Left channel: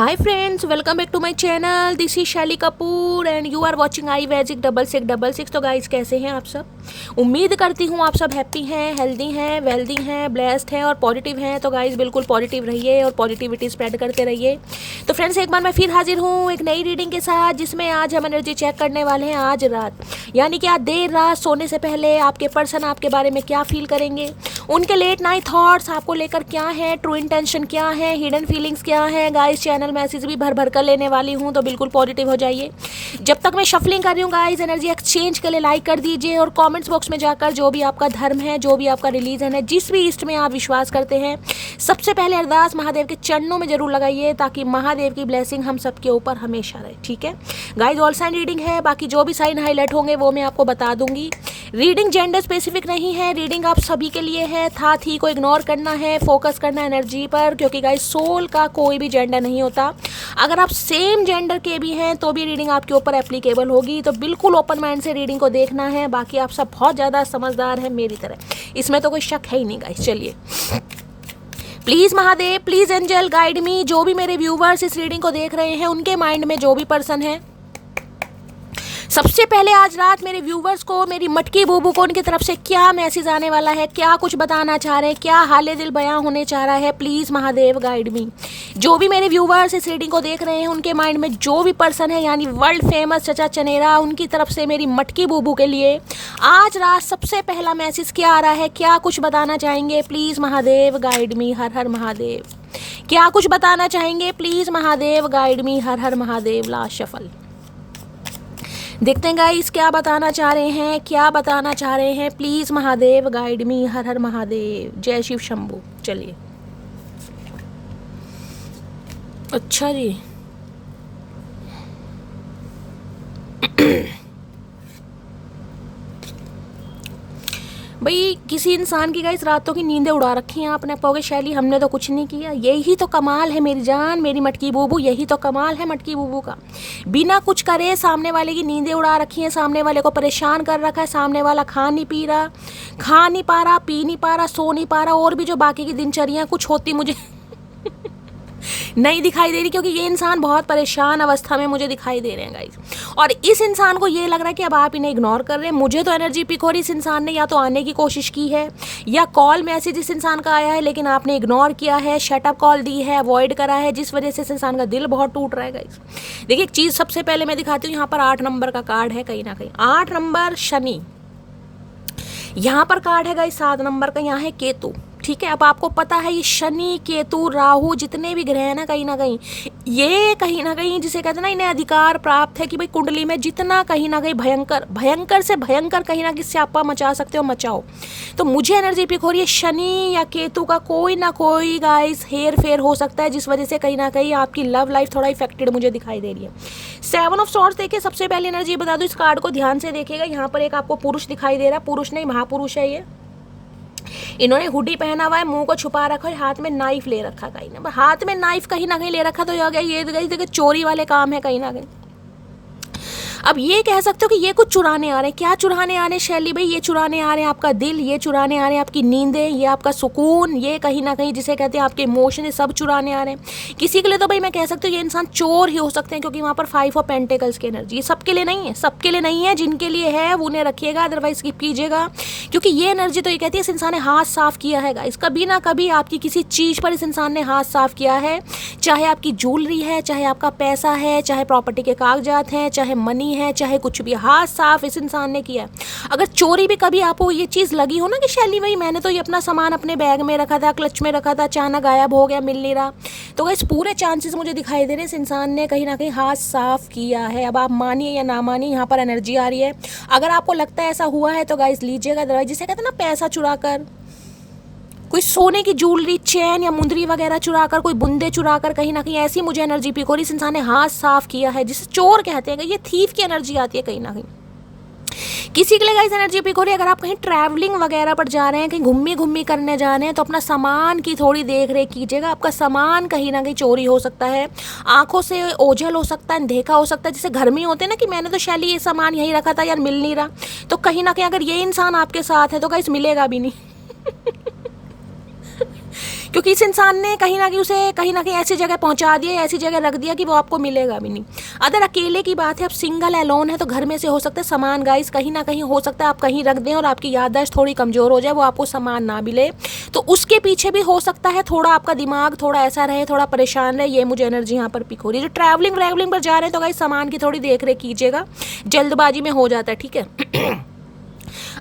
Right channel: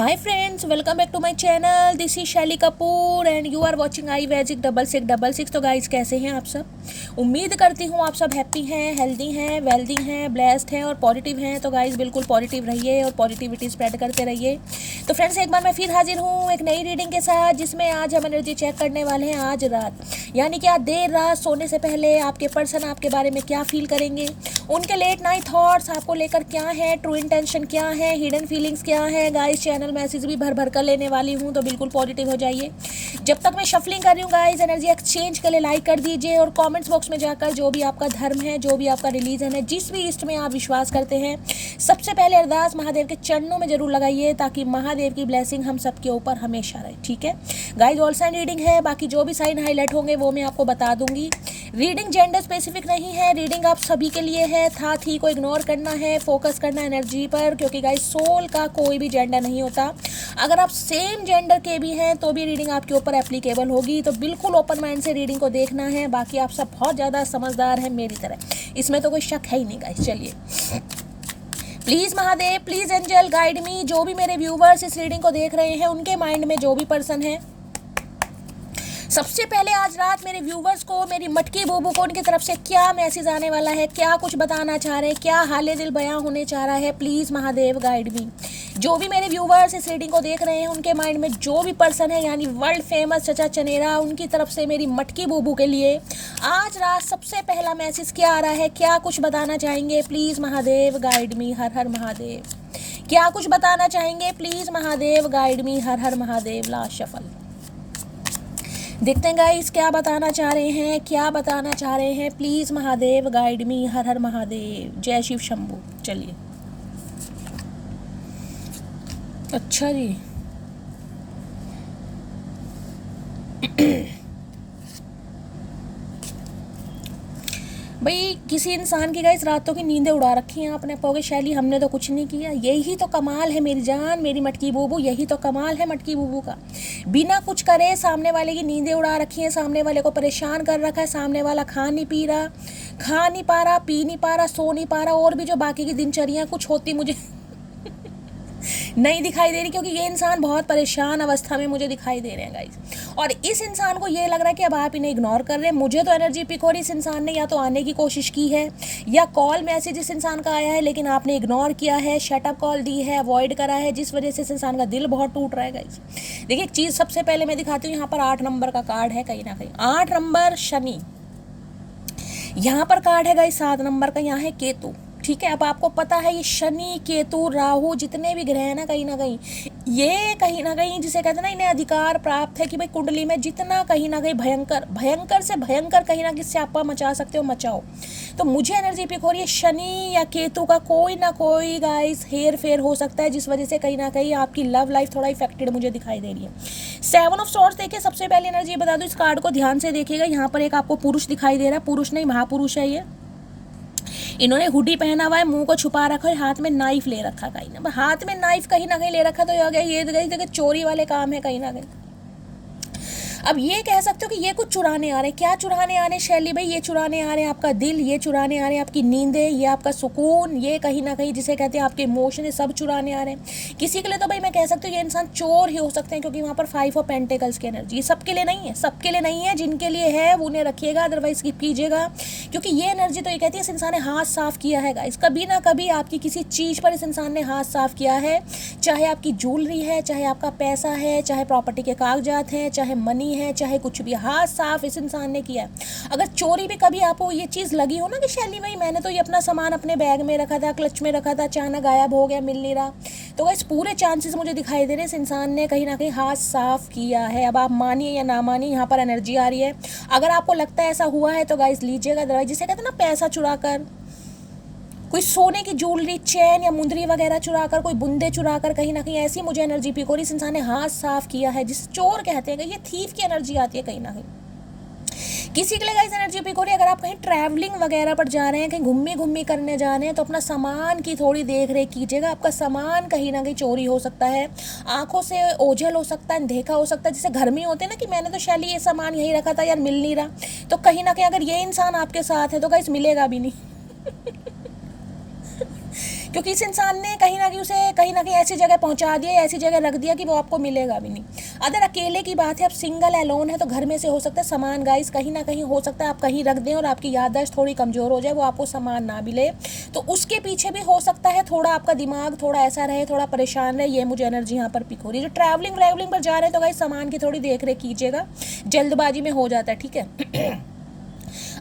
Hi friends, welcome back to my channel. This is शैली Kapoor and you are watching I magic 6666। तो guys कैसे हैं आप सब? उम्मीद करती हूँ आप सब हैप्पी हैं, हेल्दी हैं, वेल्दी हैं, ब्लेस्ड हैं और पॉजिटिव हैं। तो गाइस बिल्कुल पॉजिटिव रहिए और पॉजिटिविटी स्प्रेड करते रहिए। तो फ्रेंड्स एक बार मैं फिर हाजिर हूँ एक नई रीडिंग के साथ, जिसमें आज हम एनर्जी चेक करने वाले हैं आज रात, यानी कि आज देर रात सोने से पहले आपके पर्सन आपके बारे में क्या फील करेंगे, उनके लेट नाइट थॉट्स आपको लेकर क्या है, ट्रू इंटेंशन क्या है, हिडन फीलिंग्स क्या है। गाइस चैनल मैसेज भी भर भर कर लेने वाली हूँ, तो बिल्कुल पॉजिटिव हो जाइए। जब तक मैं शफलिंग कर रही हूँ गाइस, एनर्जी एक्सचेंज के लिए लाइक कर दीजिए और कमेंट्स बॉक्स में जाकर जो भी आपका धर्म है, जो भी आपका रिलीजन है, जिस भी इष्ट में आप विश्वास करते हैं, सबसे पहले अरदास महादेव के चरणों में जरूर लगाइए, ताकि महादेव की ब्लेसिंग हम सबके ऊपर हमेशा रहे। ठीक है गाइस, ऑल साइन रीडिंग है, बाकी जो भी साइन हाईलाइट होंगे वो मैं आपको बता दूंगी। रीडिंग जेंडर स्पेसिफिक नहीं है, रीडिंग आप सभी के लिए है। था थी को इग्नोर करना है, फोकस करना एनर्जी पर, क्योंकि गाइस सोल का कोई भी जेंडर नहीं होता। अगर आप सेम जेंडर के भी हैं तो भी रीडिंग आपके ऊपर एप्लीकेबल होगी। तो बिल्कुल ओपन माइंड से रीडिंग को देखना है। बाकी आप सब बहुत ज़्यादा समझदार हैं मेरी तरह, इसमें तो कोई शक है ही नहीं गाइस। चलिए please Mahadev, please angel guide me. जो भी मेरे व्यूवर्स इस रीडिंग को देख रहे हैं, उनके माइंड में जो भी पर्सन है, सबसे पहले आज रात मेरे व्यूवर्स को, मेरी मटकी बूबू को उनकी तरफ से क्या मैसेज आने वाला है, क्या कुछ बताना चाह रहे हैं, क्या हाले दिल बयां होने चाह रहा है, प्लीज़ महादेव गाइड मी। जो भी मेरे व्यूवर्स इस रीडिंग को देख रहे हैं, उनके माइंड में जो भी पर्सन है, यानी वर्ल्ड फेमस चचा चनेरा, उनकी तरफ से मेरी मटकी बूबू के लिए आज रात सबसे पहला मैसेज क्या आ रहा है, क्या कुछ बताना चाहेंगे, प्लीज़ महादेव गाइड मी। हर हर महादेव। क्या कुछ बताना चाहेंगे, please Mahadev guide me. Her her Mahadev. Last shuffle देखते हैं गाइस क्या बताना चाह रहे हैं, क्या बताना चाह रहे हैं, प्लीज़ महादेव गाइड मी। हर हर महादेव। जय शिव शंभू। चलिए अच्छा जी भाई, किसी इंसान की गाइस रातों की नींदें उड़ा रखी हैं आपने। कहोगे शैली हमने तो कुछ नहीं किया। यही तो कमाल है मेरी जान, मेरी मटकी बूबू, यही तो कमाल है मटकी बूबू का। बिना कुछ करे सामने वाले की नींदें उड़ा रखी हैं, सामने वाले को परेशान कर रखा है। सामने वाला खा नहीं पी रहा, खा नहीं पा रहा, पी नहीं पा रहा, सो नहीं पा रहा, और भी जो बाकी की दिनचर्या कुछ होती मुझे नहीं दिखाई दे रही, क्योंकि ये इंसान बहुत परेशान अवस्था में मुझे दिखाई दे रहे हैं गाइस। और इस इंसान को ये लग रहा है कि अब आप इन्हें इग्नोर कर रहे हैं। मुझे तो एनर्जी पिक हो रही, इस इंसान ने या तो आने की कोशिश की है, या कॉल मैसेज इस इंसान का आया है लेकिन आपने इग्नोर किया है, शटअप कॉल दी है, अवॉइड करा है, जिस वजह से इस इंसान का दिल बहुत टूट रहा है गाइस। देखिए एक चीज़ सबसे पहले मैं दिखाती हूँ, यहाँ पर 8 नंबर का कार्ड है कहीं ना कहीं। 8 नंबर शनि, यहाँ पर कार्ड है गाइस 7 नंबर का, यहाँ है केतु। ठीक है, अब आपको पता है ये शनि केतु राहु जितने भी ग्रह हैं ना कहीं ये कहीं ना कहीं जिसे कहते हैं ना, इन्हें अधिकार प्राप्त है कि भाई कुंडली में जितना कहीं ना कहीं भयंकर भयंकर से भयंकर कहीं ना कहीं स्यापा मचा सकते हो मचाओ। तो मुझे एनर्जी पिक हो रही है शनि या केतु का कोई ना कोई गाइस हेर फेर हो सकता है, जिस वजह से कहीं ना कहीं आपकी लव लाइफ थोड़ा इफेक्टेड मुझे दिखाई दे रही है। 7 ऑफ सॉर्ड्स देखिए, सबसे पहली एनर्जी बता दूं, इस कार्ड को ध्यान से देखिएगा। यहाँ पर एक आपको पुरुष दिखाई दे रहा है, पुरुष नहीं महापुरुष है ये। इन्होंने हुडी पहना हुआ है, मुंह को छुपा रखा है, हाथ में नाइफ ले रखा कहीं ना, हाथ में नाइफ कहीं ना कहीं ले रखा, तो ये देखिए चोरी वाले काम है कहीं ना कहीं। अब ये कह सकते हो कि ये कुछ चुराने आ रहे हैं। क्या चुराने आ रहे हैं शैली भाई? ये चुराने आ रहे हैं आपका दिल, ये चुराने आ रहे हैं आपकी नींदें, ये आपका सुकून, ये कहीं ना कहीं जिसे कहते हैं आपके इमोशन, ये सब चुराने आ रहे हैं। किसी के लिए तो भाई मैं कह सकती हूँ ये इंसान चोर ही हो सकते हैं, क्योंकि वहाँ पर 5 ऑफ पेंटिकल्स की एनर्जी। ये सबके लिए नहीं है, सबके लिए नहीं है। जिनके लिए है वो उन्हें रखिएगा, अदरवाइज स्किप कीजिएगा, क्योंकि ये एनर्जी तो ये कहती है इस इंसान ने हाथ साफ किया है गाइस। कभी ना कभी आपकी किसी चीज़ पर इस इंसान ने हाथ साफ किया है, चाहे आपकी ज्वेलरी है, चाहे आपका पैसा है, चाहे प्रॉपर्टी के कागजात हैं, चाहे मनी है, चाहे कुछ भी, हाथ साफ इस इंसान ने किया। अगर चोरी भी कभी आपको ये चीज़ लगी हो ना कि शैली भाई मैंने तो ये अपना सामान अपने बैग में रखा था, क्लच में रखा था, अचानक गायब हो गया, मिल नहीं रहा, तो गाइस पूरे चांसेस मुझे दिखाई दे रहे हैं इस इंसान ने कहीं ना कहीं हाथ साफ किया है। अब आप मानिए या ना मानिए, यहाँ पर एनर्जी आ रही है। अगर आपको लगता है ऐसा हुआ है तो गाइस लीजिएगा, अदरवाइज जिसे कहते हैं ना पैसा चुरा कर, कोई सोने की ज्वेलरी, चैन या मुंदरी वगैरह चुराकर, कोई बुंदे चुराकर, कहीं ना कहीं ऐसी मुझे एनर्जी पिक हो रही, इस इंसान ने हाथ साफ किया है, जिसे चोर कहते हैं। ये थीफ की एनर्जी आती है कहीं ना कहीं। किसी के लिए गाइस एनर्जी पिक हो रही है, अगर आप कहीं ट्रैवलिंग वगैरह पर जा रहे हैं, कहीं घूमी घूमी करने जा रहे हैं, तो अपना सामान की थोड़ी देख रेख कीजिएगा। आपका सामान कहीं ना कहीं चोरी हो सकता है, आंखों से ओझल हो सकता है, देखा हो सकता है। जैसे घर में होते हैं ना कि मैंने तो शैली ये सामान यहीं रखा था यार, मिल नहीं रहा, तो कहीं ना कहीं अगर ये इंसान आपके साथ है तो गाइस मिलेगा भी नहीं क्योंकि इस इंसान ने कहीं ना कहीं उसे कहीं ना कहीं ऐसी जगह पहुंचा दिया, ऐसी जगह रख दिया कि वो आपको मिलेगा भी नहीं। अगर अकेले की बात है, आप सिंगल एलोन है, तो घर में से हो सकता है सामान गाइस कहीं ना कहीं हो सकता है आप कहीं रख दें और आपकी याददाश्त थोड़ी कमज़ोर हो जाए, वो आपको सामान ना मिले, तो उसके पीछे भी हो सकता है थोड़ा आपका दिमाग थोड़ा ऐसा रहे, थोड़ा परेशान रहे। ये मुझे एनर्जी यहाँ पर पिक हो रही है। जो ट्रैवलिंग पर जा रहे हैं तो गाइस सामान की थोड़ी देख रेख कीजिएगा, जल्दबाजी में हो जाता है, ठीक है।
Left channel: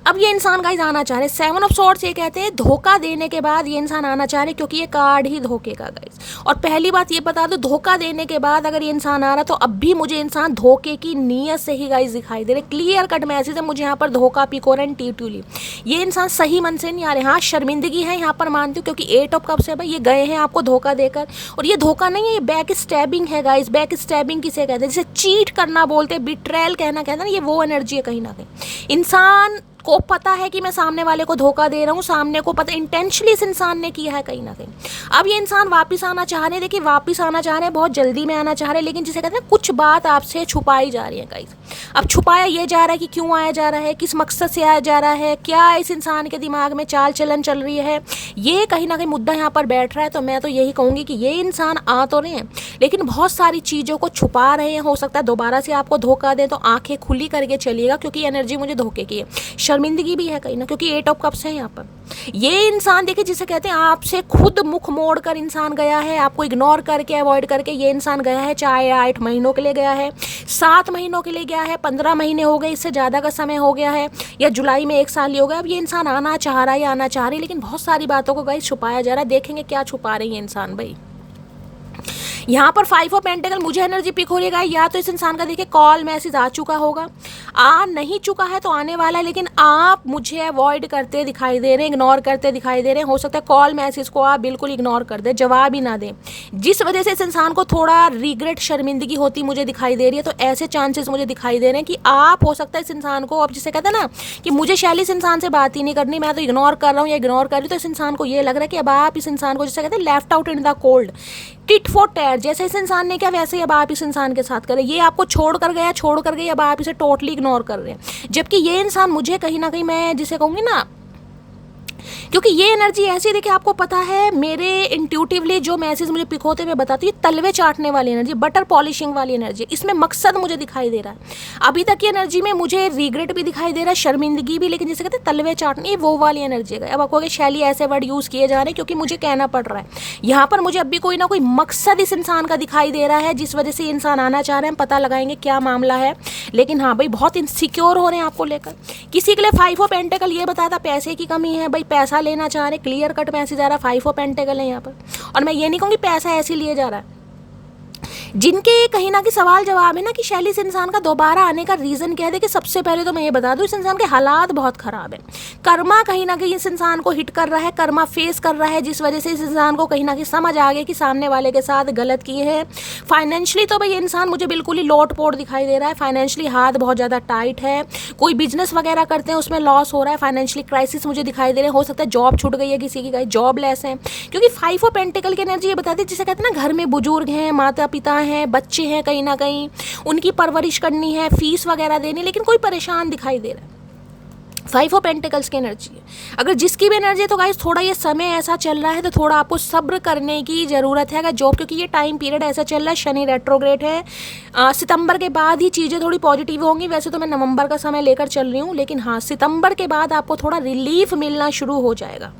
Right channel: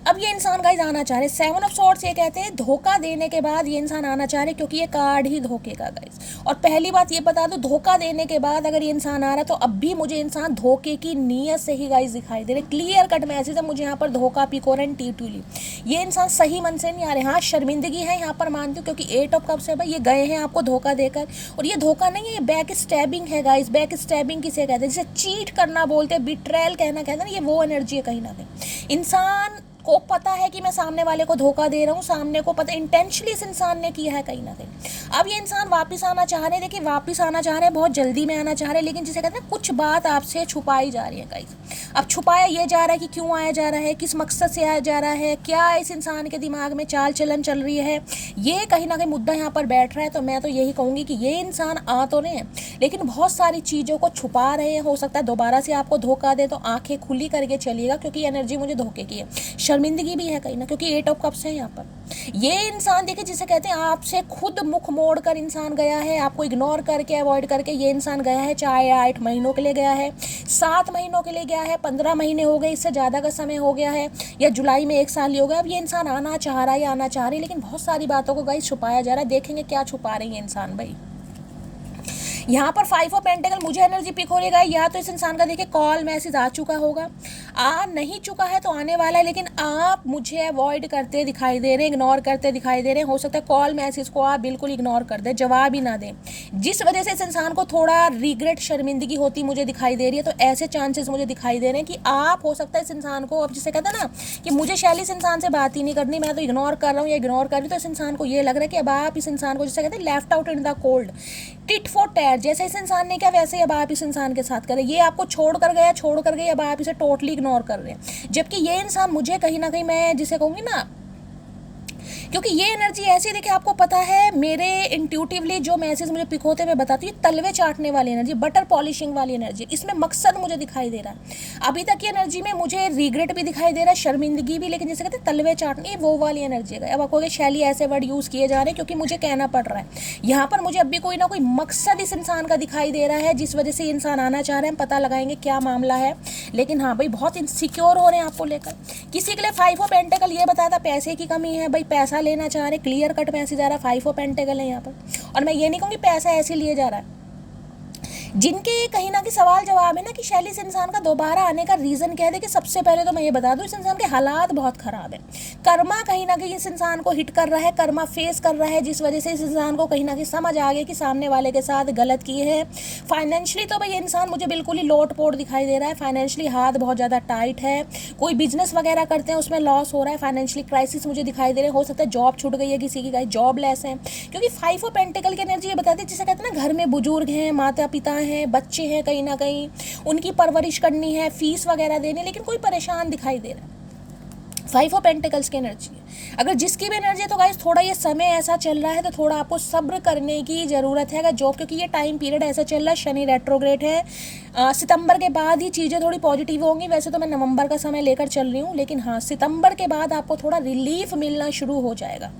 अब ये इंसान गाइस आना चाह रहे, 7 ऑफ सॉर्ड्स ये कहते हैं धोखा देने के बाद ये इंसान आना चाह रहे, क्योंकि ये कार्ड ही धोखे का गाइस। और पहली बात ये बता दो, धोखा देने के बाद अगर ये इंसान आ रहा तो अब भी मुझे इंसान धोखे की नीयत से ही गाइस दिखाई दे रहे। क्लियर कट मैसेज है मुझे यहाँ पर, धोखा पिकोरन टीटूली। ये इंसान सही मन से नहीं आ रहे। हाँ शर्मिंदगी है यहाँ पर मानती हूँ, क्योंकि 8 ऑफ कप्स है भाई, ये गए हैं आपको धोखा देकर। और ये धोखा नहीं है, ये बैक स्टैबिंग है गाइस। बैक स्टैबिंग किसे कहते हैं, जिसे चीट करना बोलते हैं, बिट्रेल कहना कहते हैं ना, ये वो एनर्जी है कहीं ना कहीं। इंसान को पता है कि मैं सामने वाले को धोखा दे रहा हूँ, सामने को पता इंटेंशनली इस इंसान ने किया है कहीं ना कहीं। अब ये इंसान वापस आना चाह रहे हैं, देखिए वापस आना चाह रहे हैं, बहुत जल्दी में आना चाह रहे हैं, लेकिन जिसे कहते हैं कुछ बात आपसे छुपाई जा रही है गाइस। अब छुपाया ये जा रहा है कि क्यों आया जा रहा है, किस मकसद से आया जा रहा है, क्या इस इंसान के दिमाग में चाल चलन चल रही है, ये कहीं ना कहीं मुद्दा यहाँ पर बैठ रहा है। तो मैं तो यही कहूँगी कि ये इंसान आ तो रहे हैं लेकिन बहुत सारी चीज़ों को छुपा रहे हैं। हो सकता है दोबारा से आपको धोखा दे, तो आंखें खुली करके चलिएगा, क्योंकि एनर्जी मुझे धोखे की है, शर्मिंदगी भी है कहीं ना, क्योंकि 8 ऑफ कप्स है यहाँ पर। ये इंसान देखिए जिसे कहते हैं आपसे खुद मुख मोड़ कर इंसान गया है, आपको इग्नोर करके अवॉइड करके ये इंसान गया है। चाहे 8 महीनों के लिए गया है, 7 महीनों के लिए गया है, 15 महीने हो गए, इससे ज़्यादा का समय हो गया है, या जुलाई में 1 साल ही हो गया। अब ये इंसान आना चाह रहा है या आना चाह रही है, लेकिन बहुत सारी बातों को गाइस छुपाया जा रहा है। देखेंगे क्या छुपा रही है इंसान भाई। यहाँ पर 5 ऑफ पेंटिकल मुझे एनर्जी पिक हो रही है, या तो इस इंसान का देखिए कॉल मैसेज आ चुका होगा, आ नहीं चुका है तो आने वाला है, लेकिन आप मुझे अवॉइड करते दिखाई दे रहे हैं, इग्नोर करते दिखाई दे रहे हैं। हो सकता है कॉल मैसेज को आप बिल्कुल इग्नोर कर दें, जवाब ही ना दें, जिस वजह से इस इंसान को थोड़ा रिग्रेट शर्मिंदगी होती मुझे दिखाई दे रही है। तो ऐसे चांसेस मुझे दिखाई दे रहे हैं कि आप हो सकता है इस इंसान को, अब जिसे कहते हैं ना कि मुझे शैली इस इंसान से बात ही नहीं करनी, मैं तो इग्नोर कर रहा हूँ या इग्नोर कर रही हूँ, तो इस इंसान को ये लग रहा है कि अब आप इस इंसान को जिसे कहते हैं left out in the cold, tit for tat, जैसे इस इंसान ने क्या वैसे ही अब आप इस इंसान के साथ करें। ये आपको छोड़ कर गई, अब आप इसे टोटली इग्नोर कर रहे हैं। जबकि ये इंसान मुझे कहीं ना कहीं, मैं जिसे कहूँगी ना, क्योंकि ये एनर्जी ऐसी देखिए, आपको पता है मेरे इंट्यूटिवली जो मैसेज मुझे पिक होते हुए बताती है, तलवे चाटने वाली एनर्जी, बटर पॉलिशिंग वाली एनर्जी, इसमें मकसद मुझे दिखाई दे रहा है। अभी तक की एनर्जी में मुझे रिग्रेट भी दिखाई दे रहा है, शर्मिंदगी भी, लेकिन जैसे कहते हैं तलवे चाटने, वो वाली एनर्जी है। अब आपको शैली ऐसे वर्ड यूज़ किए जा रहे हैं क्योंकि मुझे कहना पड़ रहा है यहाँ पर, मुझे अब भी कोई ना कोई मकसद इस इंसान का दिखाई दे रहा है, जिस वजह से इंसान आना चाह रहे हैं। पता लगाएंगे क्या मामला है, लेकिन हाँ भाई बहुत इनसिक्योर हो रहे हैं आपको लेकर। किसी के लिए 5 ऑफ पेंटिकल ये बताता पैसे की कमी है भाई, पैसा लेना चाह रहे, क्लियर कट मैसेज आ रहा है, 5 ऑफ पेंटिकल है यहाँ पर। और मैं ये नहीं कहूँगी पैसा ऐसे लिए जा रहा है, जिनके कहीं ना कहीं सवाल जवाब है ना कि शैली से इंसान का दोबारा आने का रीज़न क्या है। देखिए सबसे पहले तो मैं ये बता दूं, इस इंसान के हालात बहुत ख़राब है, कर्मा कहीं ना कहीं इस इंसान को हिट कर रहा है, कर्मा फेस कर रहा है, जिस वजह से इस इंसान को कहीं ना कहीं समझ आ गया कि सामने वाले के साथ गलत किए हैं। फाइनेंशियली तो भाई ये इंसान मुझे बिल्कुल ही लोट पोट दिखाई दे रहा है, फाइनेंशियली हाथ बहुत ज़्यादा टाइट है, कोई बिजनेस वगैरह करते हैं उसमें लॉस हो रहा है, फाइनेंशियली क्राइसिस मुझे दिखाई दे रहे हैं। हो सकता है जॉब छूट गई है किसी की, जॉब लेस है, क्योंकि 5 ऑफ पेंटिकल की एनर्जी ये बताती है, जिसे कहते हैं ना घर में बुजुर्ग हैं, माता पिता हैं, बच्चे हैं, कहीं ना कहीं उनकी परवरिश करनी है, फीस वगैरह देनी, लेकिन कोई परेशान दिखाई दे रहा है। 5 ऑफ पेंटिकल्स की एनर्जी है, अगर जिसकी भी एनर्जी है तो गाइस थोड़ा ये समय ऐसा चल रहा है तो थोड़ा आपको सब्र करने की ज़रूरत है। अगर जॉब, क्योंकि ये टाइम पीरियड ऐसा चल रहा है, शनि रेट्रोग्रेड है, सितंबर के बाद ही चीज़ें थोड़ी पॉजिटिव होंगी। वैसे तो मैं नवंबर का समय लेकर चल रही हूँ, लेकिन हाँ सितंबर के बाद आपको थोड़ा रिलीफ मिलना शुरू हो जाएगा।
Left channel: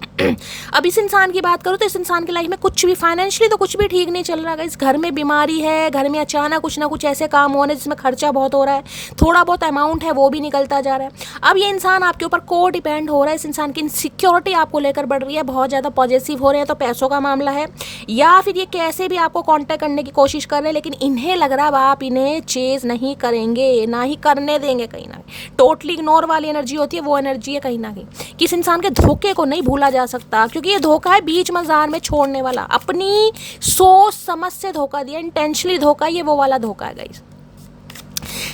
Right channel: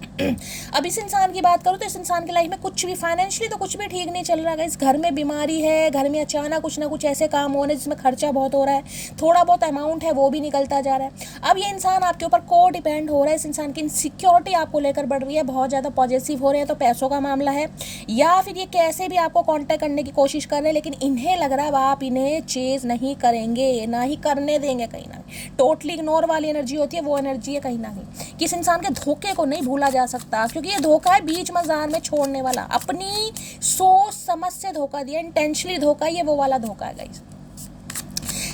अब इस इंसान की बात करूँ तो इस इंसान की लाइफ में कुछ भी फाइनेंशियली तो कुछ भी ठीक नहीं चल रहा है। इस घर में बीमारी है, घर में अचानक कुछ ना कुछ ऐसे काम हो रहे हैं जिसमें खर्चा बहुत हो रहा है, थोड़ा बहुत अमाउंट है वो भी निकलता जा रहा है। अब ये इंसान आपके ऊपर को डिपेंड हो रहा है, इस इंसान की इनसिक्योरिटी आपको लेकर बढ़ रही है, बहुत ज़्यादा पॉजिटिव हो रहे हैं, तो पैसों का मामला है, या फिर ये कैसे भी आपको कांटेक्ट करने की कोशिश कर रहे हैं, लेकिन इन्हें लग रहा है आप इन्हें चेज नहीं करेंगे, ना ही करने देंगे। कहीं ना कहीं टोटली इग्नोर वाली एनर्जी होती है, वो एनर्जी है कहीं ना कहीं। किस इंसान के धोखे को नहीं भूला जा सकता, क्योंकि ये धोखा है बीच मजार में छोड़ने वाला, अपनी सोच समझ से धोखा दिया, इंटेंशनली धोखा, ये वो वाला धोखा है गाइस।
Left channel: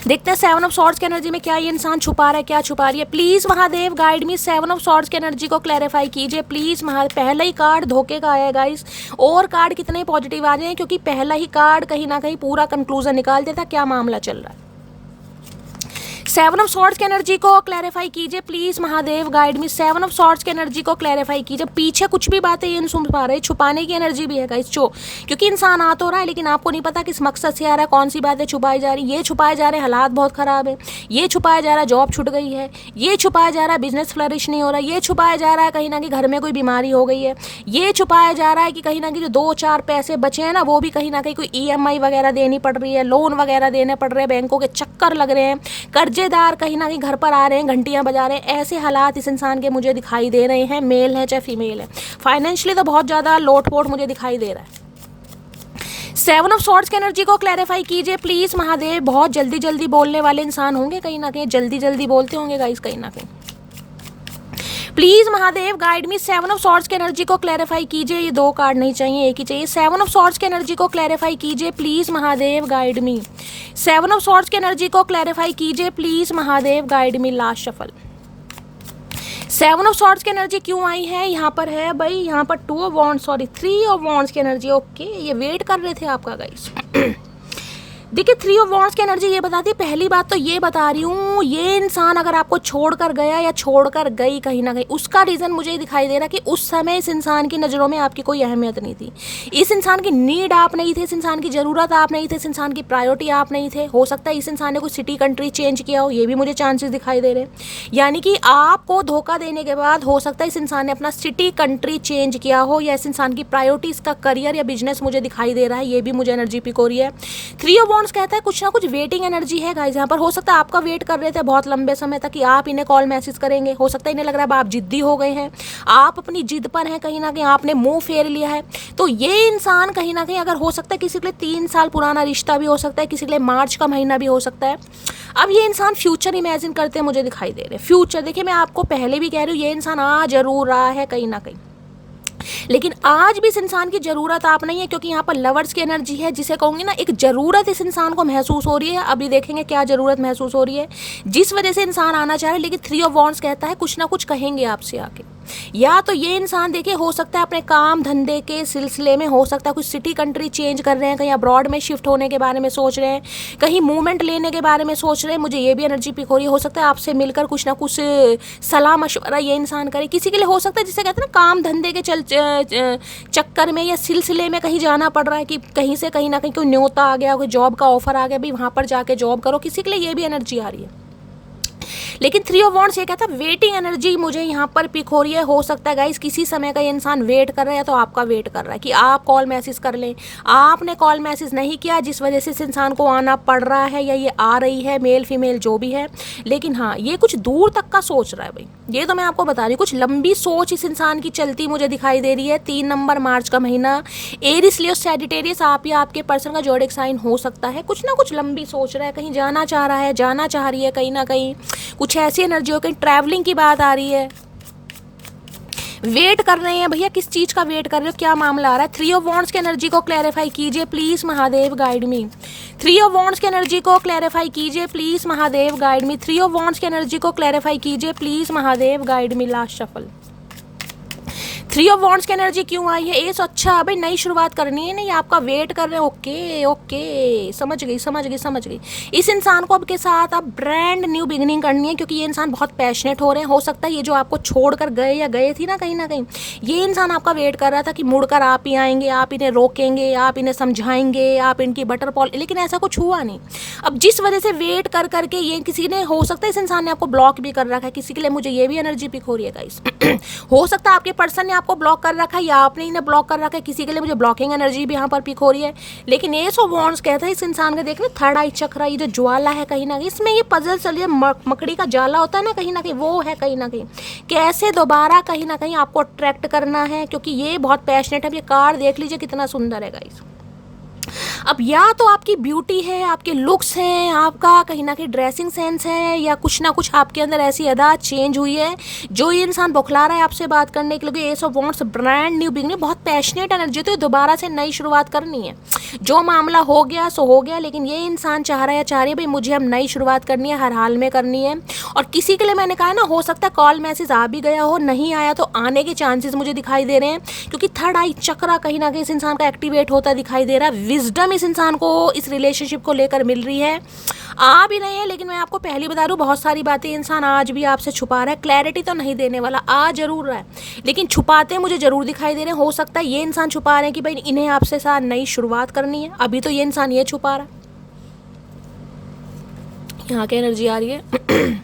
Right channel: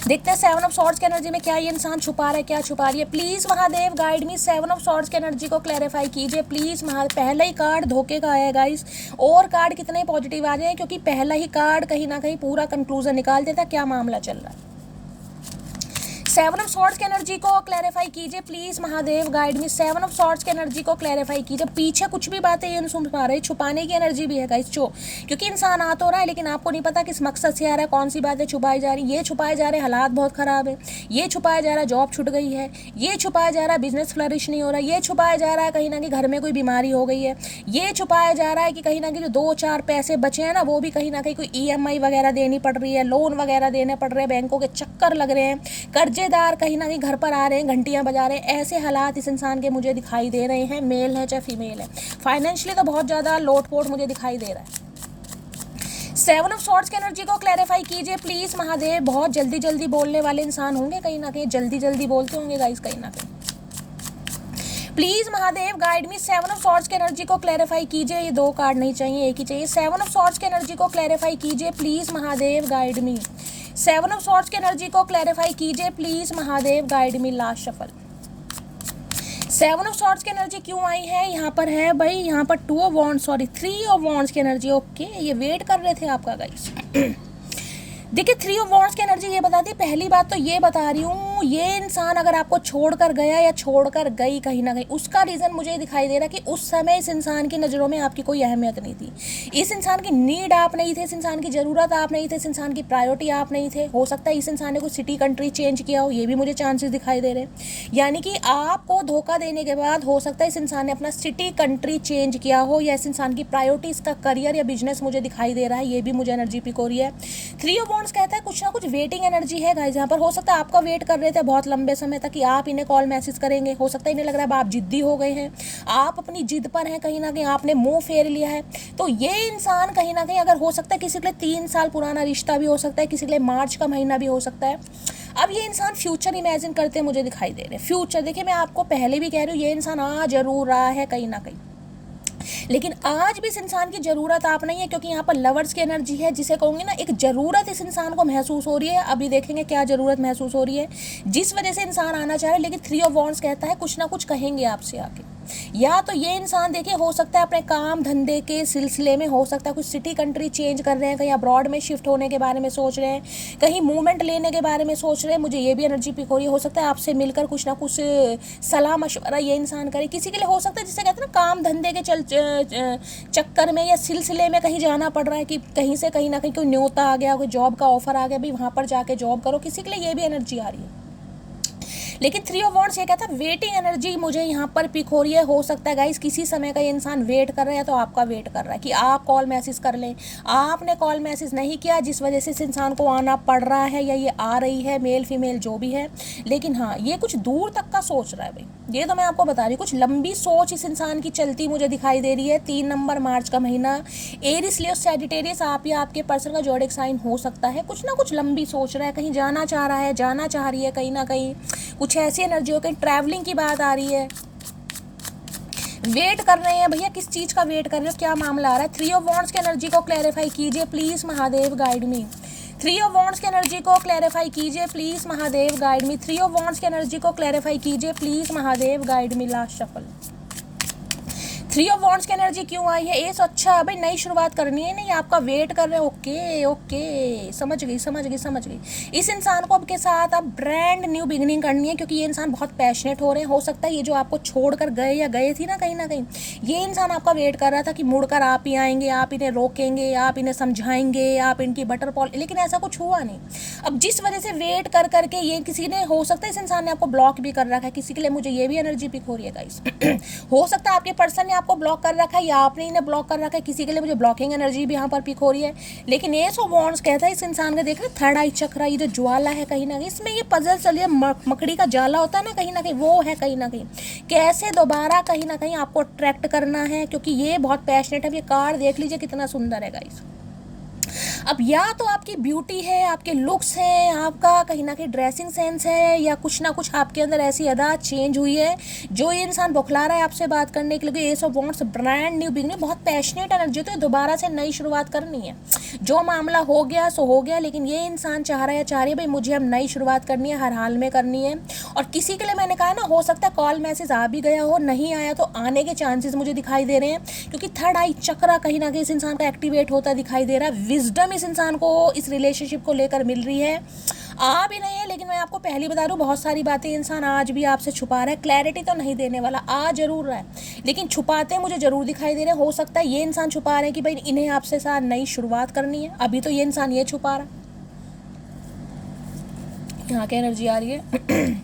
देखते हैं 7 ऑफ सॉर्ड्स की एनर्जी में क्या ये इंसान छुपा रहा है, क्या छुपा रही है। Please Mahadev guide me, 7 of swords की एनर्जी को क्लैरिफाई कीजिए प्लीज। पहला ही कार्ड धोखे का आया गाइस, और कार्ड कितने पॉजिटिव आ रहे हैं, क्योंकि पहला ही कार्ड कहीं ना कहीं पूरा कंक्लूजन निकाल देता क्या मामला चल रहा है। सेवन ऑफ सॉर्ड्स की एनर्जी को क्लैरिफाई कीजिए please Mahadev, guide me. Seven of swords की एनर्जी को क्लैरिफाई कीजिए। पीछे कुछ भी बातें ये नहीं सुन पा रहे, छुपाने की एनर्जी भी है गाइस, क्योंकि इंसान आ तो रहा है लेकिन आपको नहीं पता किस मकसद से आ रहा है, कौन सी बातें छुपाई जा रही। ये छुपाए जा रहे हालात बहुत खराब है, ये छुपाया जा रहा है जॉब छूट गई है, ये छुपाया जा रहा है बिजनेस फ्लरिश नहीं हो रहा, ये छुपाया जा रहा है कहीं ना कहीं घर में कोई बीमारी हो गई है, ये छुपाया जा रहा है कि कहीं ना कहीं जो 2-4 पैसे बचे हैं ना वो भी कहीं ना कहीं कोई EMI वगैरह देनी पड़ रही है, लोन वगैरह देने पड़ रहे हैं, बैंकों के चक्कर लग रहे हैं, कर्जेदार कहीं ना कहीं घर पर आ रहे हैं, घंटियां बजा रहे हैं। ऐसे हालात इस इंसान के मुझे दिखाई दे रहे हैं, मेल है चाहे फीमेल है। फाइनेंशियली तो बहुत ज़्यादा लोटपोट मुझे दिखाई दे रहा है। सेवन ऑफ सॉर्ड्स की एनर्जी को क्लैरिफाई कीजिए प्लीज महादेव। बहुत जल्दी जल्दी बोलने वाले इंसान होंगे कहीं ना कहीं, जल्दी जल्दी बोलते होंगे गाइस कहीं ना कहीं। Please Mahadev guide me. Seven of swords की एनर्जी को क्लैरिफाई कीजिए। ये 2 कार्ड नहीं चाहिए, एक ही चाहिए। सेवन ऑफ सॉर्ड्स की एनर्जी को क्लैरिफाई कीजिए please Mahadev, guide me. Seven of swords की एनर्जी को क्लैरिफाई कीजिए please Mahadev, guide me. Last shuffle. Seven of swords की एनर्जी क्यों आई है यहाँ पर? है भाई यहाँ पर 2 of wands, sorry 3 of wands की एनर्जी। ओके, ये वेट कर रहे थे आपका गाइस। देखिए 3 ऑफ वॉन्ड्स की एनर्जी ये बताती है, पहली बात तो ये बता रही हूँ, ये इंसान अगर आपको छोड़कर गया या छोड़कर गई कहीं ना कहीं, उसका रीज़न मुझे दिखाई दे रहा कि उस समय इस इंसान की नज़रों में आपकी कोई अहमियत नहीं थी, इस इंसान की नीड आप नहीं थे, इस इंसान की ज़रूरत आप नहीं थे, इस इंसान की प्रायोरिटी आप नहीं थे। हो सकता है इस इंसान ने कोई सिटी कंट्री चेंज किया हो, ये भी मुझे चांसेस दिखाई दे रहे। यानी कि आपको धोखा देने के बाद हो सकता है इस इंसान ने अपना सिटी कंट्री चेंज किया हो, या इस इंसान की प्रायोरिटी इसका करियर या बिजनेस मुझे दिखाई दे रहा है, ये भी मुझे एनर्जी पिक हो रही है। 3 ऑफ वॉन्ड्स कहता है कुछ ना कुछ वेटिंग एनर्जी है गाइस यहाँ पर। हो सकता है आपका वेट कर रहे थे बहुत लंबे समय तक कि आप इन्हें कॉल मैसेज करेंगे, हो सकता है इन्हें लग रहा है आप जिद्दी हो गए हैं, आप अपनी जिद पर हैं, कहीं ना कहीं आपने मुंह फेर लिया है। तो ये इंसान कहीं ना कहीं, अगर हो सकता है किसी के लिए 3 साल पुराना रिश्ता भी हो सकता है, किसी के लिए मार्च का महीना भी हो सकता है। अब ये इंसान फ्यूचर इमेजिन करते मुझे दिखाई दे रहे हैं। फ्यूचर देखिए, मैं आपको पहले भी कह रही हूँ, ये इंसान आ जरूर रहा है कहीं ना कहीं, लेकिन आज भी इस इंसान की जरूरत आप नहीं है, क्योंकि यहाँ पर लवर्स की एनर्जी है, जिसे कहूंगी ना एक जरूरत इस इंसान को महसूस हो रही है। अभी देखेंगे क्या जरूरत महसूस हो रही है जिस वजह से इंसान आना चाह रहे। लेकिन 3 ऑफ वॉन्ड्स कहता है कुछ ना कुछ कहेंगे आपसे आके। या तो ये इंसान देखिए हो सकता है अपने काम धंधे के सिलसिले में, हो सकता है कुछ सिटी कंट्री चेंज कर रहे हैं, कहीं अब्रॉड में शिफ्ट होने के बारे में सोच रहे हैं, कहीं मूवमेंट लेने के बारे में सोच रहे हैं। मुझे ये भी एनर्जी पिक हो रही है। हो सकता है आपसे मिलकर कुछ ना कुछ सलाह मशवरा ये इंसान करे। किसी के लिए हो सकता है जिसे कहते हैं ना काम धंधे के चक्कर में या सिलसिले में कहीं जाना पड़ रहा है, कि कहीं से कहीं ना कहीं कोई न्योता आ गया, कोई जॉब का ऑफर आ गया, भाई वहाँ पर जाके जॉब करो। किसी के लिए ये भी एनर्जी आ रही है। लेकिन 3 ऑफ वॉन्ड्स ये कहता है वेटिंग एनर्जी मुझे यहाँ पर पिक हो रही है। हो सकता है गाइस किसी समय का ये इंसान वेट कर रहा है, तो आपका वेट कर रहा है कि आप कॉल मैसेज कर लें। आपने कॉल मैसेज नहीं किया, जिस वजह से इस इंसान को आना पड़ रहा है, या ये आ रही है, मेल फीमेल जो भी है। लेकिन हाँ, ये कुछ दूर तक का सोच रहा है भाई, ये तो मैं आपको बता रही हूँ। कुछ लंबी सोच इस इंसान की चलती मुझे दिखाई दे रही है। 3 नंबर मार्च का महीना, एरिस लियो सैजिटेरियस, आप या आपके पर्सन का जोडिक साइन हो सकता है। कुछ ना कुछ लंबी सोच रहा है, कहीं जाना चाह रहा है, जाना चाह रही है कहीं ना कहीं। कुछ ऐसी एनर्जी हो, कहीं ट्रैवलिंग की बात आ रही है। वेट कर रहे हैं भैया, किस चीज का वेट कर रहे हो, क्या मामला आ रहा है? 3 ऑफ वॉन्ड्स की एनर्जी को क्लैरिफाई कीजिए please Mahadev, guide me. 3 of wands की एनर्जी को क्लैरिफाई कीजिए please Mahadev, guide me. 3 of wands की एनर्जी को क्लैरिफाई कीजिए please Mahadev, guide me. Last shuffle. 3 of wands की एनर्जी क्यों आई है? एस, अच्छा अभी नई शुरुआत करनी है, नहीं आपका वेट कर रहे हैं। ओके ओके, समझ गई। इस इंसान को आपके साथ अब ब्रांड न्यू बिगिनिंग करनी है, क्योंकि ये इंसान बहुत पैशनेट हो रहे हैं। हो सकता है ये जो आपको छोड़कर गए या गए थी ना कहीं ना कहीं, ये इंसान आपका वेट कर रहा था कि मुड़कर आप ही आएंगे, आप इन्हें रोकेंगे, आप इन्हें समझाएंगे, आप इनकी बटर पॉल, लेकिन ऐसा कुछ हुआ नहीं। अब जिस वजह से वेट कर करके ये किसी ने, हो सकता है इस इंसान ने आपको ब्लॉक भी कर रखा है किसी के लिए। मुझे ये भी एनर्जी पिक हो रही है गाइस। हो सकता है आपके पर्सन ने आपको ब्लॉक कर रखा है, या आपने इन्हें ब्लॉक कर रखा है किसी के लिए। मुझे ब्लॉकिंग एनर्जी भी यहाँ पर पिक हो रही है। लेकिन एस ऑफ वॉन्ड्स कहता है इस इंसान का, देख रहे थर्ड आई चक्र, ये जो ज्वाला है कहीं ना कहीं, इसमें ये पजल चल रही है, मकड़ी का जाला होता है ना कहीं ना कहीं, वो है कहीं ना कहीं। कैसे दोबारा कहीं ना कहीं आपको अट्रैक्ट करना है, क्योंकि ये बहुत पैशनेट है। ये कार्ड देख लीजिए कितना सुंदर है गाइस। अब या तो आपकी ब्यूटी है, आपके लुक्स हैं, आपका कहीं ना कहीं ड्रेसिंग सेंस है, या कुछ ना कुछ आपके अंदर ऐसी अदा चेंज हुई है जो ये इंसान बौखला रहा है आपसे बात करने के लिए। S of wands, brand new beginning, बहुत पैशनेट एनर्जी, तो दोबारा से नई शुरुआत करनी है। जो मामला हो गया सो हो गया, लेकिन ये इंसान चाह रहा है, चाह रही है भाई मुझे अब नई शुरुआत करनी है, हर हाल में करनी है। और किसी के लिए मैंने कहा ना, हो सकता है कॉल मैसेज आ भी गया हो, नहीं आया तो आने के चांसेस मुझे दिखाई दे रहे हैं, क्योंकि थर्ड आई चक्र कहीं ना कहीं इस इंसान का एक्टिवेट होता दिखाई दे रहा है। विजडम इस इंसान को इस रिलेशनशिप को लेकर मिल रही है। आ भी नहीं है, लेकिन मैं आपको पहले बता दूं बहुत सारी बातें इंसान आज भी आपसे छुपा रहा है। क्लैरिटी तो नहीं देने वाला, आ जरूर रहा है, लेकिन छुपाते मुझे जरूर दिखाई दे रहे हैं। हो सकता है ये इंसान छुपा रहे हैं कि भाई इन्हें आपसे साथ नई शुरुआत करनी है। अभी तो ये इंसान ये छुपा रहा है। यहाँ की एनर्जी आ रही है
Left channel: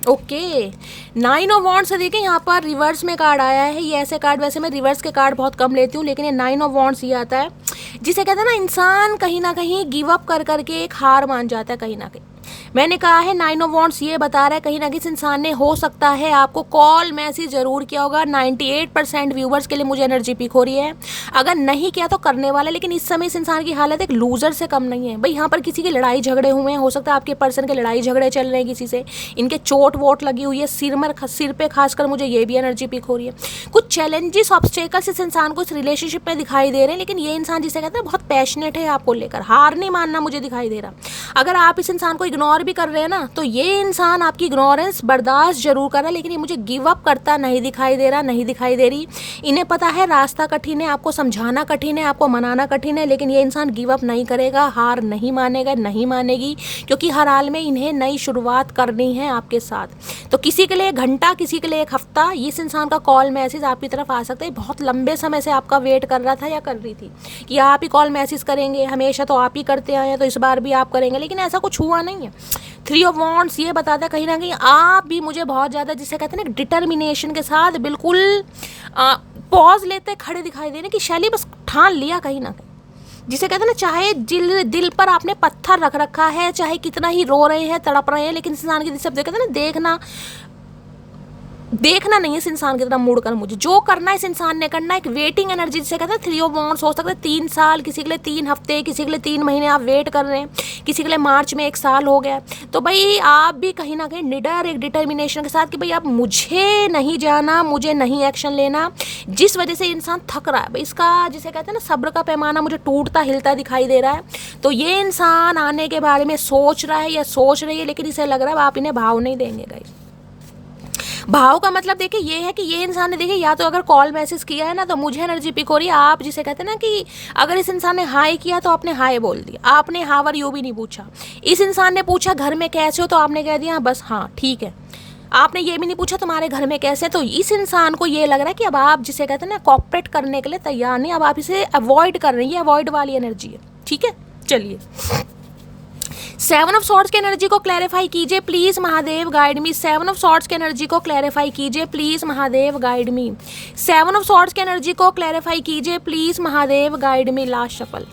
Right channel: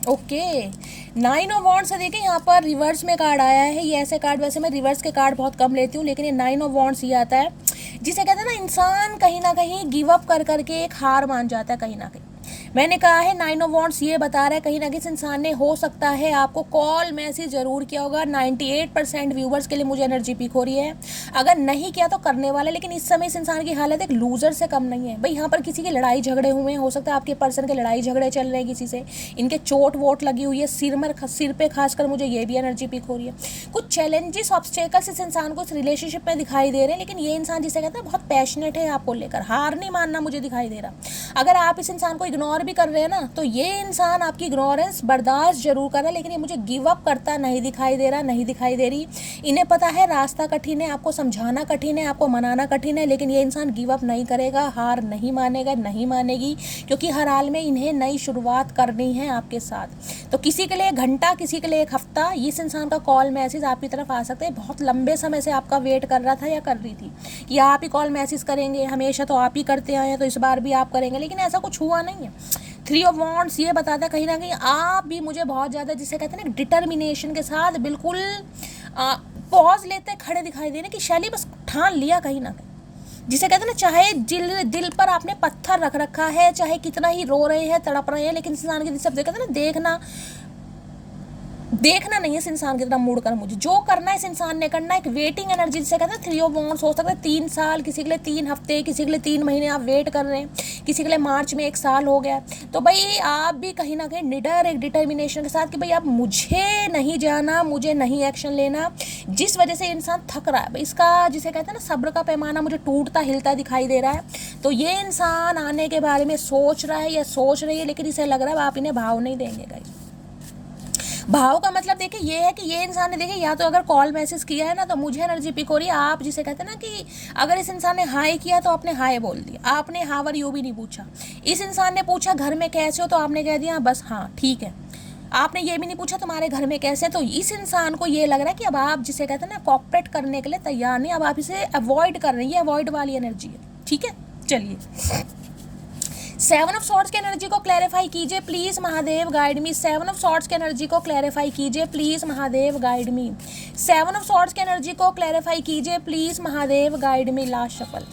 ओके 9 ऑफ वॉन्ड्स से देखिए यहाँ पर रिवर्स में कार्ड आया है। ये ऐसे कार्ड, वैसे मैं रिवर्स के कार्ड बहुत कम लेती हूँ, लेकिन ये 9 ऑफ वॉन्ड्स ये आता है जिसे कहते हैं ना इंसान कहीं ना कहीं गिव अप कर करके एक हार मान जाता है कहीं ना कहीं। मैंने कहा है 9 ऑफ वॉन्ड्स ये बता रहा है कहीं ना कहीं इस इंसान ने हो सकता है आपको कॉल मैसेज जरूर किया होगा। 98% व्यूवर्स के लिए मुझे एनर्जी पिक हो रही है, अगर नहीं किया तो करने वाला। लेकिन इस समय इस इंसान की हालत एक लूजर से कम नहीं है भाई। यहाँ पर किसी की लड़ाई झगड़े हुए हैं, हो सकता है आपके पर्सन के लड़ाई झगड़े चल रहे हैं किसी से, इनके चोट वोट लगी हुई है सिर पे खासकर मुझे ये भी एनर्जी पिक हो रही है। कुछ चैलेंजेस ऑब्स्टेकल्स इस इंसान को इस रिलेशनशिप में दिखाई दे रहे हैं, लेकिन ये इंसान जिसे कहते हैं बहुत पैशनेट है आपको लेकर, हार नहीं मानना मुझे दिखाई दे रहा। अगर आप इस इंसान को इग्नोर भी कर रहे हैं ना, तो ये इंसान आपकी इग्नोरेंस बर्दाश्त जरूर कर रहा है, लेकिन ये मुझे गिव अप करता नहीं दिखाई दे रहा, नहीं दिखाई दे रही। इन्हें पता है रास्ता कठिन है, आपको समझाना कठिन है, आपको मनाना कठिन है, लेकिन ये इंसान गिव अप नहीं करेगा, हार नहीं मानेगा, नहीं मानेगी, क्योंकि हर हाल में इन्हें नई शुरुआत करनी है आपके साथ। तो किसी के लिए एक घंटा, किसी के लिए एक हफ्ता, इस इंसान का कॉल मैसेज आपकी तरफ आ सकता है। बहुत लंबे समय से आपका वेट कर रहा था या कर रही थी कि आप ही कॉल मैसेज करेंगे, हमेशा तो आप ही करते आए हैं, तो इस बार भी आप करेंगे, लेकिन ऐसा कुछ हुआ नहीं है। 3 ऑफ वॉन्ड्स ये बताता है कहीं ना कहीं आप भी मुझे बहुत ज़्यादा जिसे कहते हैं ना डिटर्मिनेशन के साथ बिल्कुल पॉज लेते खड़े दिखाई दे रहे कि शैली बस ठान लिया कहीं ना कहीं, जिसे कहते हैं ना चाहे दिल पर आपने पत्थर रख रखा है, चाहे कितना ही रो रहे हैं तड़प रहे हैं, लेकिन इस इंसान की सब कहते हैं ना देखना नहीं है इस इंसान की तरफ मुड़कर, मुझे जो करना है इस इंसान ने करना है। एक वेटिंग एनर्जी जिसे कहते हैं 3 ऑफ वॉन्ड्स, हो सकता है 3 साल, किसी के लिए 3 हफ्ते, किसी के लिए 3 महीने आप वेट कर रहे हैं, किसी के लिए मार्च में 1 साल हो गया। तो भाई आप भी कहीं ना कहीं निडर एक डिटर्मिनेशन के साथ कि भाई अब मुझे नहीं जाना, मुझे नहीं एक्शन लेना, जिस वजह से इंसान थक रहा है भाई, इसका जिसे कहते हैं ना सब्र का पैमाना मुझे टूटता हिलता दिखाई दे रहा है। तो ये इंसान आने के बारे में सोच रहा है या सोच रही है, लेकिन इसे लग रहा है आप इन्हें भाव नहीं देंगे गाइस। भाव का मतलब देखिए ये है कि ये इंसान ने देखिए या तो अगर कॉल मैसेज किया है ना, तो मुझे एनर्जी पिक हो रही है आप जिसे कहते हैं ना कि अगर इस इंसान ने हाय किया तो आपने हाय बोल दिया, आपने हाउ आर यू भी नहीं पूछा। इस इंसान ने पूछा घर में कैसे हो, तो आपने कह दिया बस हाँ ठीक है। आपने ये भी नहीं पूछा तुम्हारे घर में कैसे। तो इस इंसान को ये लग रहा है कि अब आप जिसे कहते हैं ना कॉपरेट करने के लिए तैयार नहीं, अब आप इसे अवॉइड कर रही है, अवॉइड वाली एनर्जी है। ठीक है, चलिए 7 ऑफ सॉर्ड्स की एनर्जी को क्लैरिफाई कीजिए please Mahadev guide me. 7 of swords की एनर्जी को क्लैरिफाई कीजिए please Mahadev guide me. 7 of swords की एनर्जी को क्लैरिफाई कीजिए please Mahadev guide me. Last shuffle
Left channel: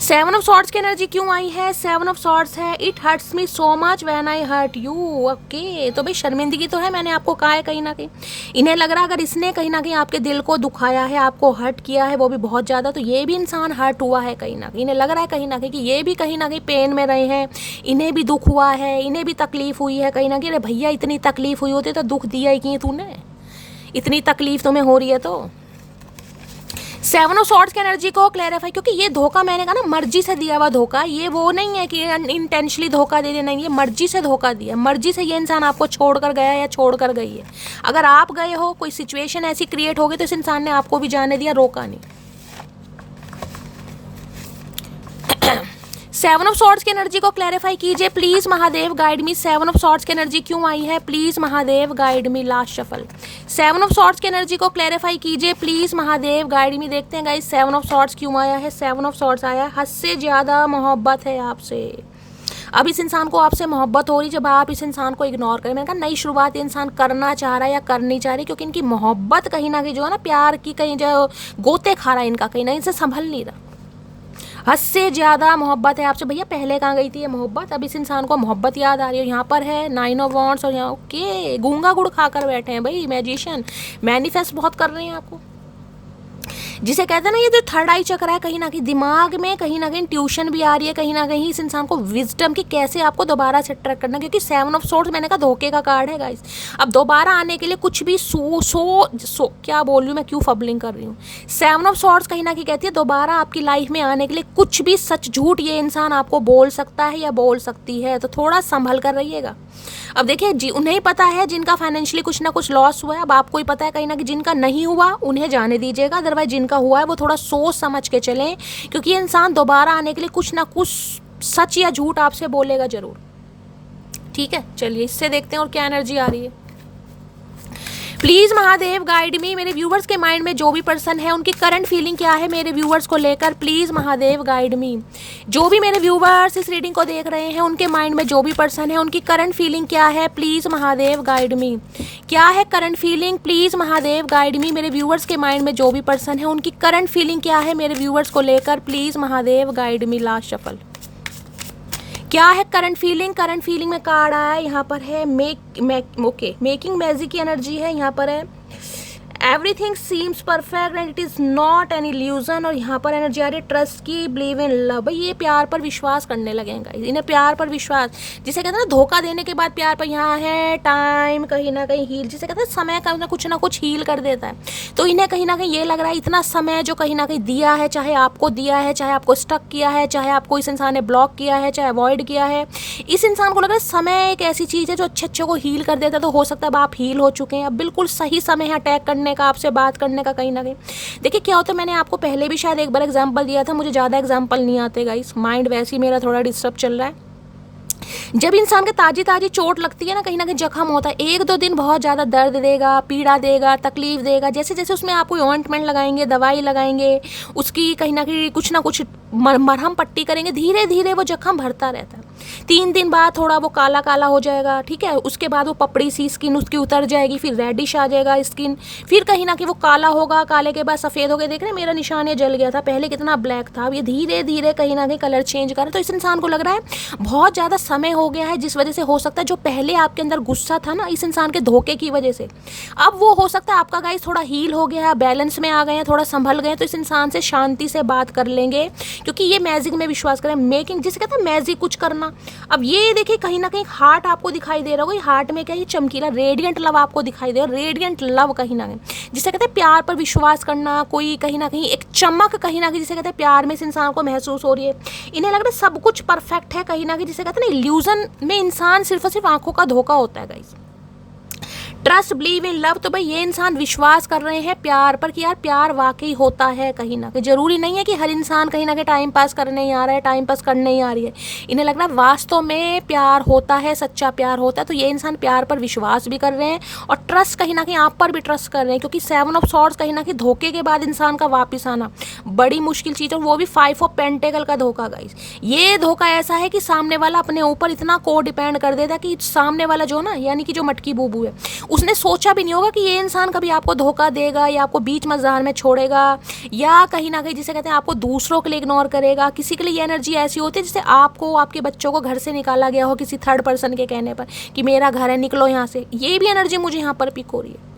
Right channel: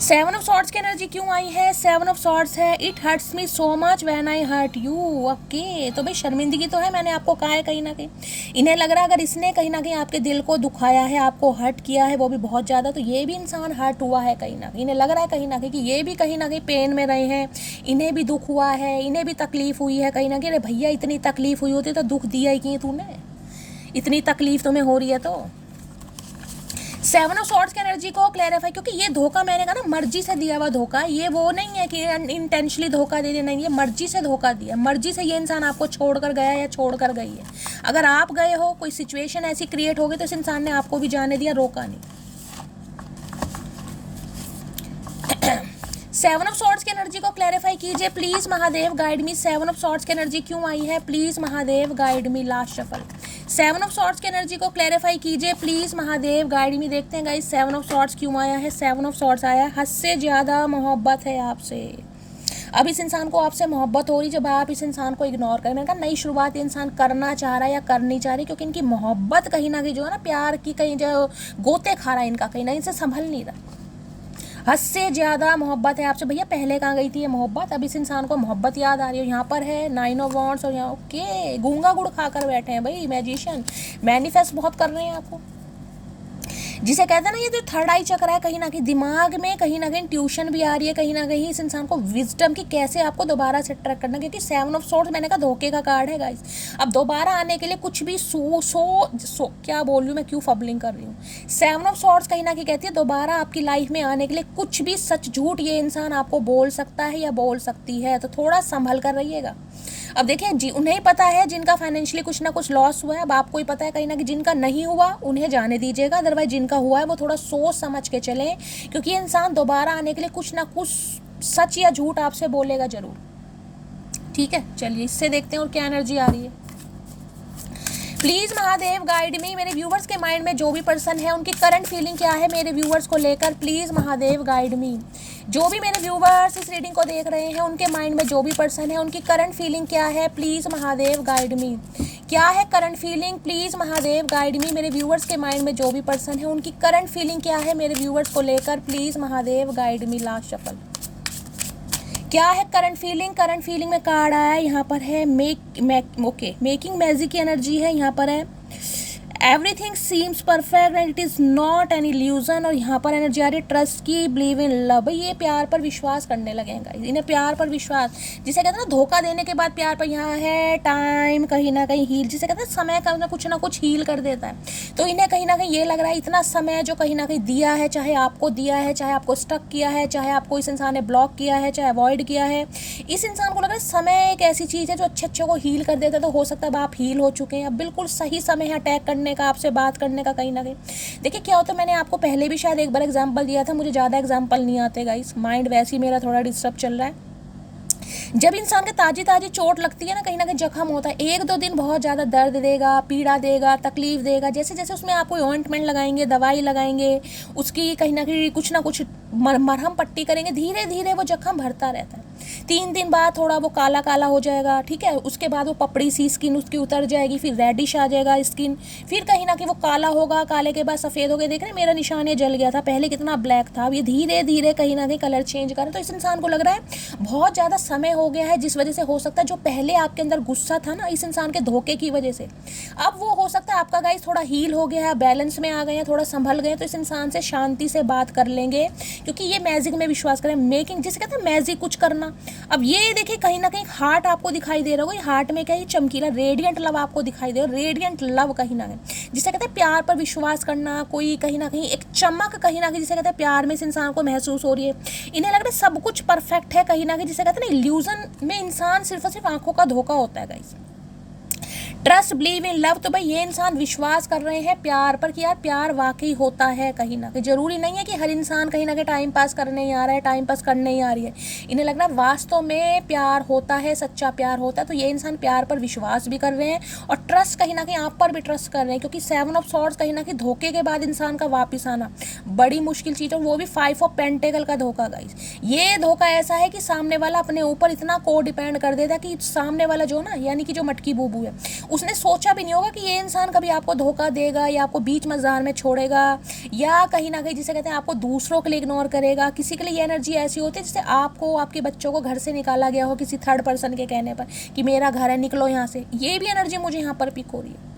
7 of swords की एनर्जी क्यों आई है? 7 ऑफ सॉर्ड्स है it hurts me so much when I hurt you. Okay, तो भाई शर्मिंदगी तो है, मैंने आपको कहा है कहीं ना कहीं इन्हें लग रहा है अगर इसने कहीं ना कहीं आपके दिल को दुखाया है, आपको हर्ट किया है, वो भी बहुत ज़्यादा, तो ये भी इंसान हर्ट हुआ है कहीं ना कहीं। इन्हें लग रहा है कहीं ना कहीं कि ये भी कहीं ना कहीं पेन में रहे हैं, इन्हें भी दुख हुआ है, इन्हें भी तकलीफ हुई है कहीं ना कहीं। अरे भैया इतनी तकलीफ हुई होती तो दुख दिया ही कि तूने, इतनी तकलीफ तुम्हें हो रही है तो। 7 ऑफ सॉर्ड्स की एनर्जी को क्लैरिफाई, क्योंकि ये धोखा मैंने कहा ना मर्जी से दिया हुआ धोखा, ये वो नहीं है कि इंटेंशनली धोखा दे देना, ये मर्जी से धोखा दिया, मर्जी से ये इंसान आपको छोड़कर गया या छोड़कर गई है। अगर आप गए हो, कोई सिचुएशन ऐसी क्रिएट हो गई, तो इस इंसान ने आपको भी जाने दिया, रोका नहीं। 7 ऑफ सॉर्ड्स की एनर्जी को क्लैरिफाई कीजिए please Mahadev guide me. 7 of swords की एनर्जी क्यों आई है please Mahadev guide me. Last shuffle 7 of swords की एनर्जी को क्लैरिफाई कीजिए प्लीज महादेव गाइड मी। देखते हैं गाइस 7 ऑफ सॉर्ड्स क्यों आया है। 7 ऑफ सॉर्ड्स आया है हद से ज़्यादा मोहब्बत है आपसे। अब इस इंसान को आपसे मोहब्बत हो रही जब आप इस इंसान को इग्नोर करें। मैंने कहा नई शुरुआत इंसान करना चाह रहा है या करनी चाह रही, क्योंकि इनकी मोहब्बत कहीं ना कहीं जो है ना प्यार की कहीं जो गोते खा रहा है इनका, कहीं ना इनसे संभल नहीं रहा, हद से ज़्यादा मोहब्बत है आपसे। भैया पहले कहाँ गई थी ये मोहब्बत, अब इस इंसान को मोहब्बत याद आ रही है। यहाँ पर है 9 ऑफ वॉन्ड्स और यहाँ ओके गूंगा गुड़ खाकर बैठे हैं भाई मैजिशियन, मैनिफेस्ट बहुत कर रहे हैं आपको, जिसे कहते हैं ना ये जो थर्ड आई चक्र है, कहीं ना कहीं दिमाग में कहीं ना कहीं ट्यूशन भी आ रही है, कहीं ना कहीं इस इंसान को विजडम की कैसे आपको दोबारा से अट्रैक्ट करना, क्योंकि 7 ऑफ सॉर्ड्स मैंने कहा धोखे का कार्ड है गाइस। अब दोबारा आने के लिए कुछ भी सो क्या बोल रही हूँ मैं, क्यों फबलिंग कर रही हूँ। 7 ऑफ सॉर्ड्स कहीं ना कहीं कहती है दोबारा आपकी लाइफ में आने के लिए कुछ भी सच झूठ ये इंसान आपको बोल सकता है या बोल सकती है, तो थोड़ा संभल कर रहिएगा। अब देखिए जी उन्हें पता है जिनका फाइनेंशियली कुछ ना कुछ लॉस हुआ है, अब आपको ही पता है कहीं ना कहीं जिनका नहीं हुआ उन्हें जाने दीजिएगा, अदरवाइज जिनका हुआ है वो थोड़ा सोच समझ के चलें, क्योंकि ये इंसान दोबारा आने के लिए कुछ ना कुछ सच या झूठ आपसे बोलेगा जरूर। ठीक है, चलिए इससे देखते हैं और क्या एनर्जी आ रही है। प्लीज महादेव गाइड मी, मेरे व्यूवर्स के माइंड में जो भी पर्सन है उनकी करंट फीलिंग क्या है मेरे व्यूवर्स को लेकर। प्लीज महादेव गाइड मी, जो भी मेरे व्यूवर्स इस रीडिंग को देख रहे हैं उनके माइंड में जो भी पर्सन है उनकी करंट फीलिंग क्या है। प्लीज महादेव गाइड मी, क्या है current feeling. Please Mahadev guide मी, मेरे व्यूवर्स के माइंड में जो भी पर्सन है उनकी करंट फीलिंग क्या है मेरे व्यूवर्स को लेकर। Please Mahadev guide me. Last shuffle, क्या है करंट फीलिंग। करंट फीलिंग में कार्ड आया है, यहाँ पर है मेकिंग मैजिक की एनर्जी है, यहाँ पर है everything seems perfect and it is not an illusion. और यहाँ पर एनर्जी आ रही है ट्रस्ट की, बिलीव इन लव। भाई ये प्यार पर विश्वास करने लगेगा, इन्हें प्यार पर विश्वास, जिसे कहते हैं ना धोखा देने के बाद प्यार पर। यहाँ है टाइम, कहीं ना कहीं हील, जिसे कहते हैं समय का ना कुछ हील कर देता है। तो इन्हें कहीं ना कहीं ये लग रहा है इतना समय जो कहीं ना कहीं दिया है, चाहे आपको दिया है, चाहे आपको स्टक किया है, चाहे आपको इस इंसान ने ब्लॉक किया है, चाहे अवॉइड किया है, इस इंसान को लग रहा है समय एक ऐसी चीज़ है जो अच्छे को हील कर देता है। तो हो सकता है अब आप हील हो चुके हैं, अब बिल्कुल सही समय है अटैक करने का, आपसे बात करने का। कहीं ना कहीं देखिए क्या होता है, मैंने आपको पहले भी शायद एक बार एग्जांपल दिया था, मुझे ज़्यादा एग्जांपल नहीं आते गाइस, माइंड वैसे ही मेरा थोड़ा डिस्टर्ब चल रहा है। जब इंसान के ताजी चोट लगती है ना, कहीं जख्म होता है, 1-2 दिन बहुत ज़्यादा दर्द देगा, पीड़ा देगा, तकलीफ देगा। जैसे जैसे उसमें आप कोई ऑइंटमेंट लगाएंगे, दवाई लगाएंगे, उसकी कहीं ना कुछ मरहम पट्टी करेंगे, धीरे धीरे वो जख्म भरता रहता है। 3 दिन बाद थोड़ा वो काला काला हो जाएगा, ठीक है, उसके बाद वो पपड़ी सी स्किन उसकी उतर जाएगी, फिर रेडिश आ जाएगा स्किन, फिर कहीं ना कहीं वो काला होगा, काले के बाद सफ़ेद हो गया। देख रहे हैं मेरा निशान ये जल गया था, पहले कितना ब्लैक था, अब ये धीरे धीरे कहीं ना कहीं कलर चेंज कर रहा है। तो इस इंसान को लग रहा है बहुत ज़्यादा समय हो गया है, जिस वजह से हो सकता है जो पहले आपके अंदर गुस्सा था ना इस इंसान के धोखे की वजह से, अब वो हो सकता है आपका गाइस थोड़ा हील हो गया, बैलेंस में आ गए हैं, थोड़ा संभल गए। तो इस इंसान से शांति से बात कर लेंगे, क्योंकि ये मैजिक में विश्वास करें, मेकिंग जिसे कहते हैं मैजिक कुछ करना। अब ये देखिए कहीं ना कहीं हार्ट आपको दिखाई दे रहा होगा, हार्ट में क्या ही चमकीला रेडियंट लव आपको दिखाई दे रहा है, रेडियंट लव कहीं ना कहीं जिसे कहते हैं प्यार पर विश्वास करना, कोई कहीं ना कहीं एक चमक कहीं ना कहीं जिसे कहते हैं प्यार में इस इंसान को महसूस हो रही है। इन्हें लग रहा है सब कुछ परफेक्ट है कहीं ना कहीं, जिसे कहते हैं ना इल्यूजन में इंसान सिर्फ और सिर्फ आंखों का धोखा होता है guys. Trust, believe in love, तो भाई ये इंसान विश्वास कर रहे हैं प्यार पर कि यार प्यार वाकई होता है कहीं ना कहीं। जरूरी नहीं है कि हर इंसान कहीं ना कहीं टाइम पास करने ही आ रहा है, टाइम पास करने ही आ रही है। इन्हें लग रहा है वास्तव में प्यार होता है, सच्चा प्यार होता है। तो ये इंसान प्यार पर विश्वास भी कर रहे हैं और ट्रस्ट कहीं ना कहीं आप पर भी ट्रस्ट कर रहे हैं, क्योंकि 7 ऑफ सॉर्ड्स कहीं ना कहीं धोखे के बाद इंसान का वापिस आना बड़ी मुश्किल चीज़ है, वो भी 5 ऑफ पेंटेकल का धोखा गाइस। ये धोखा ऐसा है कि सामने वाला अपने ऊपर इतना को डिपेंड कर देता कि सामने वाला जो ना यानी कि जो मटकी बूबू है, उसने सोचा भी नहीं होगा कि ये इंसान कभी आपको धोखा देगा या आपको बीच मजार में छोड़ेगा, या कहीं ना कहीं जिसे कहते हैं आपको दूसरों के लिए इग्नोर करेगा। किसी के लिए ये एनर्जी ऐसी होती है जैसे आपको आपके बच्चों को घर से निकाला गया हो किसी थर्ड पर्सन के कहने पर कि मेरा घर है, निकलो यहाँ से। ये भी एनर्जी मुझे यहाँ पर पिक हो रही है।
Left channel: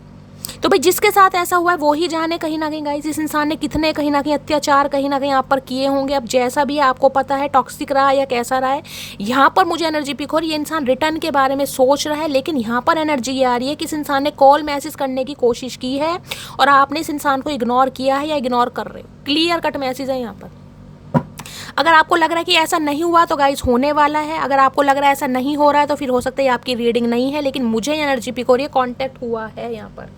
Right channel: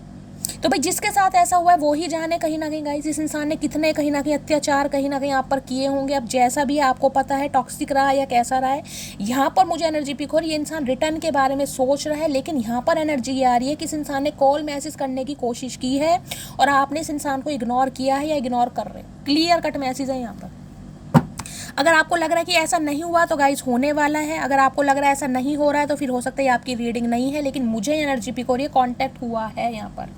तो भाई जिसके साथ ऐसा हुआ है वो ही जाने कहीं ना कहीं गाइस, इस इंसान ने कितने कहीं ना कहीं अत्याचार कहीं ना कहीं आप पर किए होंगे। अब जैसा भी है आपको पता है, टॉक्सिक रहा या कैसा रहा है, यहाँ पर मुझे एनर्जी पिक हो रही है। ये इंसान रिटर्न के बारे में सोच रहा है, लेकिन यहाँ पर एनर्जी ये आ रही है कि इस इंसान ने कॉल मैसेज करने की कोशिश की है और आपने इस इंसान को इग्नोर किया है या इग्नोर कर रहे हो। क्लियर कट मैसेज है यहाँ पर। अगर आपको लग रहा है कि ऐसा नहीं हुआ तो गाइस होने वाला है, अगर आपको लग रहा है ऐसा नहीं हो रहा है तो फिर हो सकता है आपकी रीडिंग नहीं है, लेकिन मुझे एनर्जी पिक हो रही है, कॉन्टैक्ट हुआ है यहाँ पर।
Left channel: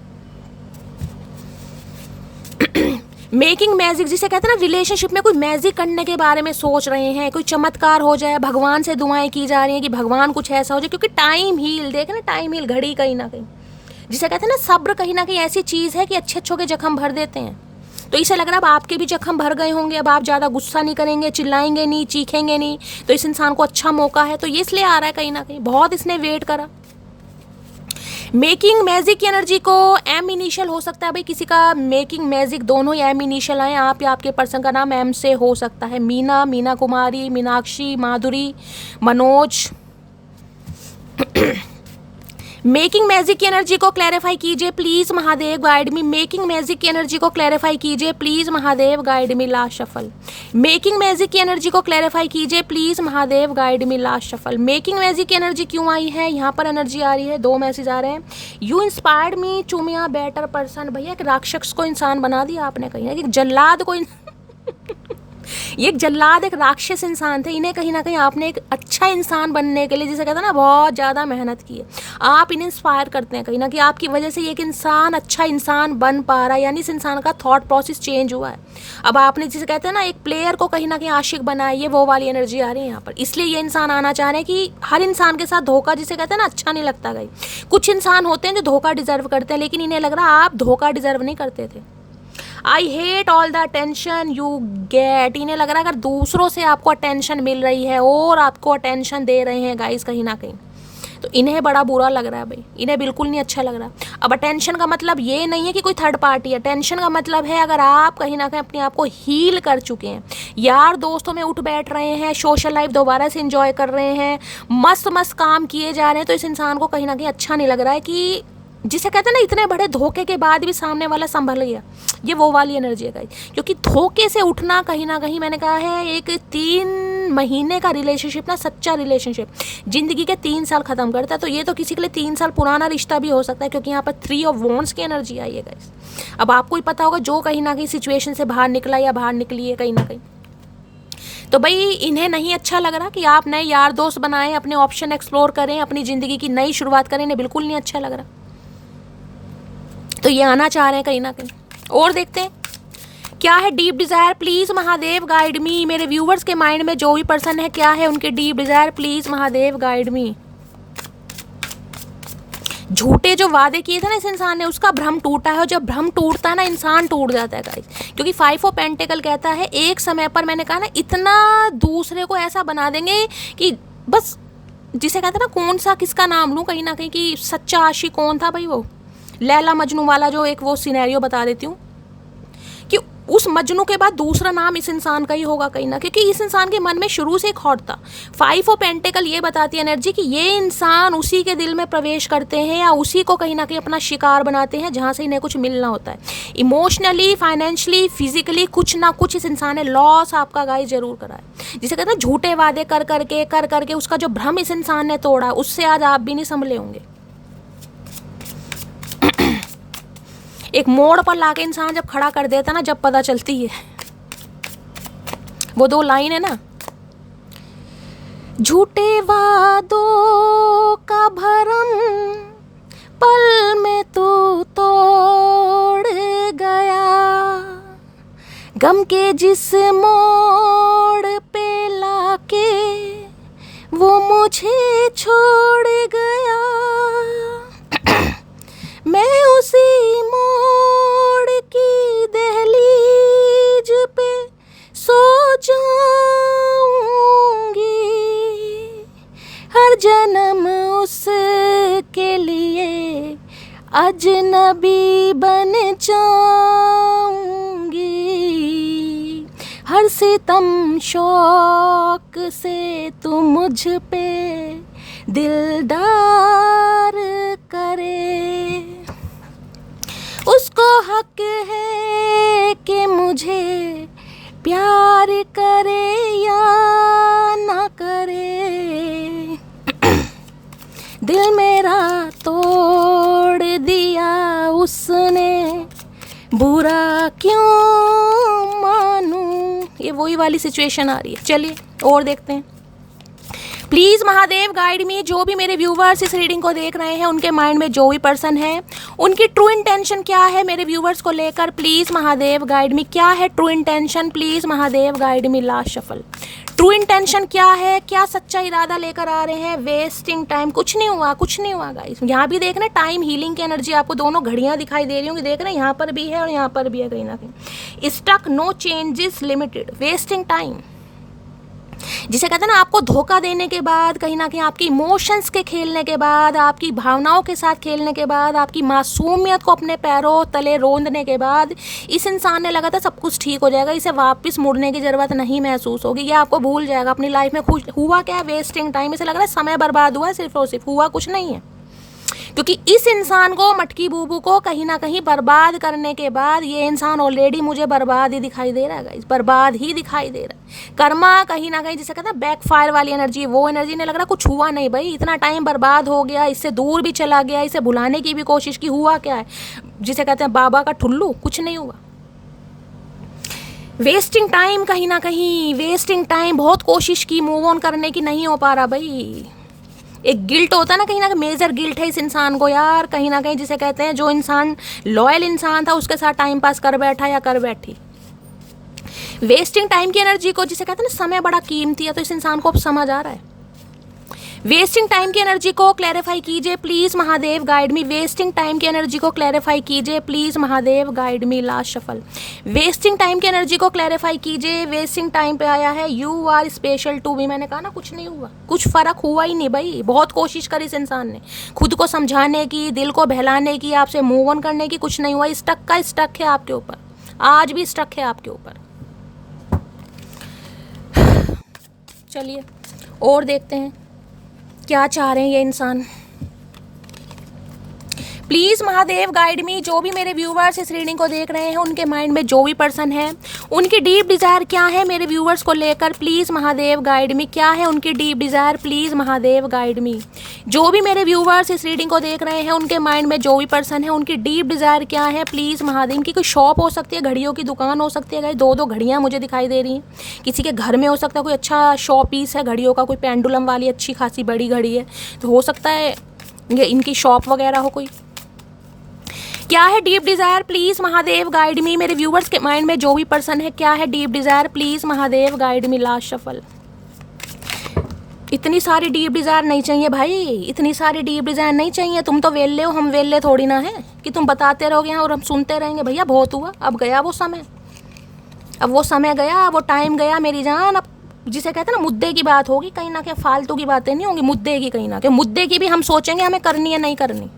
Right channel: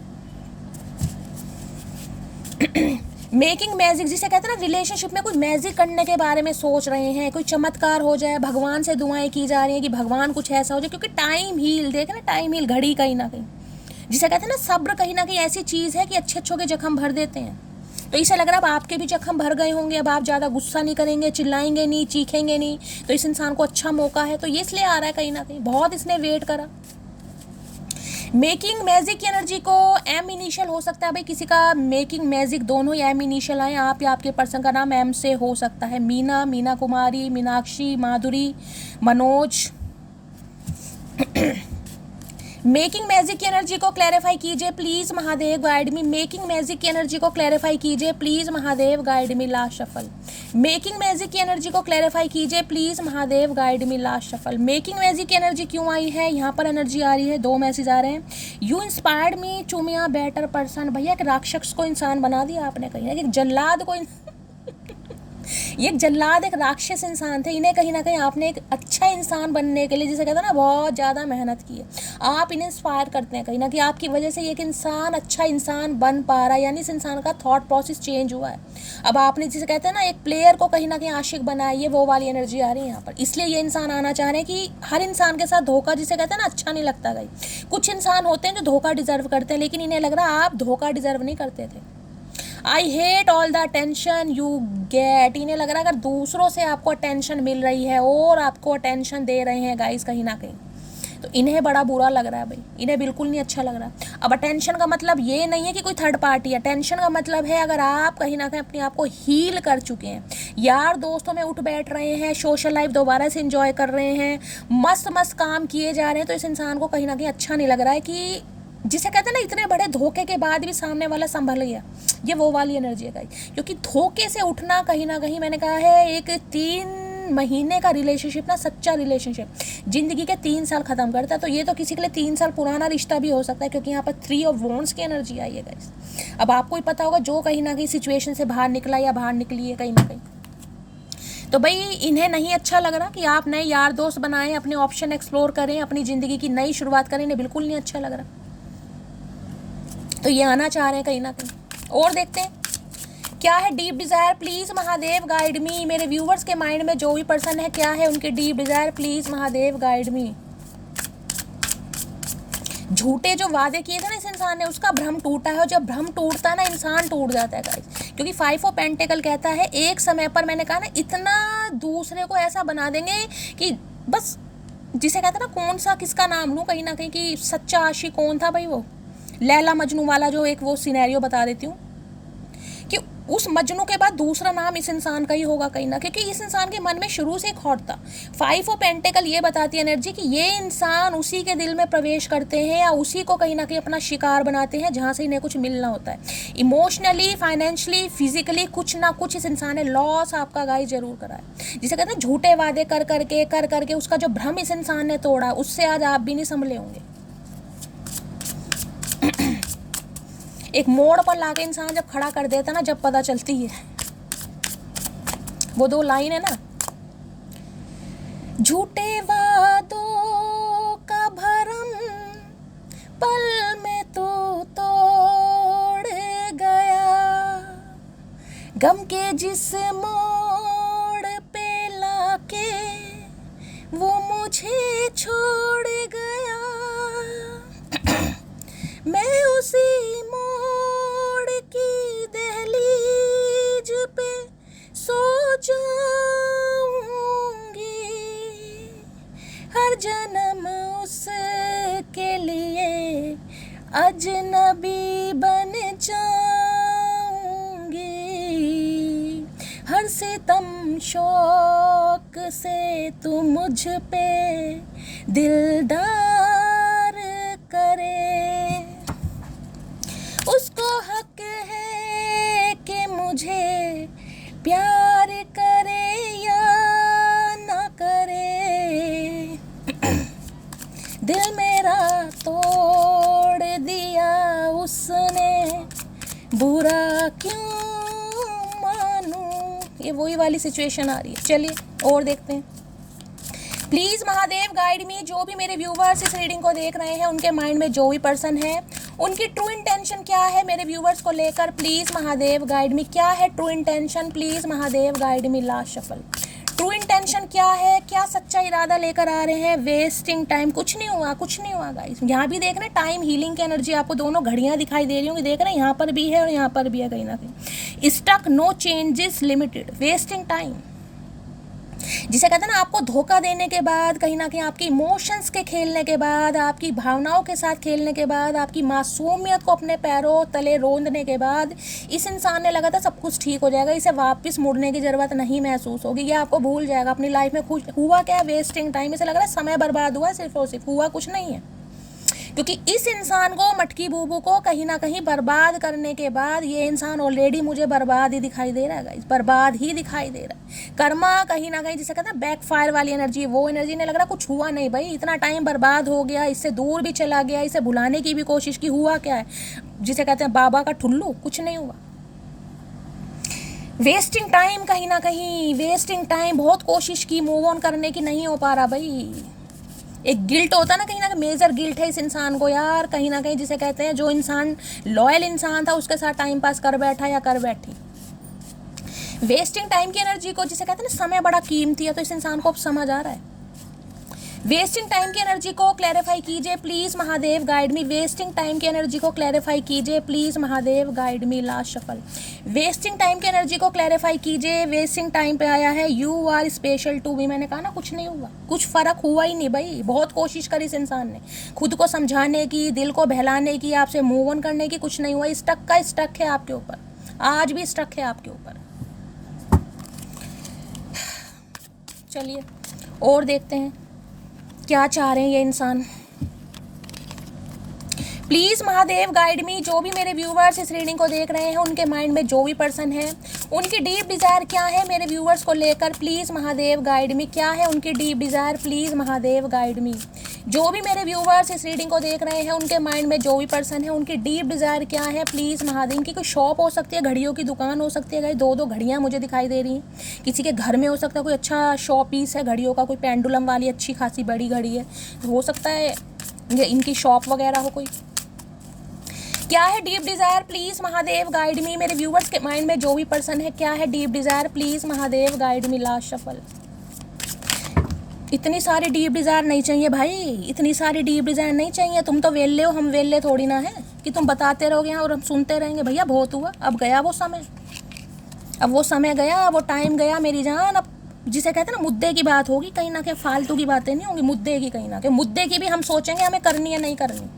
मेकिंग मैजिक, जिसे कहते हैं ना रिलेशनशिप में कोई मैजिक करने के बारे में सोच रहे हैं, कोई चमत्कार हो जाए, भगवान से दुआएं की जा रही हैं कि भगवान कुछ ऐसा हो जाए, क्योंकि टाइम हील, देखे ना टाइम हील घड़ी कहीं ना कहीं, जिसे कहते हैं ना सब्र कहीं ना कहीं ऐसी चीज़ है कि अच्छे अच्छों के जख्म भर देते हैं। तो इसे लग रहा है अब आपके भी जख्म भर गए होंगे, अब आप ज़्यादा गुस्सा नहीं करेंगे, चिल्लाएंगे नहीं, चीखेंगे नहीं। तो इस इंसान को अच्छा मौका है, तो ये इसलिए आ रहा है कहीं ना कहीं, बहुत इसने वेट करा। मेकिंग मैजिक की एनर्जी को एम इनिशियल हो सकता है भाई, किसी का मेकिंग मैजिक दोनों ही एम इनिशियल आए, आप या आपके पर्सन का नाम एम से हो सकता है। मीना, मीना कुमारी, मीनाक्षी, माधुरी, मनोज। मेकिंग मैजिक की एनर्जी को क्लैरिफाई कीजिए please Mahadev guide me. Making magic की एनर्जी को क्लैरिफाई कीजिए please Mahadev guide me. Last shuffle. Making magic की एनर्जी को क्लैरिफाई कीजिए please Mahadev guide me. Last shuffle. Making magic की एनर्जी क्यों आई है, यहाँ पर एनर्जी आ रही है, 2 मैसेज आ रहे हैं। You inspired me to be a better person. भैया एक राक्षस को इंसान बना दिया आपने, कहीं एक जल्लाद को ये एक जल्लाद, एक राक्षस इंसान थे। इन्हें कहीं ना कहीं आपने एक अच्छा इंसान बनने के लिए, जिसे कहते हैं ना, बहुत ज़्यादा मेहनत की है। आप इन्हें इंस्पायर करते हैं कहीं ना कहीं, आपकी वजह से एक इंसान अच्छा इंसान बन पा रहा है, यानी इस इंसान का थॉट प्रोसेस चेंज हुआ है। अब आपने जिसे कहते हैं ना, एक प्लेयर को कहीं ना कहीं आशिक बनाया, ये वो वाली एनर्जी आ रही है यहाँ पर। इसलिए ये इंसान आना चाह रहे हैं कि हर इंसान के साथ धोखा, जिसे कहते हैं ना, अच्छा नहीं लगता गई। कुछ इंसान होते हैं जो धोखा डिजर्व करते हैं, लेकिन इन्हें लग रहा है आप धोखा डिजर्व नहीं करते थे। I hate all the attention you get. इन्हें लग रहा है अगर दूसरों से आपको अटेंशन मिल रही है और आपको अटेंशन दे रहे हैं गाइस कहीं ना कहीं, तो इन्हें बड़ा बुरा लग रहा है भाई, इन्हें बिल्कुल नहीं अच्छा लग रहा। अब अटेंशन का मतलब ये नहीं है कि कोई थर्ड पार्टी, अटेंशन का मतलब है अगर आप कहीं ना कहीं अपने आप को हील कर चुके हैं, यार दोस्तों में उठ बैठ रहे हैं, सोशल लाइफ दोबारा से एंजॉय कर रहे हैं, मस्त मस्त काम किए जा रहे हैं, तो इस इंसान को कहीं ना कहीं अच्छा नहीं लग रहा है कि जिसे कहते हैं ना, इतने बड़े धोखे के बाद भी सामने वाला संभल गया। ये वो वाली एनर्जी है गाइस, क्योंकि धोखे से उठना कहीं ना कहीं, मैंने कहा है, एक 3 महीने का रिलेशनशिप ना, सच्चा रिलेशनशिप जिंदगी के 3 साल खत्म करता है। तो ये तो किसी के लिए 3 साल पुराना रिश्ता भी हो सकता है, क्योंकि यहाँ पर 3 ऑफ वॉन्ड्स की एनर्जी आई है गाइस। अब आपको ही पता होगा जो कहीं ना कहीं सिचुएशन से बाहर निकला या बाहर निकली है कहीं ना कहीं, तो भाई इन्हें नहीं अच्छा लग रहा कि आप नए यार दोस्त बनाएं, अपने ऑप्शन एक्सप्लोर करें, अपनी ज़िंदगी की नई शुरुआत करें, इन्हें बिल्कुल नहीं अच्छा लग रहा। तो ये आना चाह रहे हैं कहीं ना कहीं। और देखते हैं क्या है deep desire. Please Mahadev guide मी। मेरे व्यूवर्स के माइंड में जो भी पर्सन है, क्या है उनके deep desire, please Mahadev guide मी। झूठे जो वादे किए थे ना इस इंसान ने, उसका भ्रम टूटा है, और जब भ्रम टूटता है ना, इंसान टूट जाता है गाइस। क्योंकि 5 ऑफ पेंटिकल कहता है एक समय पर, मैंने कहा ना, इतना दूसरे को ऐसा बना देंगे कि बस, जिसे कहते हैं ना, कौन सा किसका नाम लूँ कहीं ना कहीं, कि सच्चा आशिक कौन था भाई, वो लैला मजनू वाला जो एक वो सिनेरियो बता देती हूँ, कि उस मजनू के बाद दूसरा नाम इस इंसान का ही होगा कहीं ना, क्योंकि इस इंसान के मन में शुरू से एक हॉट था। 5 ऑफ पेंटिकल ये बताती है एनर्जी कि ये इंसान उसी के दिल में प्रवेश करते हैं या उसी को कहीं ना कहीं अपना शिकार बनाते हैं जहाँ से इन्हें कुछ मिलना होता है। इमोशनली, फाइनेंशियली, फिजिकली कुछ ना कुछ इस इंसान ने लॉस आपका गाइस जरूर करा है। जिसे कहते हैं झूठे वादे कर करके उसका जो भ्रम इस इंसान ने तोड़ा, उससे आज आप भी नहीं संभले होंगे। एक मोड़ पर लाके इंसान जब खड़ा कर देता ना, जब पता चलती है, वो 2 लाइन है ना, झूठे वादों का भरम पल में तू तोड़ गया, गम के जिस मोड़ पे लाके वो मुझे छोड़ गया, मैं उसी मोड़ की दहलीज पे सो जाऊंगी, हर जन्म उसके लिए अजनबी बन जाऊंगी, हर सितम शौक से तू मुझ पे दिलदार करे, उसको हक है कि मुझे प्यार करे या ना करे, दिल मेरा तोड़ दिया उसने, बुरा क्यों मानूं। ये वही वाली सिचुएशन आ रही है। चलिए और देखते हैं। प्लीज़ महादेव गाइड मी। जो भी मेरे व्यूवर्स इस रीडिंग को देख रहे हैं, उनके माइंड में जो भी पर्सन है, उनकी ट्रू इंटेंशन क्या है मेरे व्यूवर्स को लेकर, प्लीज़ महादेव गाइड मी। क्या है true intention, please Mahadev guide me. Last shuffle. True intention क्या है, क्या सच्चा इरादा लेकर आ रहे हैं। वेस्टिंग टाइम, कुछ नहीं हुआ, कुछ नहीं हुआ गाइस। यहाँ भी देख रहे हैं टाइम हीलिंग की एनर्जी, आपको दोनों घड़ियाँ दिखाई दे रही होंगी, देख रहे हैं, यहाँ पर भी है और यहाँ पर भी है कहीं ना कहीं। Stuck, no changes, limited, wasting time, जिसे कहते हैं ना, आपको धोखा देने के बाद, कहीं ना कहीं आपकी इमोशंस के खेलने के बाद, आपकी भावनाओं के साथ खेलने के बाद, आपकी मासूमियत को अपने पैरों तले रोंदने के बाद, इस इंसान ने लगा था सब कुछ ठीक हो जाएगा, इसे वापस मुड़ने की ज़रूरत नहीं महसूस होगी, ये आपको भूल जाएगा अपनी लाइफ में। खुश हुआ क्या, वेस्टिंग टाइम। इसे लग रहा है समय बर्बाद हुआ, सिर्फ और सिर्फ हुआ कुछ नहीं है, क्योंकि इस इंसान को, मटकी बूबू को कहीं ना कहीं बर्बाद करने के बाद, ये इंसान ऑलरेडी मुझे बर्बाद ही दिखाई दे रहा है गाइस, बर्बाद ही दिखाई दे रहा है। कर्मा कहीं ना कहीं, जिसे कहते हैं बैक फायर वाली एनर्जी, वो एनर्जी ने लग रहा कुछ हुआ नहीं भाई, इतना टाइम बर्बाद हो गया, इससे दूर भी चला गया, इसे भुलाने की भी कोशिश की, हुआ क्या है, जिसे कहते हैं बाबा का ठुल्लू, कुछ नहीं हुआ। वेस्टिंग टाइम, कहीं ना कहीं वेस्टिंग टाइम। बहुत कोशिश की मूव ऑन करने की, नहीं हो पा रहा भाई। एक गिल्ट होता ना, कहीं ना कहीं मेजर गिल्ट है इस इंसान को यार, कहीं ना कहीं जिसे कहते हैं जो इंसान लॉयल इंसान था उसके साथ टाइम पास कर बैठा या कर बैठी। वेस्टिंग टाइम की एनर्जी को, जिसे कहते हैं ना समय बड़ा कीमती है, तो इस इंसान को अब समझ आ रहा है। वेस्टिंग टाइम की एनर्जी को क्लैरिफाई कीजिए please Mahadev, guide me. Wasting time की एनर्जी को क्लैरिफाई कीजिए please Mahadev, guide me. Last shuffle. Wasting time की एनर्जी को क्लैरिफाई कीजिए। वेस्टिंग टाइम पे आया है you are special to me. मैंने कहा ना कुछ नहीं हुआ, कुछ फर्क हुआ ही नहीं भाई। बहुत कोशिश करी इस इंसान ने खुद को समझाने की, दिल को बहलाने की, आपसे मूव ऑन करने की, कुछ नहीं हुआ। स्टक का स्टक है आपके ऊपर, आज भी स्टक है आपके ऊपर। चलिए और देखते हैं क्या चाह रहे हैं ये इंसान। प्लीज महादेव गाइड मी। जो भी मेरे व्यूवर्स इस रीडिंग को देख रहे हैं, उनके माइंड में जो भी पर्सन है, उनकी डीप डिजायर क्या है मेरे व्यूवर्स को लेकर, प्लीज महादेव गाइड मी। क्या है उनकी deep desire, please Mahadev guide मी। जो भी मेरे व्यूवर्स इस रीडिंग को देख रहे हैं, उनके माइंड में जो भी पर्सन है, उनकी डीप डिजायर क्या है, प्लीज महादेव। इनकी कोई शॉप हो सकती है, घड़ियों की दुकान हो सकती है, दो दो घड़ियां मुझे दिखाई दे रही हैं। किसी के घर में हो सकता है कोई अच्छा शॉप पीस है घड़ियों का, कोई पेंडुलम वाली अच्छी खासी बड़ी घड़ी है, तो हो सकता है ये इनकी शॉप वगैरह हो कोई। क्या है deep desire, please Mahadev guide मी। मेरे व्यूवर्स के माइंड में जो भी पर्सन है, क्या है deep desire, please Mahadev guide me. Last shuffle. इतनी सारी डीप डिजायर नहीं चाहिए भाई, इतनी सारी डीप डिजायर नहीं चाहिए। तुम तो वेल्ले हो, हम वेल्ले थोड़ी ना है कि तुम बताते रहोगे और हम सुनते रहेंगे। भैया बहुत हुआ, अब गया वो समय, अब वो समय गया, वो टाइम गया मेरी जान। अब जिसे कहते हैं ना मुद्दे की बात होगी, कहीं ना कहीं फालतू की बातें नहीं होंगी, मुद्दे की। कहीं ना कहीं मुद्दे की भी हम सोचेंगे हमें करनी है नहीं करनी।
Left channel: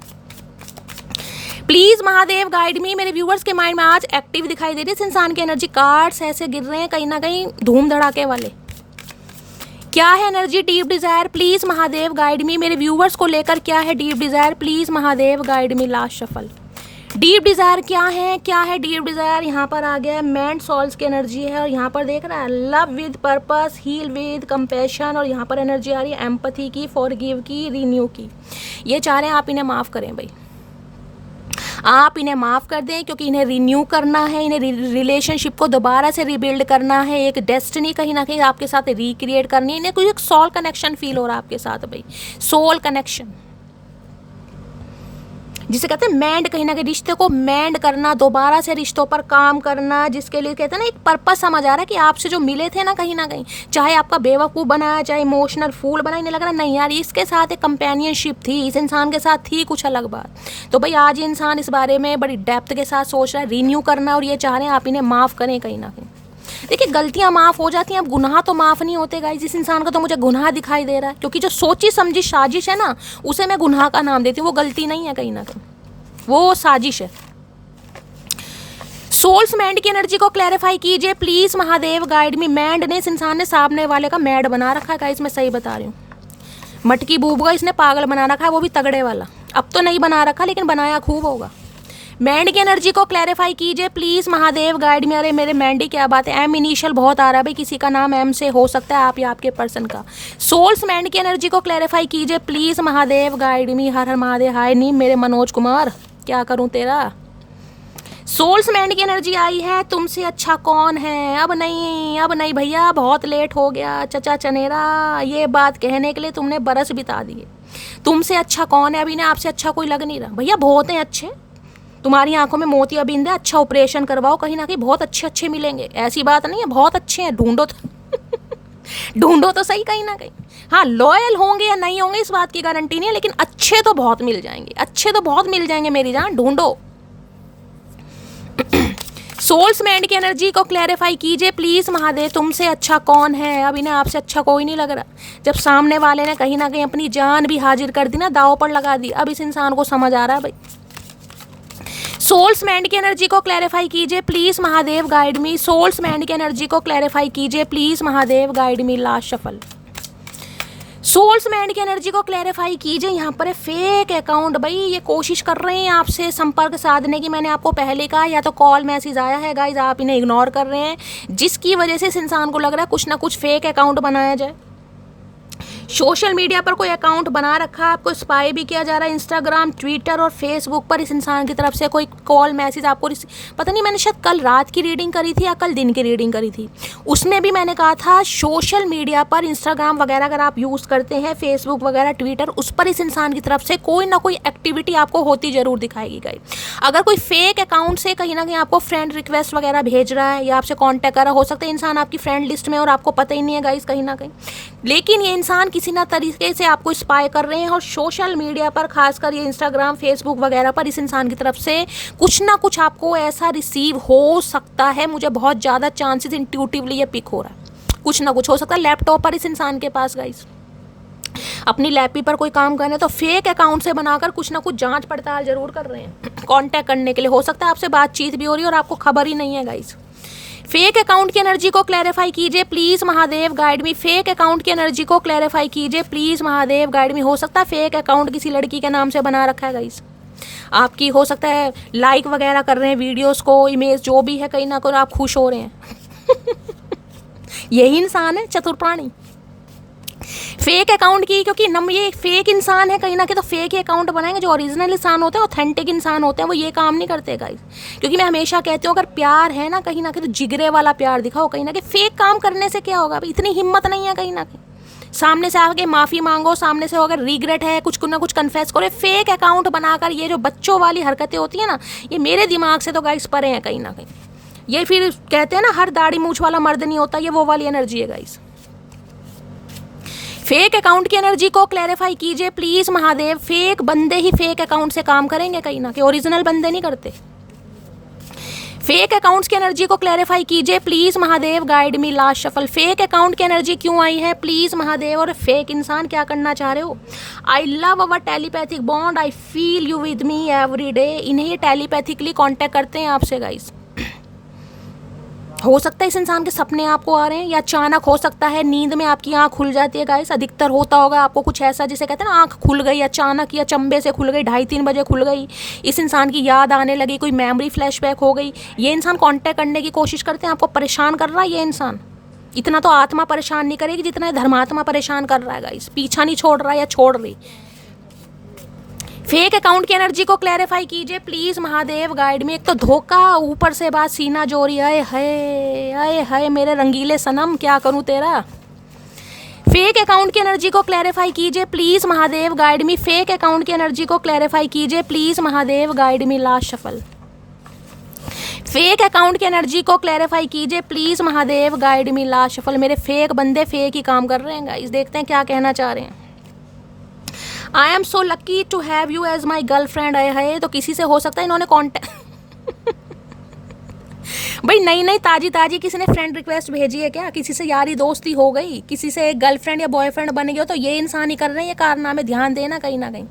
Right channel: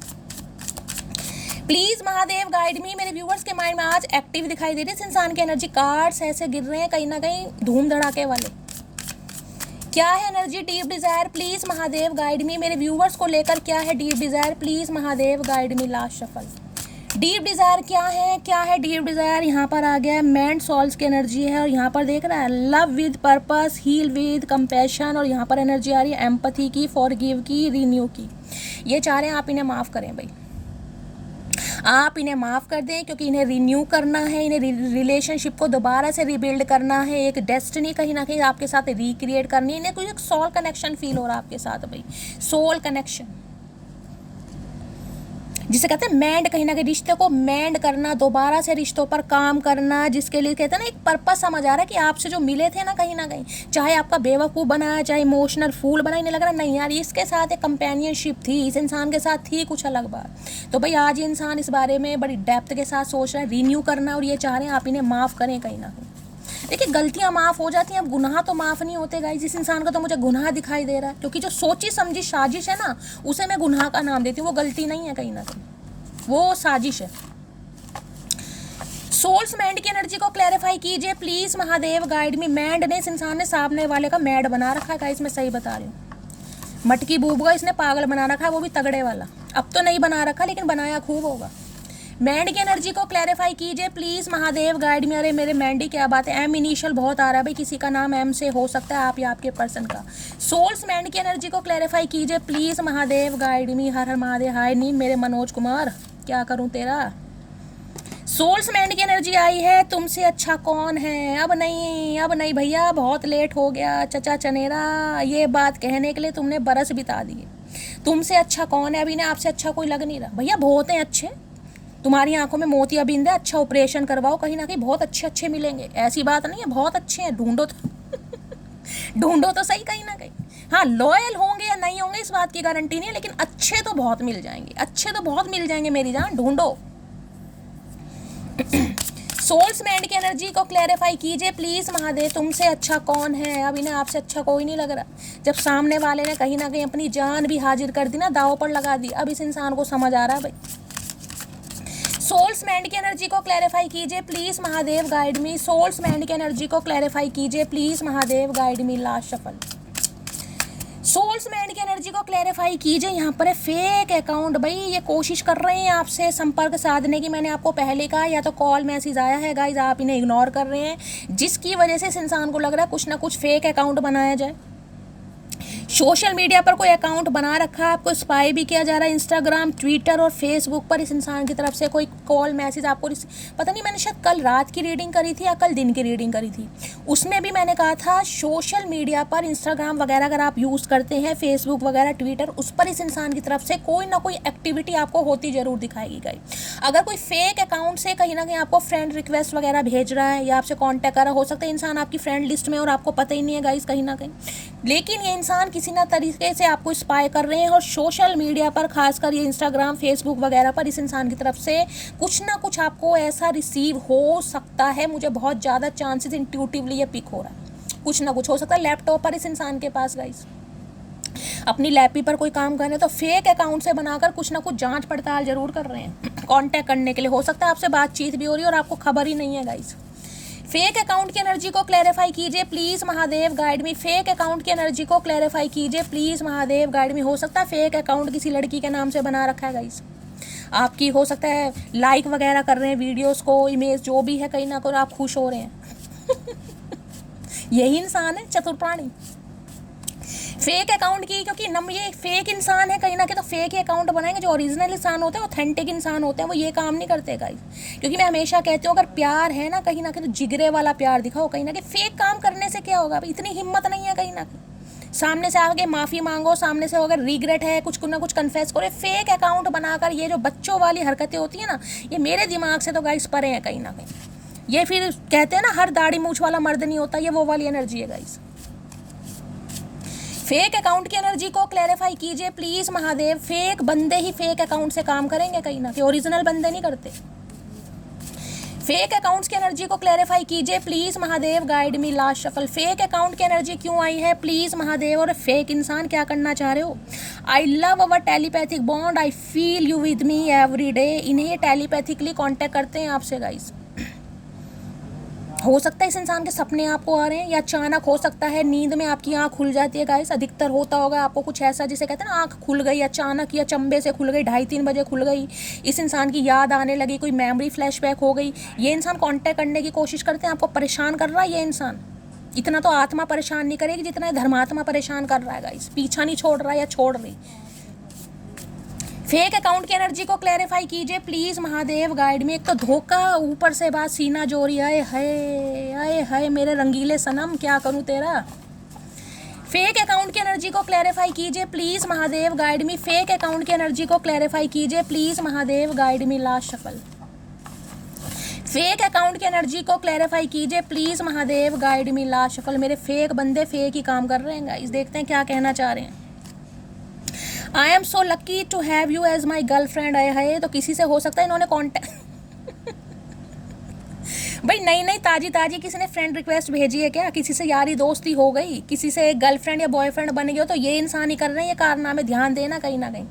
प्लीज महादेव गाइड मी। मेरे व्यूवर्स के माइंड में आज एक्टिव दिखाई दे रही है इस इंसान की एनर्जी। कार्ड्स ऐसे गिर रहे हैं कहीं ना कहीं धूम धड़ाके वाले। क्या है energy deep desire, please Mahadev guide मी। मेरे व्यूवर्स को लेकर क्या है deep desire, please Mahadev guide me. Last shuffle. Deep Dzire क्या है, क्या है डीप डिजायर। यहाँ पर आ गया है मैन सोल्स की एनर्जी है, और यहाँ पर देख रहा है love with purpose, heal with compassion, और यहाँ पर एनर्जी आ रही है एम्पैथी की, फॉरगिव की, रिन्यू की। ये चाह रहे हैं आप इन्हें माफ करें भाई, आप इन्हें माफ़ कर दें, क्योंकि इन्हें रिन्यू करना है, इन्हें रिलेशनशिप को दोबारा से रिबिल्ड करना है, एक डेस्टिनी कहीं ना कहीं आपके साथ रिक्रिएट करनी है। इन्हें कुछ एक सोल कनेक्शन फील हो रहा है आपके साथ भाई, सोल कनेक्शन जिसे कहते हैं मैंड, कहीं ना कहीं रिश्ते को मैंड करना, दोबारा से रिश्तों पर काम करना, जिसके लिए कहते हैं ना एक पर्पस समझ आ रहा है कि आपसे जो मिले थे ना कहीं ना कहीं, चाहे आपका बेवकूफ़ बनाया, चाहे इमोशनल फूल बनाया, इन्हें लग रहा है नहीं यार इसके साथ एक कंपेनियनशिप थी, इस इंसान के साथ थी कुछ अलग बात। तो भाई आज ये इंसान इस बारे में बड़ी डेप्थ के साथ सोच रहा है, रिन्यू करना, और ये चाह रहे हैं आप इन्हें माफ़ करें कहीं ना कहीं। देखिए गलतियां माफ़ हो जाती हैं, अब गुनाह तो माफ़ नहीं होते गाइस। इस इंसान का तो मुझे गुनाह दिखाई दे रहा है, क्योंकि जो सोची समझी साजिश है ना, उसे मैं गुनाह का नाम देती हूँ। वो गलती नहीं है कहीं ना कहीं, वो साजिश है। सोल्स मैंड की एनर्जी को क्लैरिफाई कीजिए please Mahadev guide me. Mind ने इस इंसान ने सामने वाले का मैड बना रखा है गाइस, मैं सही बता रही हूँ। मटकी बूब का इसने पागल बना रखा है, वो भी तगड़े वाला। अब तो नहीं बना रखा लेकिन बनाया खूब होगा। मैंड की एनर्जी को क्लैरिफाई कीजिए प्लीज महादेव गाइड में। अरे मेरे मैंडी क्या बात है, एम इनिशियल बहुत आ रहा है भाई, किसी का नाम एम से हो सकता है, आप या आपके पर्सन का। सोल्स मैंड की एनर्जी को क्लैरिफाई कीजिए प्लीज महादेव गाइड मी। हर हर महादेव। हाय नीम मेरे मनोज कुमार, क्या करूं तेरा। सोल्स मैंड की एनर्जी आई है, तुमसे अच्छा कौन है। अब नहीं भैया, बहुत लेट हो गया चचा चनेरा, ये बात कहने के लिए तुमने बरस बिता दिए। तुमसे अच्छा कौन है, अभी ने आपसे अच्छा कोई लग नहीं रहा भैया। बहुत हैं अच्छे, तुम्हारी आंखों में मोतियाबिंद है, अच्छा ऑपरेशन करवाओ, कहीं ना कहीं बहुत अच्छे मिलेंगे। ऐसी बात नहीं है, बहुत अच्छे हैं, ढूंढो तो ढूंढो तो सही कहीं ना कहीं। हाँ लॉयल होंगे या नहीं होंगे इस बात की गारंटी नहीं है, लेकिन अच्छे तो बहुत मिल जाएंगे, अच्छे तो बहुत मिल जाएंगे मेरी जान, ढूंढो। सोल्स मैंड की एनर्जी को क्लैरिफाई कीजिए प्लीज महादेव, तुमसे अच्छा कौन है। अब इन्हें आपसे अच्छा कोई नहीं लग रहा। जब सामने वाले ने कहीं ना कहीं अपनी जान भी हाजिर कर दी ना, दाव पर लगा दी, अब इस इंसान को समझ आ रहा है भाई। सोल्स मैंड की एनर्जी को क्लैरिफाई कीजिए please Mahadev guide me. Soul's mind की एनर्जी को क्लैरिफाई कीजिए please Mahadev guide me. Last shuffle. Soul's mind की एनर्जी को क्लैरिफाई कीजिए। यहाँ पर है फेक अकाउंट भाई, ये कोशिश कर रहे हैं आपसे संपर्क साधने की। मैंने आपको पहले कहा, या तो कॉल मैसेज आया है गाइज, आप इन्हें इग्नोर कर रहे हैं, जिसकी वजह से इस इंसान को लग रहा है कुछ ना कुछ फेक अकाउंट बनाया जाए। सोशल मीडिया पर कोई अकाउंट बना रखा है, आपको स्पाई भी किया जा रहा है, इंस्टाग्राम, ट्विटर और फेसबुक पर इस इंसान की तरफ से कोई कॉल मैसेज आपको पता नहीं, मैंने शायद कल रात की रीडिंग करी थी या कल दिन की रीडिंग करी थी, उसमें भी मैंने कहा था सोशल मीडिया पर इंस्टाग्राम वगैरह अगर आप यूज़ करते हैं, फेसबुक वगैरह, ट्विटर, उस पर इस इंसान की तरफ से कोई ना कोई एक्टिविटी आपको होती ज़रूर दिखाएगी गाइस। अगर कोई फेक अकाउंट से कहीं ना कहीं आपको फ्रेंड रिक्वेस्ट वगैरह भेज रहा है या आपसे कॉन्टैक्ट कर रहा, हो सकता है इंसान आपकी फ्रेंड लिस्ट में और आपको पता ही नहीं है गाइस कहीं ना कहीं, लेकिन ये इंसान किसी ना तरीके से आपको स्पाई कर रहे हैं और सोशल मीडिया पर, खासकर ये इंस्टाग्राम, फेसबुक वगैरह पर इस इंसान की तरफ से कुछ ना कुछ आपको ऐसा रिसीव हो सकता है। मुझे बहुत ज़्यादा चांसेस इंट्यूटिवली ये पिक हो रहा है, कुछ ना कुछ हो सकता है लैपटॉप पर इस इंसान के पास गाइस, अपनी लैपी पर कोई काम कर रहे हैं तो फेक अकाउंट से बनाकर कुछ ना कुछ जांच पड़ताल जरूर कर रहे हैं कांटेक्ट करने के लिए। हो सकता है आपसे बातचीत भी हो रही है और आपको खबर ही नहीं है गाइस। फेक अकाउंट की एनर्जी को क्लैरिफाई कीजिए please Mahadev guide me. Fake account की एनर्जी को क्लैरिफाई कीजिए प्लीज महादेव गाइड मी। हो सकता है फेक अकाउंट किसी लड़की के नाम से बना रखा है गाइस, आपकी हो सकता है लाइक वगैरह कर रहे हैं वीडियोस को, इमेज जो भी है, कहीं ना कहीं आप खुश हो रहे हैं यही इंसान है चतुर प्राणी। फेक अकाउंट की, क्योंकि ये फेक इंसान है कहीं ना कहीं, तो फेक ही अकाउंट बनाएंगे। जो ओरिजिनल इंसान होते हैं, ऑथेंटिक इंसान होते हैं, वो ये काम नहीं करते गाइस। क्योंकि मैं हमेशा कहती हूँ अगर प्यार है ना कहीं ना कहीं तो जिगरे वाला प्यार दिखाओ। कहीं ना कहीं फेक काम करने से क्या होगा, इतनी हिम्मत नहीं है कहीं ना कहीं। सामने से आके माफ़ी मांगो, सामने से अगर रिग्रेट है कुछ ना कुछ कन्फेस करो। फेक अकाउंट बनाकर ये जो बच्चों वाली हरकतें होती है ना, ये मेरे दिमाग से तो गाइस परे हैं कहीं ना कहीं। ये फिर कहते हैं ना हर दाढ़ी मूछ वाला मर्द नहीं होता, ये वो वाली एनर्जी है गाइस। फेक अकाउंट की एनर्जी को क्लैरिफाई कीजिए प्लीज महादेव। फेक बंदे ही फेक अकाउंट से काम करेंगे कहीं ना कहीं, ओरिजिनल बंदे नहीं करते। फेक अकाउंट्स की एनर्जी को क्लैरिफाई कीजिए please Mahadev guide me last shuffle. Fake account की एनर्जी क्यों आई है प्लीज महादेव, और फेक इंसान क्या करना चाह रहे हो। I love our telepathic bond, I feel you with me every day. इन्हें ये टेलीपैथिकली कॉन्टैक्ट करते हैं आपसे गाइस। हो सकता है इस इंसान के सपने आपको आ रहे हैं, या अचानक हो सकता है नींद में आपकी आंख खुल जाती है गाइस। अधिकतर होता होगा आपको कुछ ऐसा जिसे कहते हैं ना आंख खुल गई अचानक, या चंबे से खुल गई, 2:30-3 बजे खुल गई, इस इंसान की याद आने लगी, कोई मेमोरी फ्लैशबैक हो गई। ये इंसान कांटेक्ट करने की कोशिश करते हैं, आपको परेशान कर रहा है ये इंसान। इतना तो आत्मा परेशान नहीं करेगी जितना धर्मात्मा परेशान कर रहा है गाइस, पीछा नहीं छोड़ रहा है या छोड़ रही। फेक अकाउंट की एनर्जी को क्लैरिफाई कीजिए प्लीज महादेव गाइड में। एक तो धोखा, ऊपर से बात सीना जोरी, है मेरे रंगीले सनम क्या करूं तेरा। फेक अकाउंट की एनर्जी को क्लैरिफाई कीजिए please Mahadev guide me. Fake account की एनर्जी को क्लैरिफाई कीजिए please Mahadev guide me last shuffle. Fake account की एनर्जी को क्लैरिफाई कीजिए please Mahadev guide me last shuffle. मेरे फेक बंदे फेक ही काम कर रहे हैं गाइस, देखते हैं क्या कहना चाह रहे हैं। I am so lucky to have you as my girlfriend. है तो किसी से हो सकता है इन्होंने कॉन्टेक्ट भाई नई ताजी किसी ने फ्रेंड रिक्वेस्ट भेजी है क्या, किसी से यारी दोस्ती हो गई, किसी से गर्लफ्रेंड या बॉयफ्रेंड बन गया, तो ये इंसान ही कर रहे हैं ये कारनामे। ध्यान देना कहीं ना कहीं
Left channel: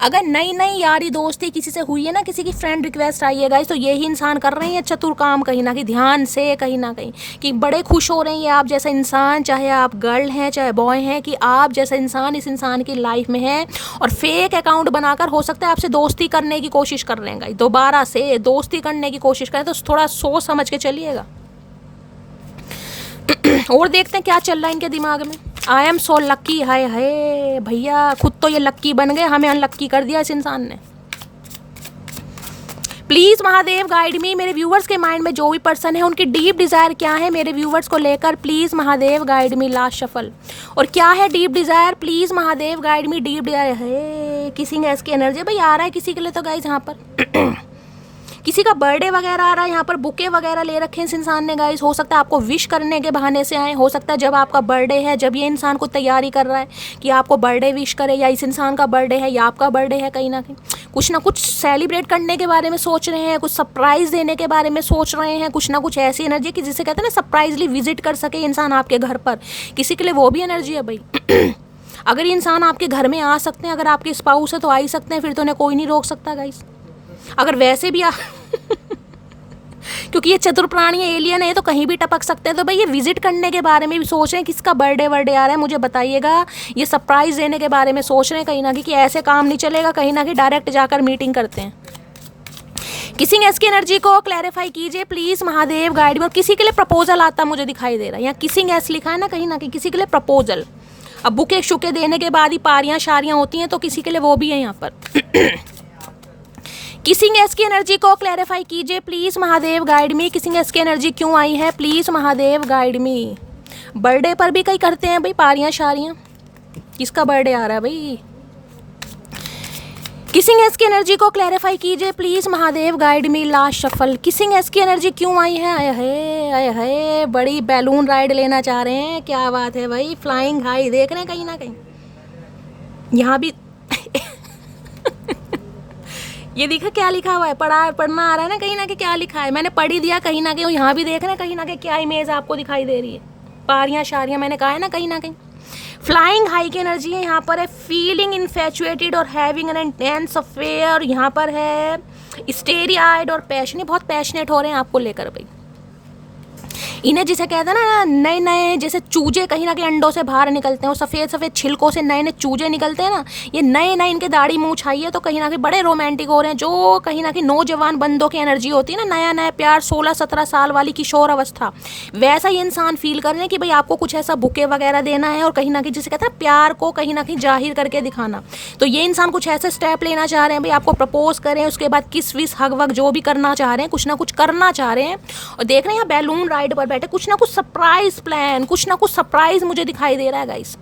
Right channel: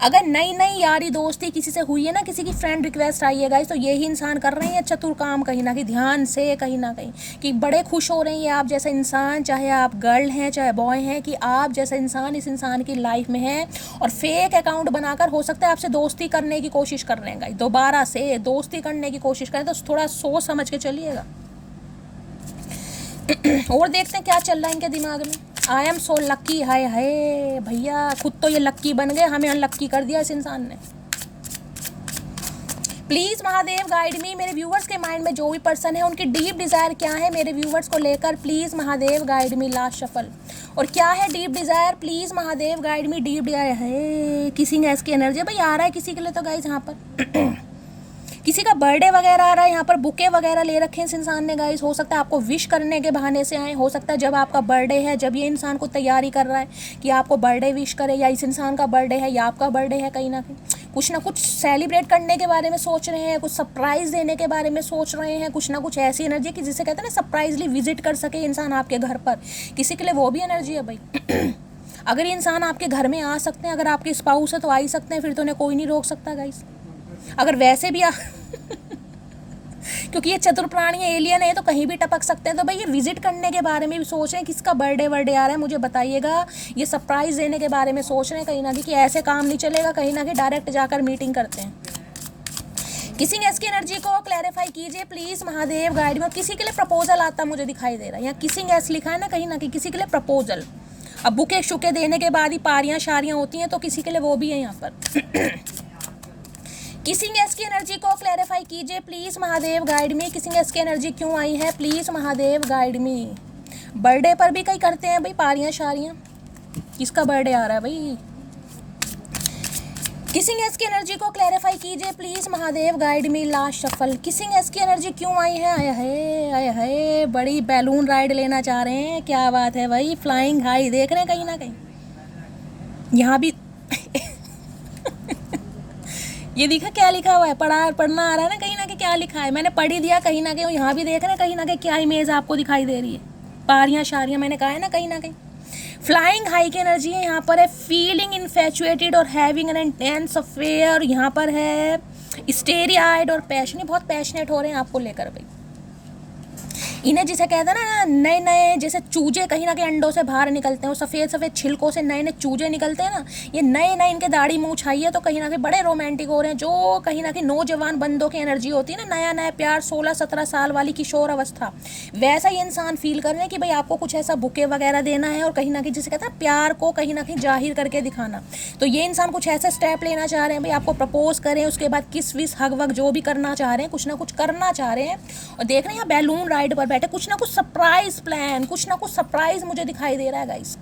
अगर नई यारी दोस्ती किसी से हुई है ना, किसी की फ्रेंड रिक्वेस्ट आई है गाइस, तो यही इंसान कर रहे हैं चतुर काम कहीं ना कहीं। ध्यान से कहीं ना कहीं कि बड़े खुश हो रहे हैं ये आप जैसा इंसान, चाहे आप गर्ल हैं चाहे बॉय हैं, कि आप जैसा इंसान इस इंसान की लाइफ में है। और फेक अकाउंट बनाकर हो सकता है आपसे दोस्ती करने की कोशिश कर रहे हैं गाइस, दोबारा से दोस्ती करने की कोशिश करें तो थोड़ा सोच समझ के चलिएगा। और देखते हैं क्या चल रहा है इनके दिमाग में। आई एम सो लक्की, हाय हाय भैया, खुद तो ये लक्की बन गए, हमें अनलक्की कर दिया इस इंसान ने। प्लीज महादेव गाइड मी। मेरे व्यूवर्स के माइंड में जो भी पर्सन है उनकी डीप डिजायर क्या है मेरे व्यूवर्स को लेकर, please Mahadev guide me last shuffle. और क्या है deep desire please Mahadev guide me. Deep Dzire है किसी गैस की एनर्जी भाई आ रहा है किसी के लिए, तो गाइस यहाँ पर किसी का बर्थडे वगैरह आ रहा है, यहाँ पर बुके वगैरह ले रखे हैं इस इंसान ने गाइस। हो सकता है आपको विश करने के बहाने से आए, हो सकता है जब आपका बर्थडे है, जब ये इंसान को तैयारी कर रहा है कि आपको बर्थडे विश करे, या इस इंसान का बर्थडे है या आपका बर्थडे है, कहीं ना कहीं कुछ ना कुछ सेलिब्रेट करने के बारे में सोच रहे हैं, कुछ सरप्राइज देने के बारे में सोच रहे हैं, कुछ ना कुछ ऐसी एनर्जी कि जिसे कहते हैं ना सरप्राइजली विजिट कर सके इंसान आपके घर पर, किसी के लिए वो भी एनर्जी है भाई। अगर इंसान आपके घर में आ सकते हैं, अगर आपके स्पाउस है तो आ ही सकते हैं, फिर तो उन्हें कोई नहीं रोक सकता गाइस। अगर वैसे भी क्योंकि ये चतुर प्राणी एलियन है तो कहीं भी टपक सकते हैं, तो भाई ये विजिट करने के बारे में भी सोच रहे हैं, किसका बर्थडे वर्डे आ रहा है मुझे बताइएगा, ये सरप्राइज देने के बारे में सोच रहे हैं कहीं ना कहीं, कि ऐसे काम नहीं चलेगा, कहीं ना कहीं डायरेक्ट जाकर मीटिंग करते हैं। किसिंग एस की एनर्जी को क्लैरिफाई कीजिए प्लीज महादेव गाइड में। किसी के लिए प्रपोजल आता मुझे दिखाई दे रहा है, यहाँ किसिंग एस लिखा है ना कहीं ना कहीं, किसी के लिए प्रपोजल अब बुके शुके देने के बाद ही पारियां शारियां होती हैं, तो किसी के लिए वो भी है यहाँ पर। किसिंग एस की एनर्जी को क्लैरिफाई कीजिए please Mahadev, guide me. Kissing S की एनर्जी क्यों आई है, please Mahadev guide me. Birthday पर भी कई करते हैं भाई पारियां शारियां, किसका बर्थडे आ रहा है भाई। किसिंग एस की एनर्जी को क्लैरिफाई कीजिए please Mahadev, guide me. Last shuffle. Kissing S की एनर्जी क्यों आई है, आए हाय बड़ी बैलून राइड लेना चाह रहे हैं, क्या बात है भाई। फ्लाइंग हाई देख रहे हैं कहीं ना कहीं, यहाँ भी ये देखा क्या लिखा हुआ है, पढ़ना आ रहा है ना कहीं ना कहीं, क्या लिखा है मैंने पढ़ ही दिया कहीं ना कहीं। यहाँ भी देख रहे हैं कहीं ना कहीं क्या इमेज आपको दिखाई दे रही है, पारियां शारियां, मैंने कहा है ना कहीं ना कहीं। फ्लाइंग हाई की एनर्जी है यहाँ पर है, फीलिंग इन्फेचुएटेड और हैविंग एन इंटेंस अफेयर। यहाँ पर है स्टेरी आइड और पैशनेट, बहुत पैशनेट हो रहे हैं आपको लेकर भाई। इन्हें जिसे कहते हैं ना नए नए जैसे चूजे कहीं ना कहीं अंडों से बाहर निकलते हैं, और सफ़ेद सफ़ेद छिलकों से नए नए चूजे निकलते हैं ना, ये नए नए इनके दाढ़ी मूंछ आई है, तो कहीं ना कहीं बड़े रोमांटिक हो रहे हैं। जो कहीं ना कहीं नौजवान बंदों की एनर्जी होती है ना, नया नया प्यार, 16-17 साल वाली किशोर अवस्था, वैसा ही इंसान फील कर रहे हैं कि भाई आपको कुछ ऐसा बुके वगैरह देना है, और कहीं ना कहीं जिसे कहते हैं प्यार को कहीं ना कहीं जाहिर करके दिखाना। तो ये इंसान कुछ ऐसे स्टेप लेना चाह रहे हैं भाई, आपको प्रपोज करें, उसके बाद किस विस हग वग जो भी करना चाह रहे हैं, कुछ ना कुछ करना चाह रहे हैं। और देख रहे हैं बैलून राइड पर बैठे, कुछ ना कुछ सरप्राइज प्लान, कुछ ना कुछ सरप्राइज मुझे दिखाई दे रहा है गाइस।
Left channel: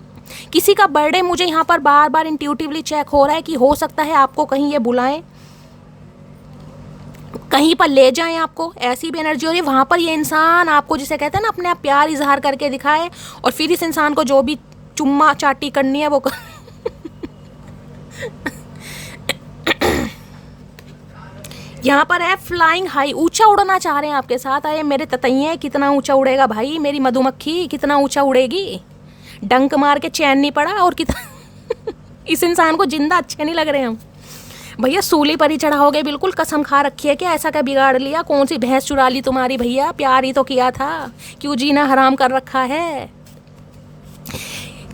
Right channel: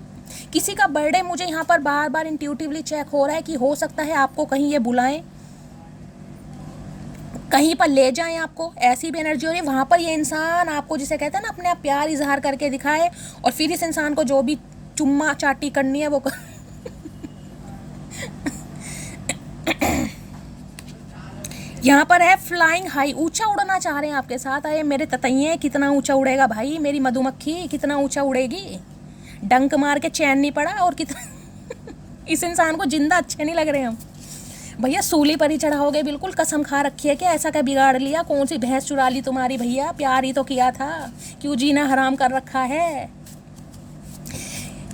किसी का बर्थडे मुझे यहाँ पर बार बार इंट्यूटिवली चेक हो रहा है कि हो सकता है आपको कहीं ये बुलाएं, कहीं पर ले जाएं, आपको ऐसी भी एनर्जी हो रही है। वहाँ पर ये इंसान आपको जिसे कहते हैं ना अपने आप प्यार इजहार करके दिखाए, और फिर इस इंसान को जो भी चुम्मा चाटी करनी है वो यहाँ पर है फ्लाइंग हाई, ऊंचा उड़ना चाह रहे हैं आपके साथ। आए मेरे ततैये, कितना ऊंचा उड़ेगा भाई, मेरी मधुमक्खी कितना ऊंचा उड़ेगी, डंक मार के चैन नहीं पड़ा, और कितना इस इंसान को जिंदा अच्छे नहीं लग रहे हम भैया। सूली पर ही चढ़ा हो गए बिल्कुल, कसम खा रखी है क्या, ऐसा क्या बिगाड़ लिया, कौन सी भैंस चुरा ली तुम्हारी भैया, प्यार ही तो किया था, क्यों जीना हराम कर रखा है।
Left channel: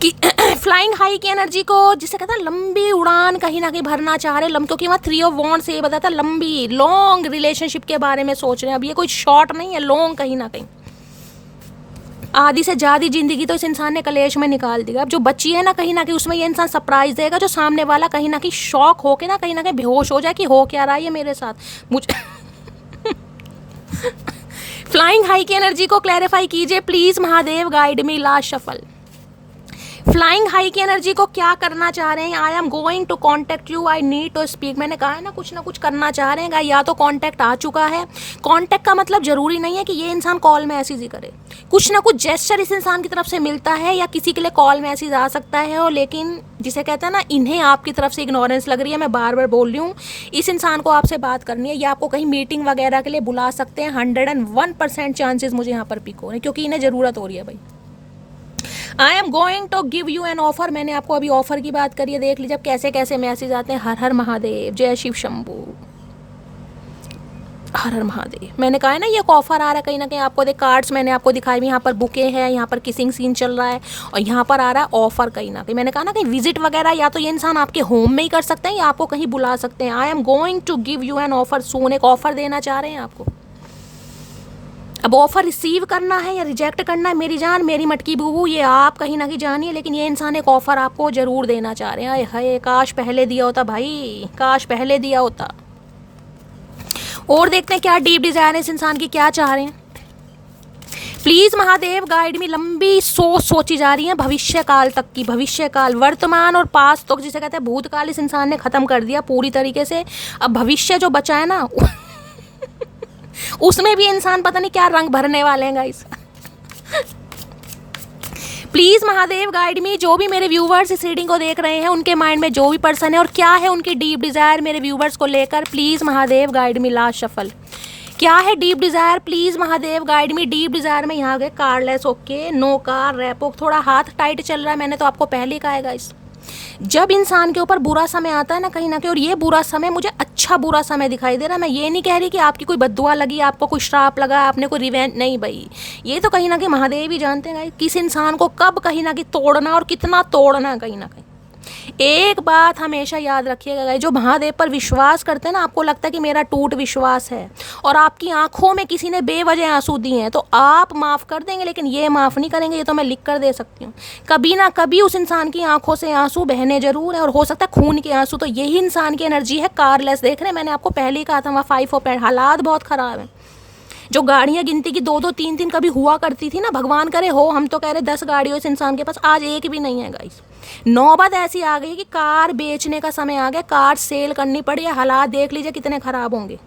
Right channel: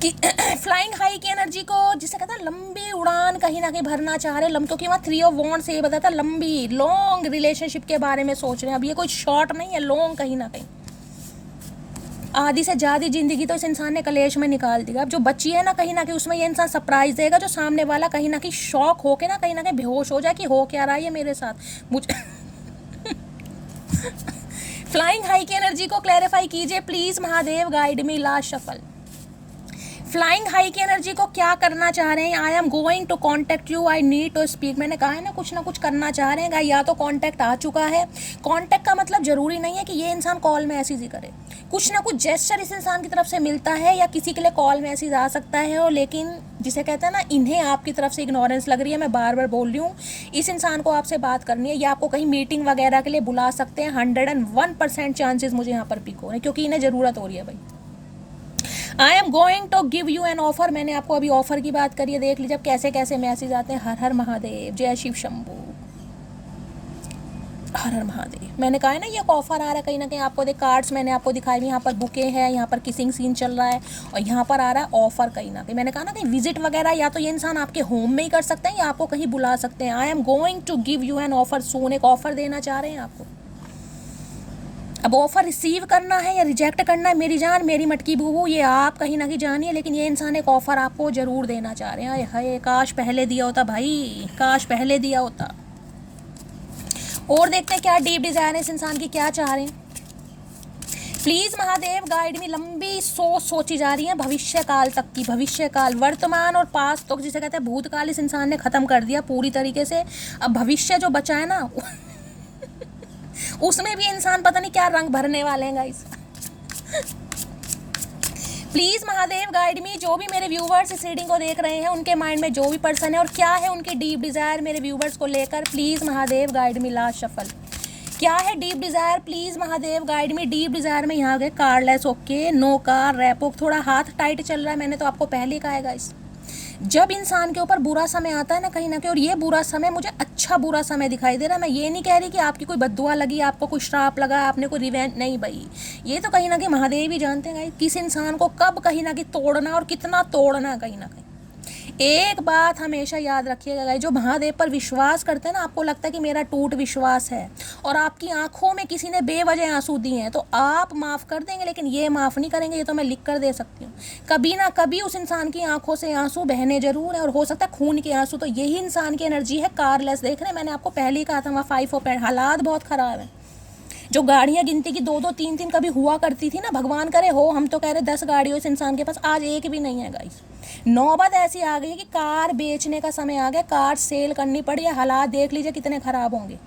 कि फ्लाइंग हाई की एनर्जी को जिसे कहता है लंबी उड़ान कहीं ना कहीं भरना चाह रहे हैं, क्योंकि वहाँ 3 ऑफ वॉन्ड्स से ये बताता है लंबी लॉन्ग रिलेशनशिप के बारे में सोच रहे हैं। अब ये कोई शॉर्ट नहीं है, लॉन्ग कहीं ना कहीं। आधी से ज़्यादा जिंदगी तो इस इंसान ने कलेश में निकाल दिया, अब जो बची है ना कहीं उसमें ये इंसान सरप्राइज देगा, जो सामने वाला कहीं ना कहीं शॉक होके ना कहीं बेहोश हो जाए कि हो क्या रहा है ये मेरे साथ मुझे। फ्लाइंग हाई की एनर्जी को क्लैरिफाई कीजिए please Mahadev, guide me. Last shuffle. Flying high की एनर्जी को क्या करना चाह रहे हैं, I am going to contact you, I need to speak. मैंने कहा है ना कुछ करना चाह रहे हैं, या तो कॉन्टेक्ट आ चुका है। कॉन्टेक्ट का मतलब जरूरी नहीं है कि ये इंसान कॉल मैसेज ही करे, कुछ ना कुछ जेस्चर इस इंसान की तरफ से मिलता है, या किसी के लिए कॉल मैसेज आ सकता है। और लेकिन जिसे कहते हैं ना इन्हें आपकी तरफ से इग्नोरेंस लग रही है, मैं बार बार बोल रही हूँ, इस इंसान को आपसे बात करनी है, या आपको कहीं मीटिंग वगैरह के लिए बुला सकते हैं। 101% चांसेस मुझे यहाँ पर पिक हो रहे हैं, क्योंकि इन्हें ज़रूरत हो रही है भाई। I am going to give you an offer, मैंने आपको अभी ऑफर की बात करी है, देख लीजिए अब कैसे कैसे मैसेज आते हैं। हर हर महादेव, जय शिव शंभू, हर हर महादेव। मैंने कहा है ना ये एक ऑफर आ रहा है कहीं ना कहीं, आपको देख कार्ड्स मैंने आपको दिखाई हुई, यहाँ पर बुके हैं, यहाँ पर किसिंग सीन चल रहा है, और यहाँ पर आ रहा है ऑफर कहीं ना कहीं। मैंने कहा ना कहीं विजिट वगैरह, या तो ये इंसान आपके होम में ही कर सकते हैं, या आपको कहीं बुला सकते हैं। I am going to give you an offer soon, एक ऑफर देना चाह रहे हैं आपको। अब ऑफर रिसीव करना है या रिजेक्ट करना है, मेरी जान मेरी मटकी बूबू, ये आप कहीं ना कहीं जानिए, लेकिन ये इंसान एक ऑफर आपको जरूर देना चाह रहे हैं। हाय काश पहले दिया होता भाई, काश पहले दिया होता। और देखते हैं क्या डीप डिजायर है इस इंसान की, क्या चाह रहे हैं। प्लीज महादेव गाइड मी। लंबी सोच सोची जा रही है भविष्य काल तक की, भविष्य काल, वर्तमान और पास्ट तो जिसे कहते हैं भूतकाल इस इंसान ने खत्म कर दिया पूरी तरीके से। अब भविष्य जो बचा है ना उसमें भी इंसान पता नहीं क्या रंग भरने वाले हैं गाइस। प्लीज महादेव गाइड मी। जो भी मेरे व्यूवर्स इस रीडिंग को देख रहे हैं, उनके माइंड में जो भी पर्सन है और क्या है उनकी डीप डिजायर मेरे व्यूवर्स को लेकर, please Mahadev guide me. Last shuffle. क्या है deep desire, please Mahadev guide me. Deep desire में यहाँ गए cardless, okay, no car, repo, थोड़ा हाथ टाइट चल रहा है, मैंने तो आपको पहले ही कहा है गाइस। जब इंसान के ऊपर बुरा समय आता है ना कहीं और ये बुरा समय मुझे अच्छा बुरा समय दिखाई दे रहा है। मैं ये नहीं कह रही कि आपकी कोई बद्दुआ लगी, आपको कोई श्राप लगा, आपने कोई रिवेंज, नहीं भाई, ये तो कहीं ना कहीं महादेव ही जानते हैं किस इंसान को कब कहीं ना कहीं तोड़ना और कितना तोड़ना। कहीं ना कहीं एक बात हमेशा याद रखिएगा, जो महादेव पर विश्वास करते हैं ना, आपको लगता है कि मेरा टूट विश्वास है और आपकी आंखों में किसी ने बेवजह आंसू दिए हैं, तो आप माफ़ कर देंगे, लेकिन ये माफ़ नहीं करेंगे। ये तो मैं लिख कर दे सकती हूँ। कभी ना कभी उस इंसान की आंखों से आंसू बहने जरूर है, और हो सकता है खून के आंसू। तो यही इंसान की एनर्जी है। कारलेस देख रहे हैं, मैंने आपको पहले ही कहा था, वहाँ 5 ऑफ पेंट, हालात बहुत ख़राब है। जो गाड़ियां गिनती की 2-2 3-3 कभी हुआ करती थी ना, भगवान करे हो, हम तो कह रहे 10 गाड़ियों इस इंसान के पास, आज एक भी नहीं है गाइस। नौबत ऐसी आ गई है कि कार बेचने का समय आ गया, कार सेल करनी पड़ी है। हालात देख लीजिए कितने ख़राब होंगे।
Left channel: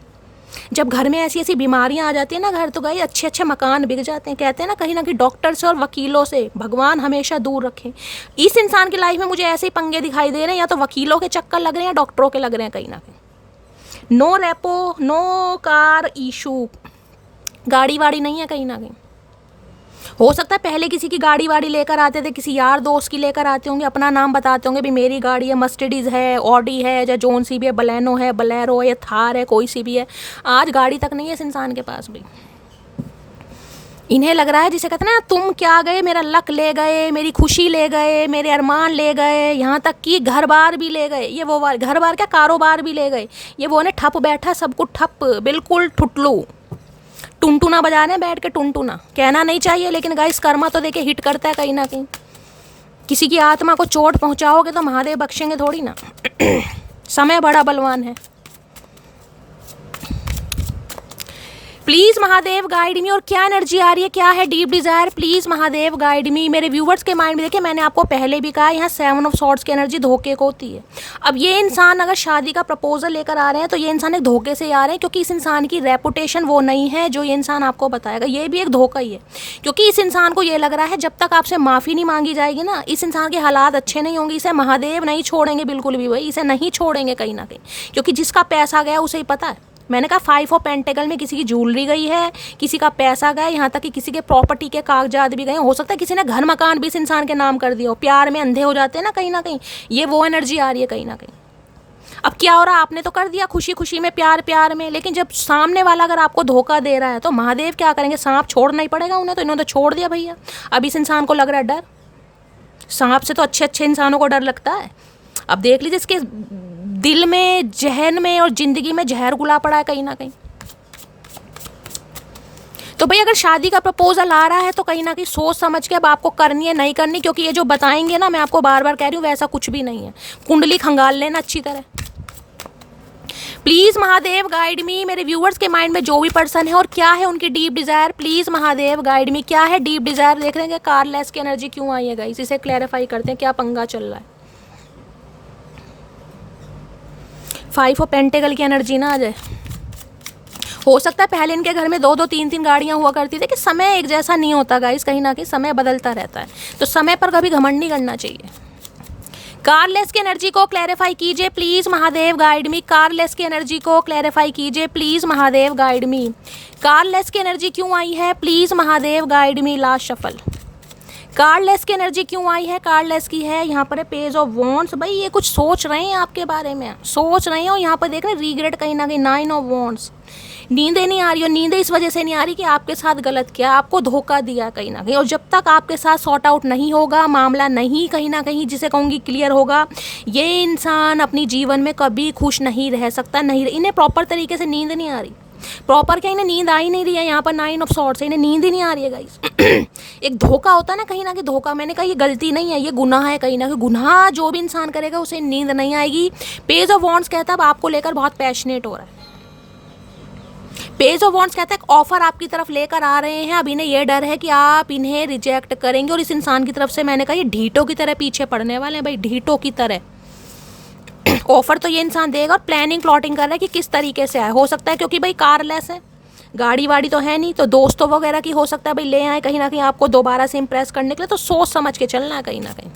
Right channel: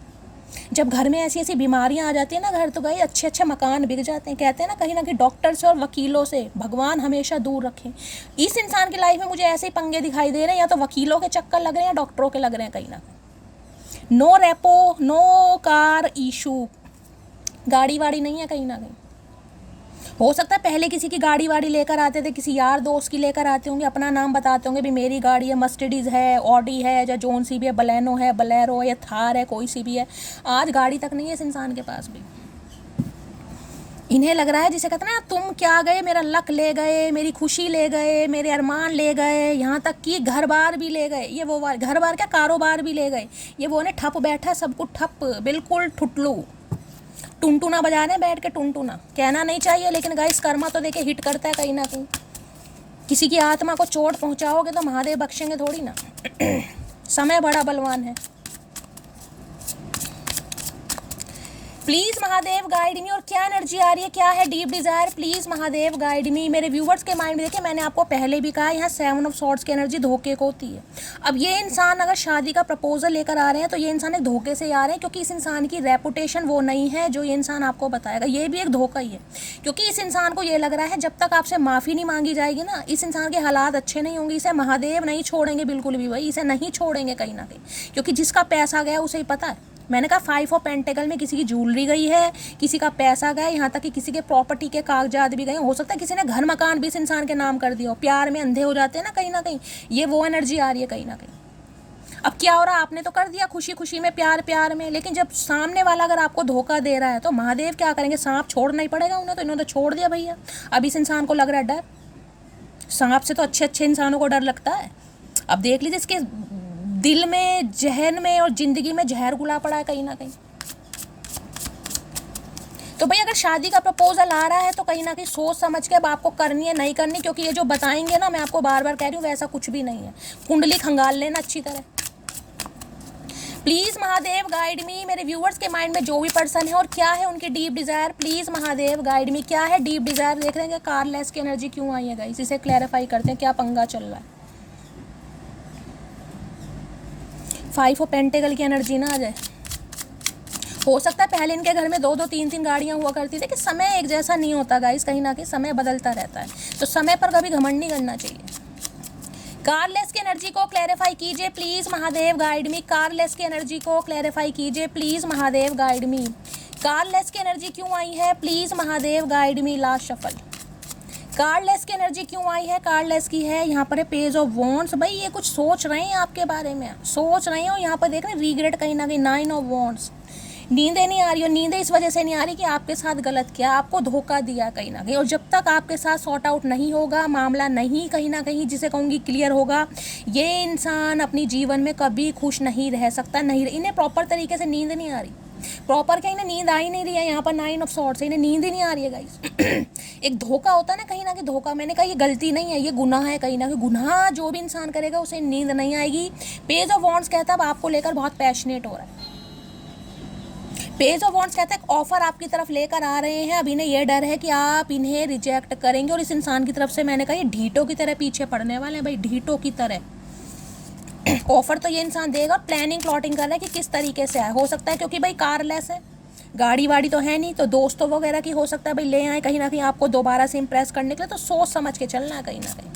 जब घर में ऐसी ऐसी बीमारियां आ जाती है ना, घर तो गए अच्छे अच्छे मकान बिक जाते हैं। कहते हैं ना कहीं डॉक्टर से और वकीलों से भगवान हमेशा दूर रखें। इस इंसान की लाइफ में मुझे ऐसे ही पंगे दिखाई दे रहे हैं, या तो वकीलों के चक्कर लग रहे हैं या डॉक्टरों के लग रहे हैं कहीं ना कहीं। No repo, no car issue, गाड़ी वाड़ी नहीं है कहीं ना कहीं। हो सकता है पहले किसी की गाड़ी वाड़ी लेकर आते थे, किसी यार दोस्त की लेकर आते होंगे, अपना नाम बताते होंगे भी मेरी गाड़ी है, मर्सिडीज है, ऑडी है, या जोन सी भी है, बलेनो है, बलेरो है, या थार है, कोई सी भी है। आज गाड़ी तक नहीं है इस इंसान के पास भी। इन्हें लग रहा है, जिसे कहते हैं ना, तुम क्या गए, मेरा लक ले गए, मेरी खुशी ले गए, मेरे अरमान ले गए, यहाँ तक कि घर बार भी ले गए। ये वो घर बार क्या, कारोबार भी ले गए। ये वो ने ठप बैठा, सब कुछ ठप, बिल्कुल ठुटलू, टुनटुना बजा रहे हैं बैठ के। टुनटुना कहना नहीं चाहिए, लेकिन गाइस कर्मा तो देखिए हिट करता है कहीं ना कहीं। किसी की आत्मा को चोट पहुंचाओगे तो महादेव बख्शेंगे थोड़ी ना। समय बड़ा बलवान है। प्लीज़ महादेव गाइड मी। और क्या एनर्जी आ रही है, क्या है deep desire, please Mahadev guide मी। मेरे व्यूवर्स के माइंड में देखिए, मैंने आपको पहले भी कहा, यहाँ 7 ऑफ सॉर्ड्स की एनर्जी धोखे को होती है। अब ये इंसान अगर शादी का प्रपोजल लेकर आ रहे हैं, तो ये इंसान एक धोखे से आ रहे हैं, क्योंकि इस इंसान की रेपुटेशन वो नहीं है जो ये इंसान आपको बताएगा। ये भी एक धोखा ही है, क्योंकि इस इंसान को ये लग रहा है जब तक आपसे माफ़ी नहीं मांगी जाएगी ना, इस इंसान के हालात अच्छे नहीं होंगे। इसे महादेव नहीं छोड़ेंगे बिल्कुल भी, भाई इसे नहीं छोड़ेंगे कहीं ना कहीं, क्योंकि जिसका पैसा गया उसे ही पता है। मैंने कहा 5 ऑफ पेंटेकल में किसी की ज्वेलरी गई है, किसी का पैसा गया, यहाँ तक कि किसी के प्रॉपर्टी के कागजात भी गए। हो सकता है किसी ने घर मकान भी इस इंसान के नाम कर दिया हो। प्यार में अंधे हो जाते हैं ना कहीं ना कहीं, ये वो एनर्जी आ रही है कहीं ना कहीं। अब क्या हो रहा, आपने तो कर दिया खुशी खुशी में, प्यार प्यार में, लेकिन जब सामने वाला अगर आपको धोखा दे रहा है तो महादेव क्या करेंगे, सांप छोड़ना ही पड़ेगा उन्हें। तो इन्होंने तो छोड़ दिया भैया। अब इस इंसान को लग रहा है डर। सांप से तो अच्छे अच्छे इंसानों को डर लगता है। अब देख लीजिए इसके दिल में, जहन में और जिंदगी में जहर घुला पड़ा है कहीं ना कहीं। तो भाई अगर शादी का प्रपोजल आ रहा है तो कहीं ना कहीं सोच समझ के अब आपको करनी है नहीं करनी, क्योंकि ये जो बताएंगे ना, मैं आपको बार बार कह रही हूँ, वैसा कुछ भी नहीं है। कुंडली खंगाल लेना अच्छी तरह। प्लीज़ महादेव गाइड मी। मेरे व्यूअर्स के माइंड में जो भी पर्सन है और क्या है उनकी deep desire, please Mahadev guide मी। क्या है डीप डिज़ायर, देख रहे हैं कारलेस की एनर्जी क्यों आई है गाइस, इसे क्लैरिफाई करते हैं, क्या पंगा चल रहा है। 5 ऑफ पेंटेकल की एनर्जी ना आ जाए। हो सकता है पहले इनके घर में 2-2 3-3 गाड़ियां हुआ करती थी, कि समय एक जैसा नहीं होता गाइस, कहीं ना कहीं समय बदलता रहता है, तो समय पर कभी घमंड नहीं करना चाहिए। कारलेस की एनर्जी को क्लैरिफाई कीजिए प्लीज़ महादेव गाइड मी। कारलेस की एनर्जी को क्लैरिफाई कीजिए प्लीज़ महादेव गाइड मी। कारलेस की एनर्जी क्यों आई है, please Mahadev guide me. Last shuffle. कारलेस की एनर्जी क्यों आई है, कारलेस की है यहाँ पर है पेज ऑफ वॉन्ड्स। भाई ये कुछ सोच रहे हैं आपके बारे में, सोच रहे हो, यहाँ पर देख रहे हैं रीग्रेट कहीं ना कहीं। 9 ऑफ वॉन्ड्स। नींदें नहीं आ रही, और नींदें इस वजह से नहीं आ रही कि आपके साथ गलत किया, आपको धोखा दिया कहीं ना कहीं। और जब तक आपके साथ सॉर्ट आउट नहीं होगा, मामला नहीं कहीं ना कहीं जिसे कहूँगी क्लियर होगा, ये इंसान अपनी जीवन में कभी खुश नहीं रह सकता। नहीं, इन्हें प्रॉपर तरीके से नींद नहीं आ रही। प्रॉपर क्या, इन्हें नींद आ ही नहीं रही है। यहाँ पर 9 ऑफ सॉर्ड्स है, इन्हें नींद ही नहीं आ रही है गाइस। एक धोखा होता है ना कहीं ना कहीं, धोखा, मैंने कहा ये गलती नहीं है, ये गुनाह है कहीं ना कहीं। गुनाह जो भी इंसान करेगा उसे नींद नहीं आएगी। पेज ऑफ वॉन्ड्स कहता है अब आपको लेकर बहुत पैशनेट हो रहा है। पेज ऑफ वॉन्ड्स कहता है ऑफर आपकी तरफ लेकर आ रहे हैं, अब इन्हें यह डर है कि आप इन्हें रिजेक्ट करेंगे, और इस इंसान की तरफ से मैंने कहा ये ढीटों की तरह पीछे पड़ने वाले हैं भाई, ढीटों की तरह। ऑफर तो ये इंसान देगा, और प्लानिंग प्लॉटिंग कर रहा है कि किस तरीके से आए। हो सकता है क्योंकि भाई कारलेस है, गाड़ी वाड़ी तो है नहीं, तो दोस्तों वगैरह की हो सकता है भाई ले आए कहीं ना कहीं आपको दोबारा से इंप्रेस करने के लिए। तो सोच समझ के चलना है कहीं ना कहीं।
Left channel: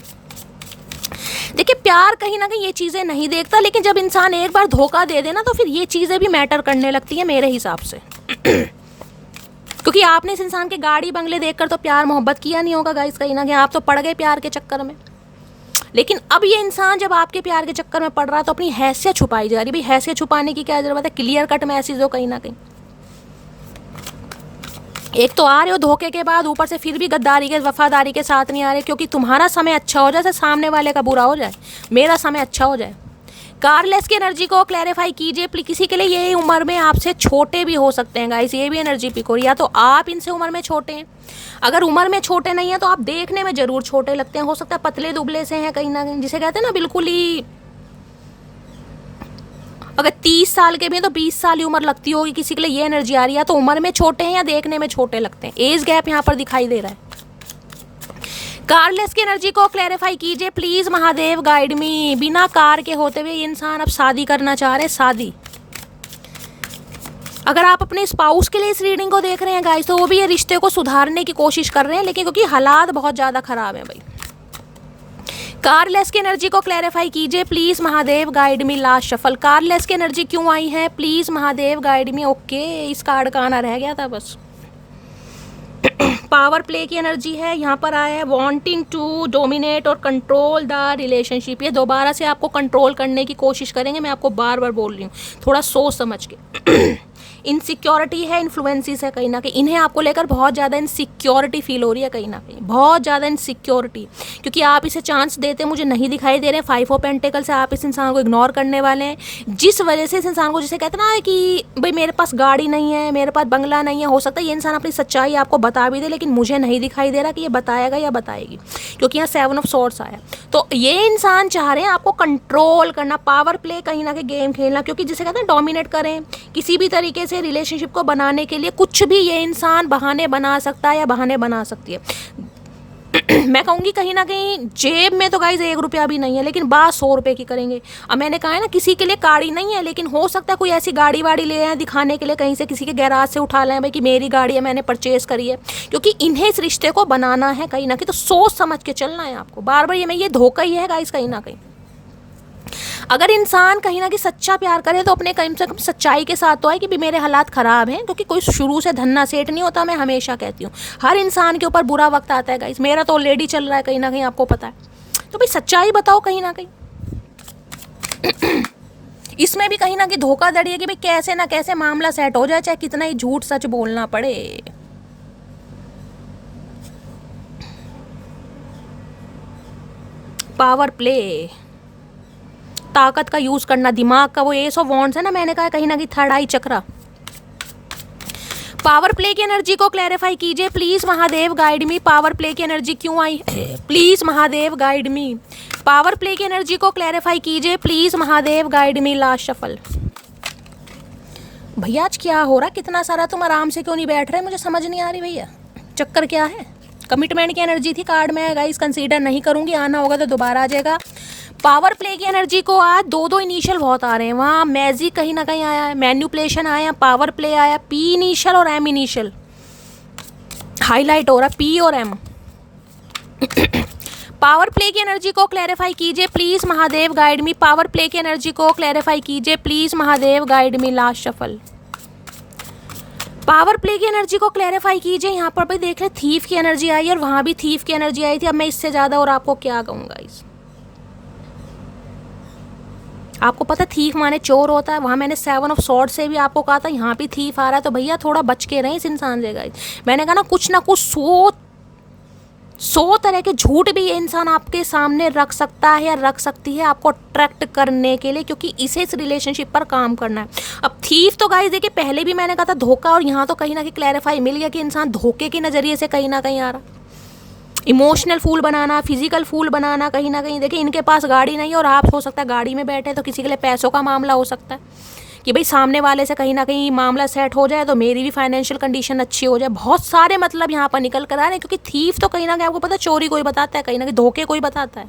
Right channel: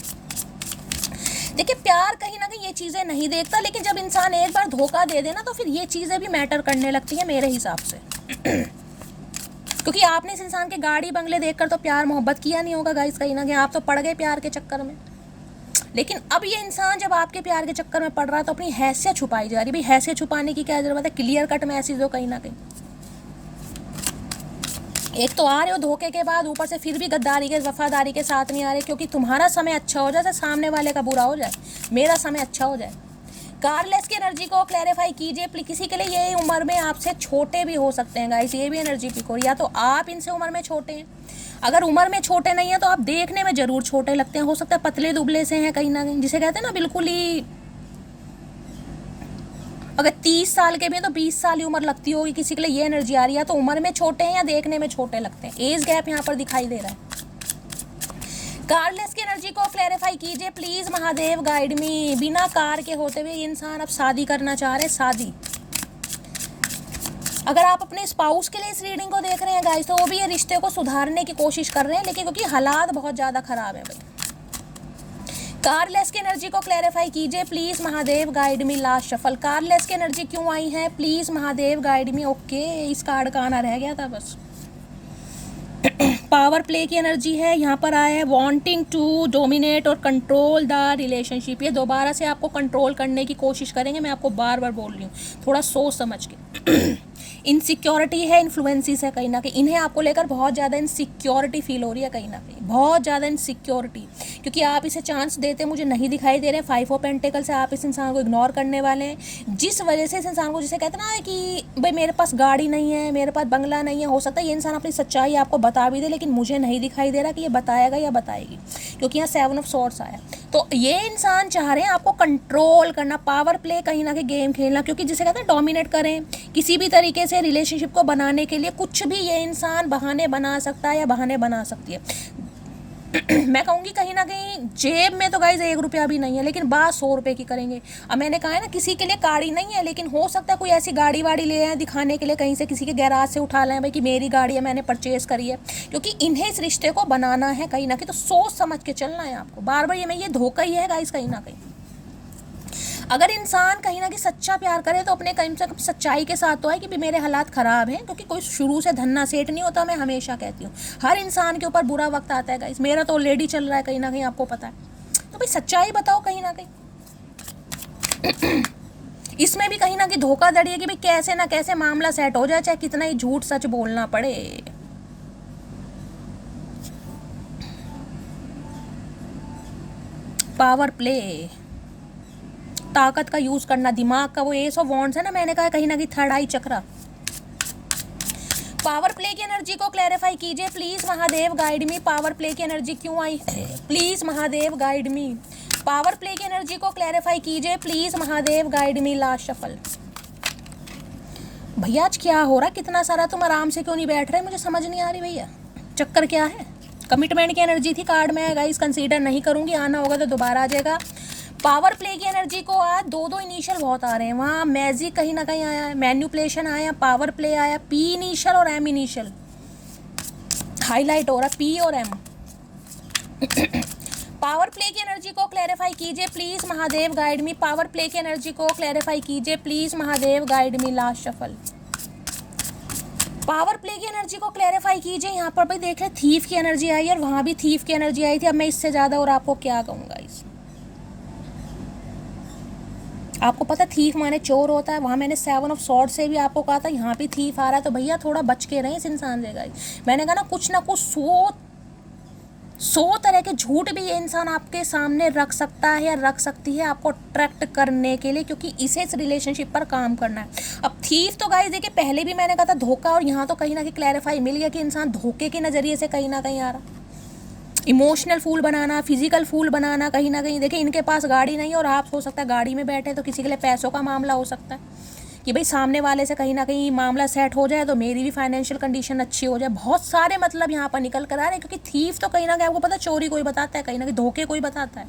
देखिए प्यार कहीं ना कहीं ये चीज़ें नहीं देखता, लेकिन जब इंसान एक बार धोखा दे देना तो फिर ये चीज़ें भी मैटर करने लगती हैं मेरे हिसाब से। क्योंकि आपने इस इंसान के गाड़ी बंगले देखकर तो प्यार मोहब्बत किया नहीं होगा गाइस, कहीं ना कहीं आप तो पड़ गए प्यार के चक्कर में। लेकिन अब ये इंसान जब आपके प्यार के चक्कर में पड़ रहा है तो अपनी हैसियत छुपाई जा रही। भाई हैसियत छुपाने की क्या जरूरत है, क्लियर कट मैसेज हो कहीं ना कहीं। एक तो आ रहे हो धोखे के बाद, ऊपर से फिर भी गद्दारी के वफादारी के साथ नहीं आ रहे, क्योंकि तुम्हारा समय अच्छा हो जाए, सामने वाले का बुरा हो जाए, मेरा समय अच्छा हो जाए। कारलेस की एनर्जी को क्लैरिफाई कीजिए प्लीज। किसी के लिए यही उम्र में आपसे छोटे भी हो सकते हैं गाइस, ये भी एनर्जी पिक हो रही है। या तो आप इनसे उम्र में छोटे हैं, अगर उम्र में छोटे नहीं है तो आप देखने में जरूर छोटे लगते हैं। हो सकता है पतले दुबले से हैं कहीं ना कहीं, जिसे कहते हैं ना बिल्कुल ही, अगर 30 साल के भी हैं तो 20 साल ही उम्र लगती होगी किसी के लिए, ये एनर्जी आ रही है। तो उम्र में छोटे हैं या देखने में छोटे लगते हैं, एज गैप यहाँ पर दिखाई दे रहा है। कारलेस की एनर्जी को क्लैरिफाई कीजिए प्लीज महादेव, गाइड मी। बिना कार के होते हुए इंसान अब शादी करना चाह रहे हैं, शादी। अगर आप अपने स्पाउस के लिए इस रीडिंग को देख रहे हैं गाइस, तो वो भी ये रिश्ते को सुधारने की कोशिश कर रहे हैं, लेकिन क्योंकि हालात बहुत ज़्यादा खराब है भाई। कारलेस की एनर्जी को क्लैरिफाई कीजिए please Mahadev, guide me. Last shuffle, कारलेस की एनर्जी क्यों आई है please Mahadev, guide me. Okay, इस कार्ड का आना रह गया था बस। पावर प्ले की एनर्जी है यहाँ पर आया है, वांटिंग टू डोमिनेट और कंट्रोल द रिलेशनशिप। ये दोबारा से आपको कंट्रोल करने की कोशिश करेंगे, मैं आपको बार बार बोल रही हूँ, थोड़ा सोच समझ के। इनसिक्योरिटी है, इन्फ्लुएंसिस है कहीं ना कहीं, इन्हें आपको लेकर बहुत ज़्यादा इनसिक्योरिटी फील हो रही है कहीं ना कहीं, बहुत ज़्यादा इनसिक्योरिटी, क्योंकि आप इसे चांस देते मुझे नहीं दिखाई दे रहे हैं। 5 ऑफ पेंटिकल से आप इस इंसान को इग्नोर करने वाले हैं, जिस वजह से इस इंसान को, जिसे कहते हैं ना कि भाई मेरे पास गाड़ी नहीं है, मेरे पास बंगला नहीं है, हो सकता है ये इंसान अपनी सच्चाई आपको बता भी दे, लेकिन मुझे नहीं दिखाई दे रहा कि ये बताएगा या बताएगी, क्योंकि यहाँ 7 ऑफ सोर्ड्स आया। तो ये इंसान चाह रहे हैं आपको कंट्रोल करना, पावर प्ले कहीं ना कहीं गेम खेलना, क्योंकि जिसे कहते हैं डोमिनेट करें किसी भी तरीके से रिलेशनशिप को बनाने के लिए। कुछ भी ये इंसान बहाने बना सकता है या बहाने बना सकती है। मैं कहूँगी कहीं ना कहीं जेब में तो गाइज 1 रुपया भी नहीं है, लेकिन बात 100 रुपये की करेंगे। अब मैंने कहा है ना किसी के लिए गाड़ी नहीं है, लेकिन हो सकता है कोई ऐसी गाड़ी वाड़ी ले आए दिखाने के लिए, कहीं से किसी के गैराज से उठा लें भाई कि मेरी गाड़ी है, मैंने परचेज करी है, क्योंकि इन्हें इस रिश्ते को बनाना है कहीं ना कहीं। तो सोच समझ के चलना है आपको, बार बार ये धोखा ही है गाइज कहीं ना कहीं। अगर इंसान कहीं ना कहीं सच्चा प्यार करे तो अपने कम से कम सच्चाई के साथ तो आए कि भी मेरे हालात ख़राब हैं, क्योंकि कोई शुरू से धन्ना सेठ नहीं होता। मैं हमेशा कहती हूँ हर इंसान के ऊपर बुरा वक्त आता है गाइस, मेरा तो ऑलरेडी चल रहा है कहीं ना कहीं, आपको पता है। तो भाई सच्चाई बताओ कहीं ना कहीं। इसमें भी कहीं ना कहीं धोखाधड़ी है कि भाई कैसे ना कैसे मामला सेट हो जाए, चाहे कितना ही झूठ सच बोलना पड़े। पावर प्ले, ताकत का यूज करना, दिमाग का, वो एस ऑफ वॉन्ड्स है ना, मैंने कहा कहीं ना कहीं third eye chakra. Power play की एनर्जी को क्लैरिफाई कीजिए please Mahadev, guide me. Power play की एनर्जी क्यों आई please Mahadev, guide me. Power play की एनर्जी को क्लैरिफाई कीजिए please Mahadev, guide me. Last shuffle. भैया आज क्या हो रहा, कितना सारा तुम आराम से क्यों नहीं बैठ रहे, मुझे समझ नहीं आ रही भैया, चक्कर क्या है। कमिटमेंट की एनर्जी थी कार्ड में गाइस, कंसीडर नहीं करूंगी, आना होगा तो दोबारा आ जाएगा। पावर प्ले की एनर्जी को आज 2 इनिशियल बहुत आ रहे हैं, वहाँ मैजिक कहीं ना कहीं आया है, मैन्युपुलेशन आया, पावर प्ले आया, पी इनिशियल और एम इनिशियल हाईलाइट हो रहा है, पी और एम। पावर प्ले की एनर्जी को क्लैरिफाई कीजिए please Mahadev, guide me. Power play की एनर्जी को क्लैरिफाई कीजिए please Mahadev, guide me. Last shuffle. Power play की एनर्जी को क्लैरिफाई कीजिए। यहाँ पर भाई देख ले थीफ की एनर्जी आई है और वहाँ भी थीफ की एनर्जी आई थी। अब मैं इससे ज़्यादा और आपको क्या कहूँगा इस, आपको पता थीफ माने चोर होता है, वहाँ मैंने 7 ऑफ सॉर्ड से भी आपको कहा था, यहाँ भी थीफ आ रहा है। तो भैया थोड़ा बच के रहें इस इंसान से गाइस। मैंने कहा ना कुछ 100 तरह के झूठ भी ये इंसान आपके सामने रख सकता है या रख सकती है आपको अट्रैक्ट करने के लिए, क्योंकि इसे इस रिलेशनशिप पर काम करना है। अब थीफ तो गाइस देखिए पहले भी मैंने कहा था धोखा, और यहाँ तो कहीं ना कहीं क्लैरिफाई मिल गया कि इंसान धोखे के नज़रिए से कहीं ना कहीं आ रहा। इमोशनल फूल बनाना, फिजिकल फूल बनाना, कहीं ना कहीं देखिए इनके पास गाड़ी नहीं है और आप हो सकता है गाड़ी में बैठे, तो किसी के लिए पैसों का मामला हो सकता है कि भाई सामने वाले से कहीं ना कहीं मामला सेट हो जाए तो मेरी भी फाइनेंशियल कंडीशन अच्छी हो जाए। बहुत सारे मतलब यहाँ पर निकल कर आ रहे हैं, क्योंकि थीफ तो कहीं ना कहीं आपको पता है चोरी कोई बताता है, कहीं ना कहीं धोखे कोई बताता है।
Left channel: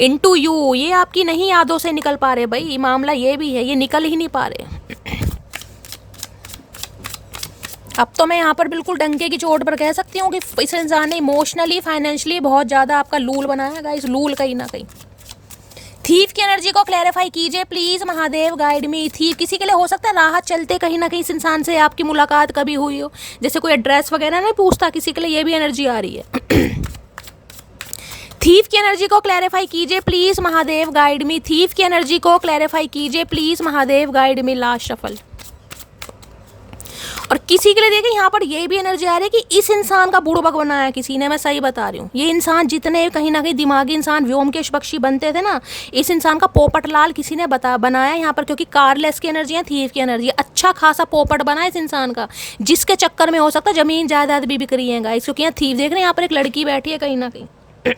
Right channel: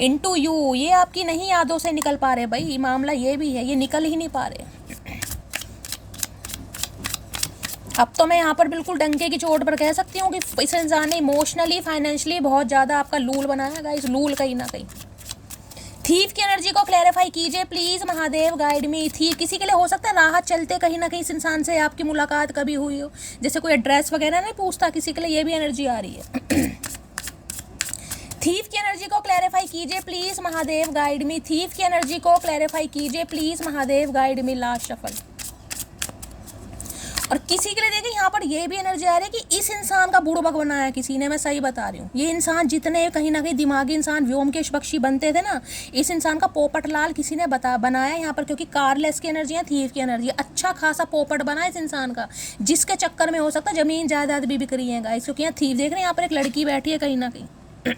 इनटू यू, ये आपकी नहीं यादों से निकल पा रहे भाई, मामला ये भी है, ये निकल ही नहीं पा रहे। अब तो मैं यहाँ पर बिल्कुल डंके की चोट पर कह सकती हूँ कि इस इंसान ने इमोशनली फाइनेंशियली बहुत ज़्यादा आपका लूल बनाया गाइस, लूल कहीं ना कहीं। थीफ की एनर्जी को क्लैरिफाई कीजिए please Mahadev, guide me. Thief किसी के लिए हो सकता है राह चलते कहीं ना कहीं इस इंसान से आपकी मुलाकात कभी हुई हो, जैसे कोई एड्रेस वगैरह नहीं पूछता, किसी के लिए ये भी एनर्जी आ रही है। थीफ की एनर्जी को क्लैरिफाई कीजिए please Mahadev, guide me. Thief की एनर्जी को क्लैरिफाई कीजिए please Mahadev, guide me. Last shuffle. और किसी के लिए देखिए यहाँ पर ये भी एनर्जी आ रही है कि इस इंसान का बुड़बक बनाया किसी ने, मैं सही बता रही हूँ। ये इंसान जितने कहीं ना कहीं दिमागी इंसान व्योमकेश बख्शी बनते थे ना, इस इंसान का पोपटलाल किसी ने बनाया यहाँ पर, क्योंकि कारलेस की एनर्जी है, थीफ की एनर्जी है, अच्छा खासा पोपट बना है इस इंसान का, जिसके चक्कर में हो सकता है जमीन जायदाद भी बिक रही है गाइस। क्योंकि यहाँ थीफ देख रहे हैं, यहाँ पर एक लड़की बैठी है कहीं ना कहीं।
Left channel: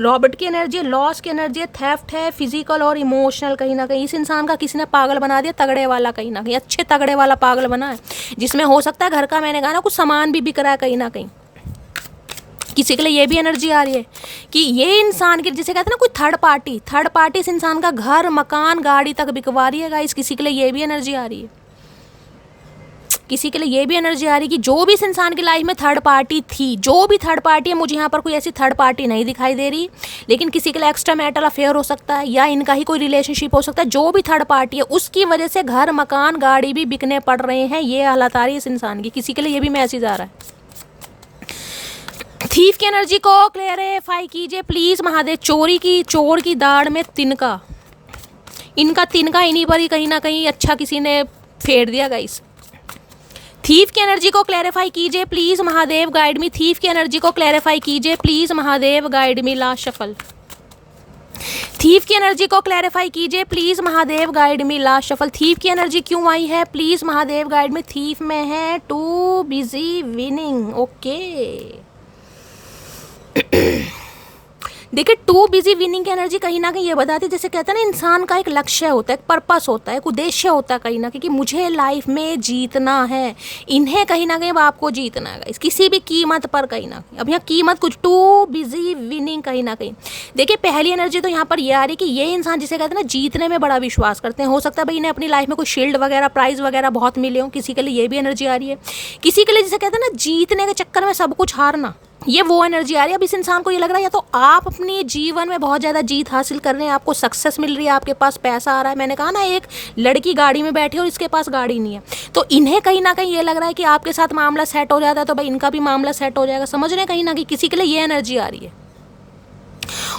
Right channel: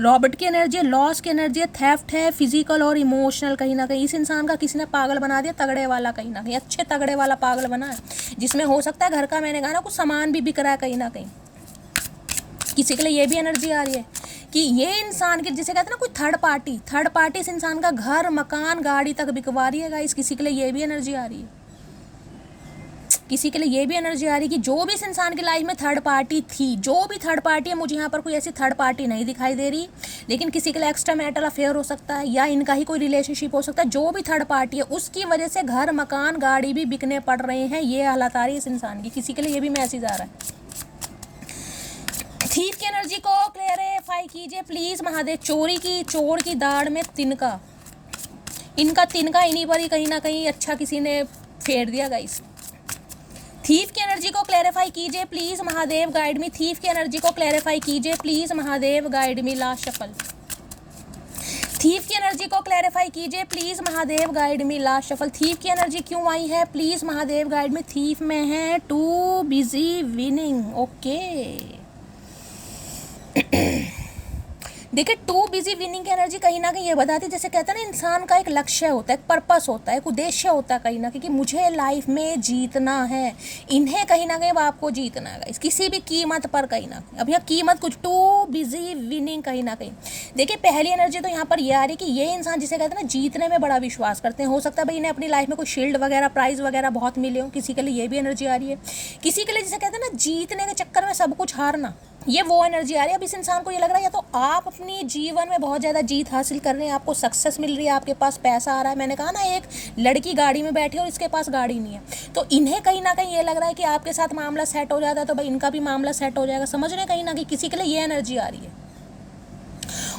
रॉबर्ट की एनर्जी है, लॉस की एनर्जी है, थेफ्ट है, फिजिकल और इमोशनल कहीं ना कहीं। इस इंसान का किसी ने पागल बना दिया, तगड़े वाला कहीं ना कहीं, अच्छे तगड़े वाला पागल बना है, जिसमें हो सकता है घर का, मैंने कहा ना, कुछ सामान भी बिक रहा है कहीं ना कहीं। किसी के लिए ये भी एनर्जी आ रही है कि ये इंसान की, जिसे कहते हैं ना, कोई थर्ड पार्टी इस इंसान का घर मकान गाड़ी तक बिकवा रही है गाइस। किसी के लिए ये भी एनर्जी आ रही है, किसी के लिए ये भी एनर्जी आ रही है कि जो भी इस इंसान की लाइफ में थर्ड पार्टी थी, जो भी थर्ड पार्टी है, मुझे यहाँ पर कोई ऐसी थर्ड पार्टी नहीं दिखाई दे रही, लेकिन किसी के लिए एक्स्ट्रा मैरिटल अफेयर हो सकता है, या इनका ही कोई रिलेशनशिप हो सकता है। जो भी थर्ड पार्टी है उसकी वजह से घर मकान गाड़ी भी बिकने पड़ रहे हैं, ये हालत आ रही है इस इंसान की। किसी के लिए ये भी मैसेज आ रहा है। थीफ की एनर्जी को क्लेरिफाई कीजिए प्लीज महादेव। चोर की दाढ़ में तिनका, इनका तिनका इन्हीं पर ही कहीं ना कहीं अच्छा किसी ने फेर दिया गाइस। थीफ की एनर्जी को क्लैरिफाई कीजिए please Mahadev, guide me. Thief की एनर्जी को क्लैरिफाई कीजिए please Mahadev, guide me. Last shuffle. Thief की एनर्जी को क्लैरिफाई कीजिए please Mahadev, guide me. Last shuffle. Thief की एनर्जी क्यों आई है please Mahadev, guide me. Thief में है टू बिजी विनिंग। ओके देखिए, टू बिजी विनिंग की एनर्जी कहीं ना कहीं ये बताती है, जैसे कहते हैं ना, इंसान का एक लक्ष्य होता है, एक पर्पस होता है, एक उद्देश्य होता है कहीं ना कहीं कि मुझे लाइफ में जीतना है। इन्हें कहीं ना कहीं आपको जीतना है किसी भी कीमत पर कहीं ना कहीं। अब यहाँ कीमत कुछ, टू बिजी विनिंग कहीं ना कहीं। देखिए, पहली एनर्जी तो यहाँ पर ये आ रही है कि ये इंसान, जिसे कहते हैं ना, जीतने में बड़ा विश्वास करते हैं। हो सकता है भाई इन्हें अपनी लाइफ में कोई शील्ड वगैरह, प्राइज वगैरह बहुत मिले हो। किसी के लिए ये भी एनर्जी आ रही है। किसी के लिए जिसे कहते हैं ना, जीतने के चक्कर में सब कुछ हारना, ये वो एनर्जी आ रही है। अब इस इंसान को ये लग रहा है या तो आप अपने जीवन में बहुत ज़्यादा जीत हासिल कर रहे हैं, आपको सक्सेस मिल रही है, आपके पास पैसा आ रहा है। मैंने कहा ना, एक लड़की गाड़ी में बैठी और इसके पास गाड़ी नहीं है, तो इन्हें कहीं ना कहीं ये लग रहा है कि आपके साथ मामला सेट हो जाता है तो भाई इनका भी मामला सेट हो जाएगा। समझ रहे हैं कहीं ना कहीं किसी के लिए ये एनर्जी आ रही है।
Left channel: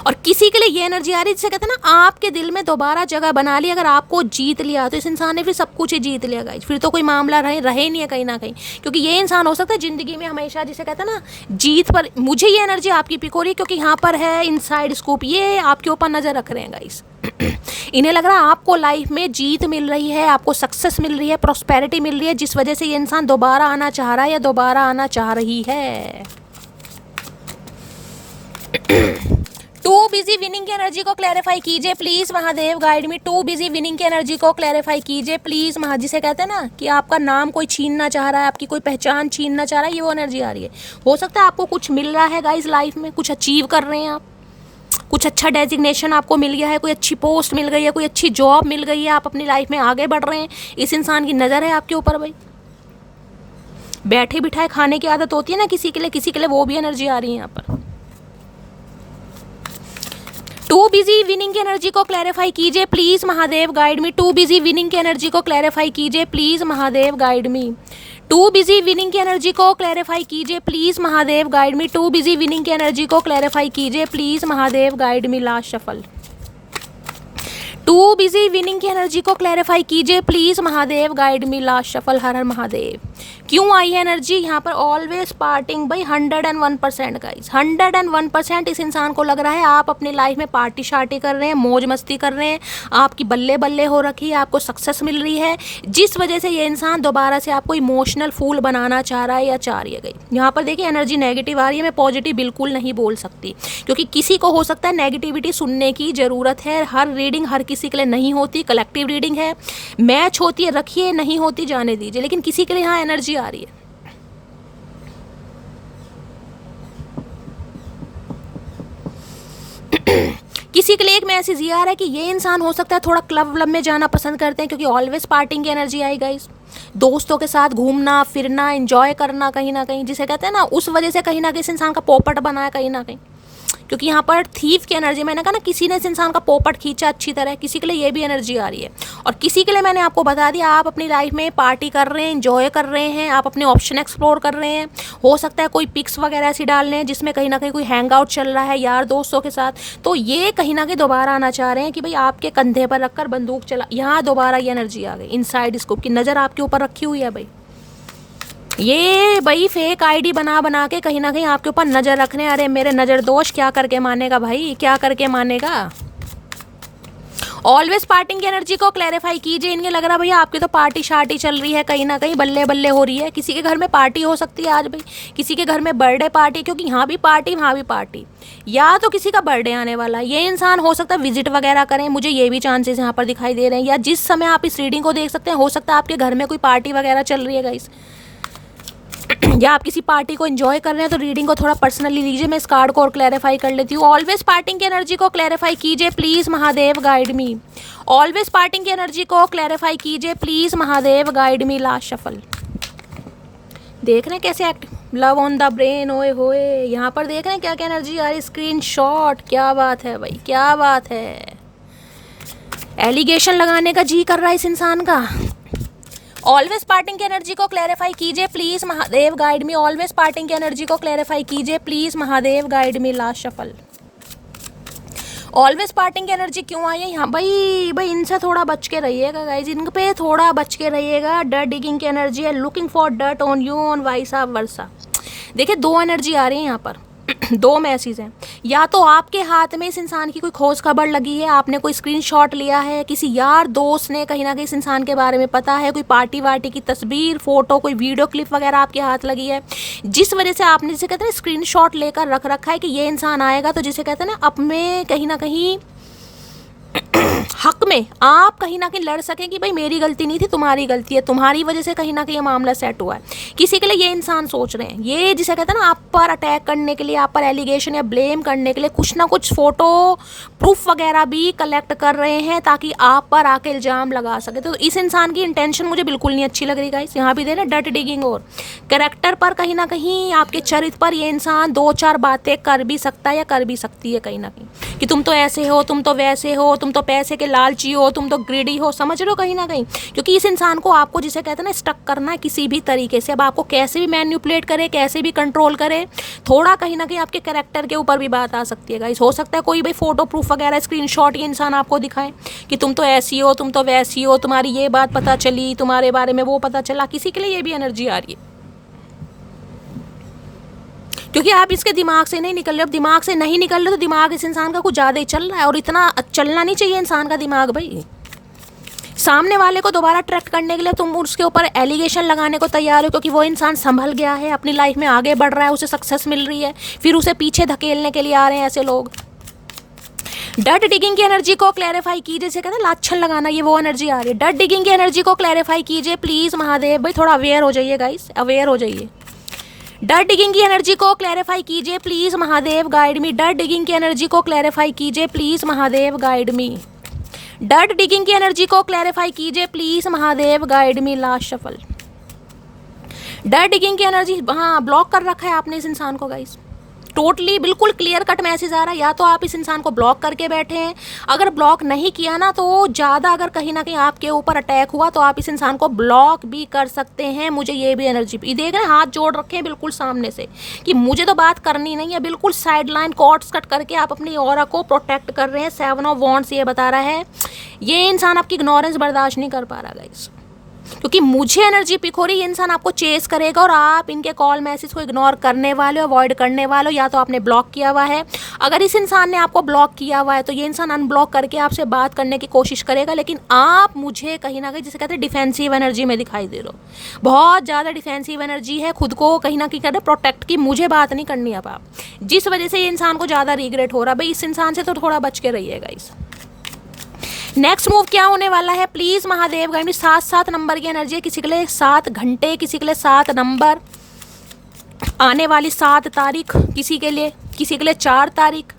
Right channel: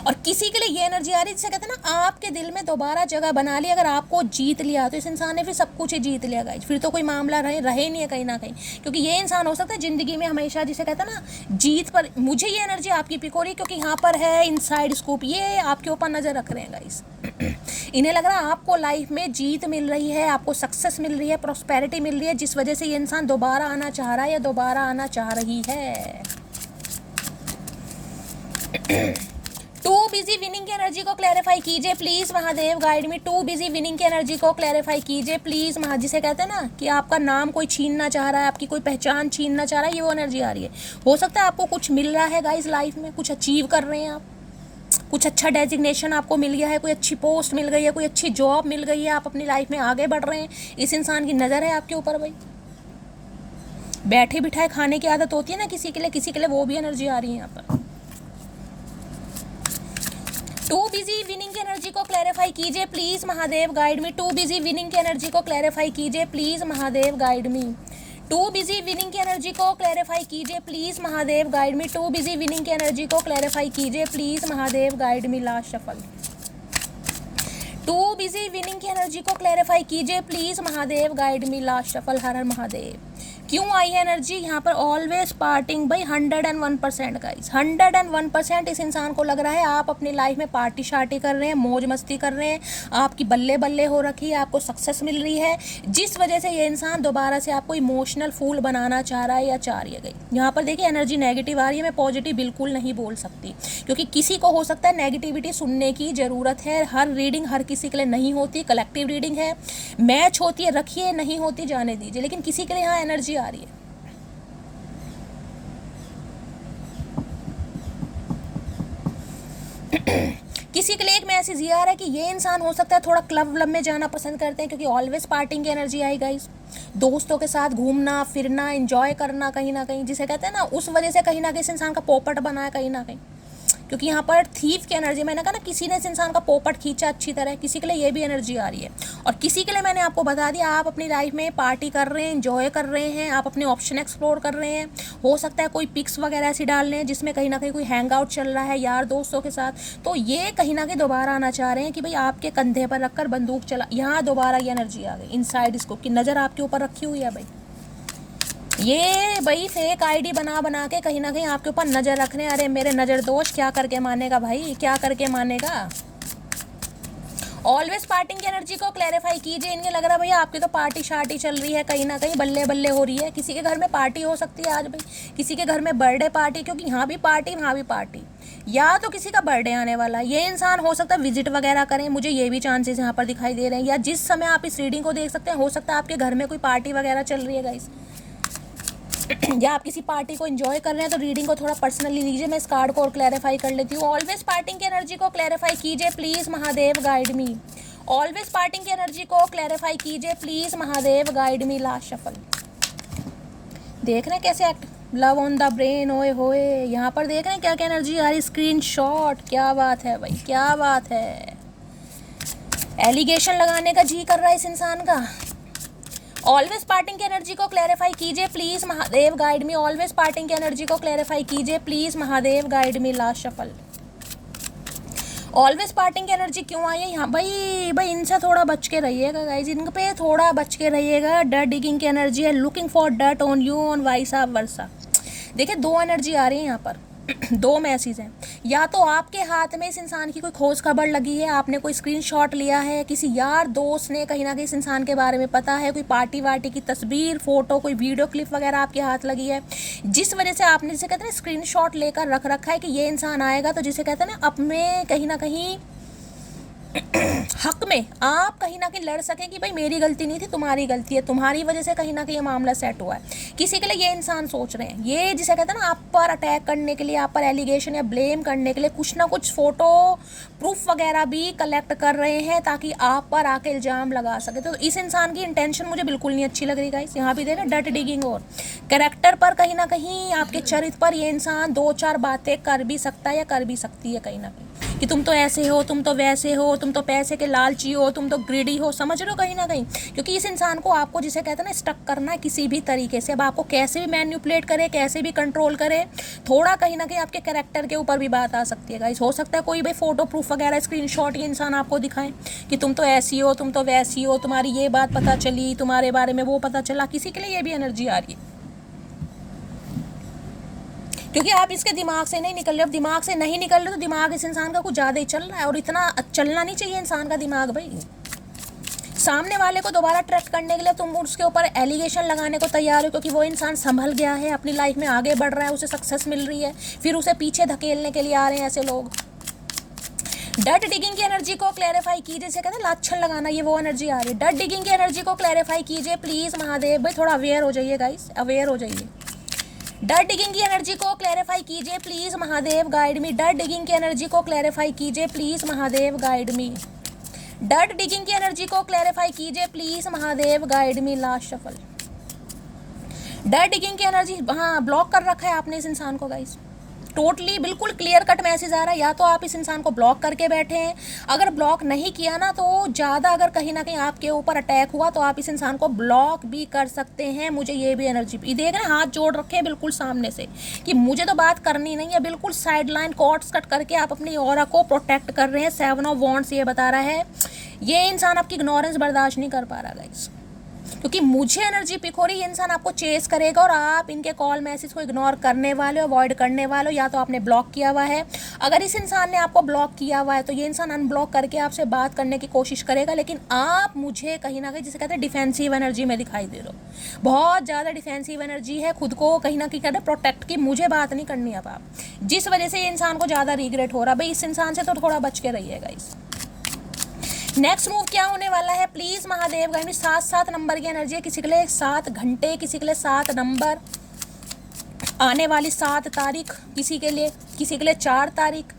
और किसी के लिए ये एनर्जी आ रही है जिसे कहते हैं ना, आपके दिल में दोबारा जगह बना ली। अगर आपको जीत लिया तो इस इंसान ने फिर सब कुछ ही जीत लिया गाइस, फिर तो कोई मामला रहे नहीं है कहीं ना कहीं। क्योंकि ये इंसान हो सकता है जिंदगी में हमेशा, जिसे कहते हैं ना, जीत पर। मुझे ये एनर्जी आपकी पिक हो रही है क्योंकि यहाँ पर है इनसाइड स्कूप, ये आपके ऊपर नजर रख रहे हैं गाइस। इन्हें लग रहा है आपको लाइफ में जीत मिल रही है, आपको सक्सेस मिल रही है, प्रॉस्पेरिटी मिल रही है, जिस वजह से ये इंसान दोबारा आना चाह रहा है या दोबारा आना चाह रही है। टू बिजी विनिंग की एनर्जी को क्लैरिफाई कीजिए please Mahadev, guide me. Too busy winning की एनर्जी को क्लैरिफाई कीजिए प्लीज महा, जिसे कहते हैं ना कि आपका नाम कोई छीनना चाह रहा है, आपकी कोई पहचान छीनना चाह रहा है, ये वो एनर्जी आ रही है। हो सकता है आपको कुछ मिल रहा है गाइस लाइफ में, कुछ अचीव कर रहे हैं आप, कुछ अच्छा डेजिग्नेशन आपको मिल गया है, कोई अच्छी पोस्ट मिल गई है, कोई अच्छी जॉब मिल गई है, आप अपनी लाइफ में आगे बढ़ रहे हैं। इस इंसान की नज़र है आपके ऊपर भाई। बैठे बिठाए खाने की आदत होती है ना किसी के लिए वो भी एनर्जी आ रही है यहाँ पर। टू बिजी विनिंग की एनर्जी को क्लैरिफाई कीजिए please Mahadev, guide me. Too busy winning की एनर्जी को क्लैरिफाई कीजिए please Mahadev, guide me. Too busy winning की एनर्जी को क्लैरिफाई कीजिए please Mahadev, guide me. Too busy winning की एनर्जी को क्लैरिफाई कीजिए please Mahadev, guide me. Last shuffle. Too busy winning की एनर्जी को क्लैरिफाई कीजिए please Mahadev, guide me. Last shuffle. हर हर महादेव। क्यों आई है एनर्जी यहाँ पर? ऑलवेज पार्टिंग बाई 101% गाइस, 101% इस इंसान को लग रहा है आप अपनी लाइफ में पार्टी शार्टी कर रहे हैं, मौज मस्ती कर रहे हैं, आपकी बल्ले बल्ले हो रखी है, आपको सक्सेस मिल रही है, जिस वजह से ये इंसान दोबारा से आपको इमोशनल फूल बनाना चाह रहा है या चाह रही है गई। यहाँ पर देखिए एनर्जी नेगेटिव आ रही है, मैं पॉजिटिव बिल्कुल नहीं बोल सकती क्योंकि किसी को हो सकता है नेगेटिविटी सुनने की ज़रूरत है। हर रीडिंग हर किसी के लिए नहीं होती, कलेक्टिव रीडिंग है, मैच होती है रखिए, नहीं होती जाने दीजिए, लेकिन किसी के लिए यहाँ एनर्जी आ रही है। किसी के लिए एक मैसेज ये आ रहा है कि ये इंसान हो सकता है थोड़ा क्लब व्लब में जाना पसंद करते हैं क्योंकि ऑलवेज पार्टिंग की एनर्जी आई गाइस। दोस्तों के साथ घूमना फिरना एंजॉय करना कहीं ना कहीं, जिसे कहते हैं ना, उस वजह से कहीं ना कहीं इस इंसान का पोपट बना है कहीं ना कहीं। क्योंकि यहाँ पर थीफ की एनर्जी, मैंने कहा ना, किसी ने इस इंसान का पोपट खींचा अच्छी तरह, किसी के लिए ये भी एनर्जी आ रही है। और किसी के लिए मैंने आपको बता दिया, आप अपनी लाइफ में पार्टी कर रहे हैं, एंजॉय कर रहे हैं, आप अपने ऑप्शन एक्सप्लोर कर रहे हैं। हो सकता है कोई पिक्स वगैरह ऐसी डाल रहे हैं जिसमें कहीं ना कहीं कोई हैंग आउट चल रहा है यार दोस्तों के साथ, तो ये कहीं ना कहीं दोबारा आना चाह रहे हैं कि भाई आपके कंधे पर रखकर बंदूक चला, यहाँ दोबारा ये एनर्जी आ गई। इनसाइड स्कोप की नज़र आपके ऊपर रखी हुई है भाई। ये भाई फेक आईडी बना बना के कहीं ना कहीं आपके ऊपर नजर रखने, अरे मेरे नजर दोष क्या करके मानेगा भाई, क्या करके मानेगा। ऑलवेज पार्टिंग की एनर्जी को क्लैरिफाई कीजिए। इनके लग रहा है भैया आपकी तो पार्टी शार्टी चल रही है, कहीं ना कहीं बल्ले बल्ले हो रही है। किसी के घर में पार्टी हो सकती है आज भाई, किसी के घर में बर्थडे पार्टी, क्योंकि यहाँ भी पार्टी वहाँ भी पार्टी, या तो किसी का बर्थडे आने वाला, ये इंसान हो सकता है विजिट वगैरह करें, मुझे ये भी चांसेस यहाँ पर दिखाई दे रहे हैं। या जिस समय आप इस रीडिंग को देख सकते हैं, हो सकता है आपके घर में कोई पार्टी वगैरह चल रही है गाइस, या आप किसी पार्टी को एंजॉय कर रहे हैं, तो रीडिंग को थोड़ा पर्सनली लीजिए। मैं इस कार्ड को और क्लैरिफाई कर लेती हूँ। ऑलवेज पार्टिंग की एनर्जी को क्लैरिफाई कीजिए please Mahadev guide me. Always parting की एनर्जी को क्लैरिफाई कीजिए please Mahadev guide me. Last shuffle देख रहे हैं कैसे active, love on the brain, ओए होए, यहाँ पर देख रहे हैं क्या क्या एनर्जी आ रही, स्क्रीन शॉट, क्या बात है भाई, क्या बात है। एलिगेशन लगाने का जी कर रहा है इस इंसान का। ऑलवेज पार्टिंग की एनर्जी को क्लैरिफाई कीजिए please Mahadev guide me. Always parting की एनर्जी को क्लैरिफाई कीजिए please Mahadev guide me. Last shuffle always parting की एनर्जी क्यों आई है यहाँ भाई इनसे थोड़ा बच के रहिएगा गाइज, इन पे थोड़ा बच के रहिएगा। डर्ट डिगिंग की एनर्जी है, looking for dirt on you on vice versa. देखिए दो एनर्जी आ रही है यहाँ पर, दो मैसेज हैं। या तो आपके हाथ में इस इंसान की कोई खोज खबर लगी है, आपने कोई स्क्रीनशॉट लिया है, किसी यार दोस्त ने कहीं ना कहीं इस इंसान के बारे में पता है, कोई पार्टी वार्टी की तस्वीर, फोटो, कोई वीडियो क्लिप वगैरह आपके हाथ लगी है, जिस वजह से आपने जिसे कहते हैं स्क्रीनशॉट लेकर रख रखा है कि ये इंसान आएगा तो जिसे कहते हैं ना अपने कहीं ना कहीं हक में आप कहीं ना कहीं लड़ सकें कि भाई मेरी गलती नहीं थी, तुम्हारी गलती है, तुम्हारी वजह से कहीं ना कहीं ये मामला सेट हुआ है। किसी के लिए ये इंसान सोच रहे हैं, ये जिसे कहते हैं ना आप पर अटैक करने के लिए, आप पर एलिगेशन या ब्लेम करने के लिए कुछ ना कुछ फोटो प्रूफ वगैरह भी कलेक्ट कर रहे हैं ताकि आप पर आके इल्जाम लगा सके। तो इस इंसान की इंटेंशन मुझे बिल्कुल नहीं अच्छी लग रही गाइस। यहाँ भी दे रहे डर्ट डिगिंग और कैरेक्टर पर, कहीं ना कहीं आपके चरित्र पर ये इंसान दो चार बातें कर भी सकता है या कर भी सकती है कहीं ना कहीं, कि तुम तो ऐसे हो, तुम तो वैसे हो, तुम तो पैसे के लालची हो, तुम तो ग्रीडी हो, समझ रहे हो कहीं ना कहीं। क्योंकि इस इंसान को आपको जिसे कहते हैं ना स्टक करना है किसी भी तरीके से। अब आपको कैसे भी मैन्युपुलेट करे, कैसे भी कंट्रोल करे, थोड़ा कहीं ना कहीं आपके कैरेक्टर के ऊपर भी बात आ सकती है गाइस। हो सकता है कोई भाई फोटो प्रूफ वगैरह स्क्रीनशॉट ये इंसान आपको दिखाए कि तुम तो ऐसी हो, तुम तो वैसी हो, तुम्हारी ये बात पता चली, तुम्हारे बारे में वो पता चला। किसी के लिए ये भी एनर्जी आ रही है क्योंकि आप इसके दिमाग से नहीं निकल रहे। अब दिमाग से नहीं निकल रहे तो दिमाग इस इंसान का कुछ ज़्यादा ही चल रहा है, और इतना चलना नहीं चाहिए इंसान का दिमाग भाई। सामने वाले को दोबारा ट्रैक करने के लिए तुम उसके ऊपर एलिगेशन लगाने को तैयार हो क्योंकि वो इंसान संभल गया है, अपनी लाइफ में आगे बढ़ रहा है, उसे सक्सेस मिल रही है, फिर उसे पीछे धकेलने के लिए आ रहे हैं ऐसे लोग। डर्ट डिगिंग की एनर्जी को क्लैरिफाई कीजिए, जैसे कहते हैं लाछन लगाना, ये वो एनर्जी आ रही है। डर्ट डिगिंग की एनर्जी को क्लैरिफाई कीजिए प्लीज़ महादेव भाई। थोड़ा अवेयर हो जाइए गाइस, अवेयर हो जाइए। डर्ट डिगिंग की एनर्जी को क्लैरिफाई कीजिए please Mahadev guide me. Dirt digging की एनर्जी को क्लैरिफाई कीजिए please Mahadev guide me. Dirt digging की एनर्जी को क्लैरिफाई कीजिए please Mahadev guide me. Last shuffle dirt digging की एनर्जी, हाँ ब्लॉक कर रखा है आपने इस इंसान को गाइस। टोटली बिल्कुल क्लियर कट मैसेज आ रहा है, या तो आप इस इंसान को ब्लॉक करके बैठे हैं, अगर ब्लॉक नहीं किया ना तो ज़्यादा अगर कहीं ना कहीं आपके ऊपर अटैक हुआ तो आप इस इंसान को ब्लॉक भी कर सकते हैं। मुझे ये भी एनर्जी देख रहे हैं, हाथ जोड़ रखे हैं बिल्कुल सामने से कि मुझे तो बात करनी नहीं है, बिल्कुल साइड लाइन कॉर्ड्स कट करके आप अपनी ऑरा को प्रोटेक्ट कर रहे हैं। 7 ऑफ वॉन्ड्स ये बता रहा है ये इंसान आपकी इग्नोरेंस बर्दाश्त नहीं कर पा रहा गाइस, क्योंकि मुझे एनर्जी पिक हो रही है इंसान आपको चेस करेगा और आप इनके कॉल मैसेज को इग्नोर करने वाले हो, अवॉइड करने वाले हो, या तो आपने ब्लॉक किया हुआ है। अगर इस इंसान ने आपको ब्लॉक किया हुआ है तो ये इंसान अनब्लॉक करके आपसे बात करने की कोशिश करेगा, लेकिन आप मुझे कहीं ना कहीं जिसे कहते हैं डिफेंसिव एनर्जी में दिखाई दे रहे हो। बहुत ज़्यादा डिफेंसिव एनर्जी है, खुद को कहीं ना कहीं कहते हैं प्रोटेक्ट की, मुझे बात नहीं करनी अब आप, जिस वजह से ये इंसान को ज़्यादा रिग्रेट हो रहा है। भाई इस इंसान से तो थोड़ा बच के रहिएगा। इस नेक्स्ट मूव क्या होने वाला है please Mahadev guide me. 7 number की एनर्जी है, किसी के लिए 7 घंटे, किसी के लिए 7 नंबर, आने वाली 7 तारीख, किसी के लिए 4 तारीख,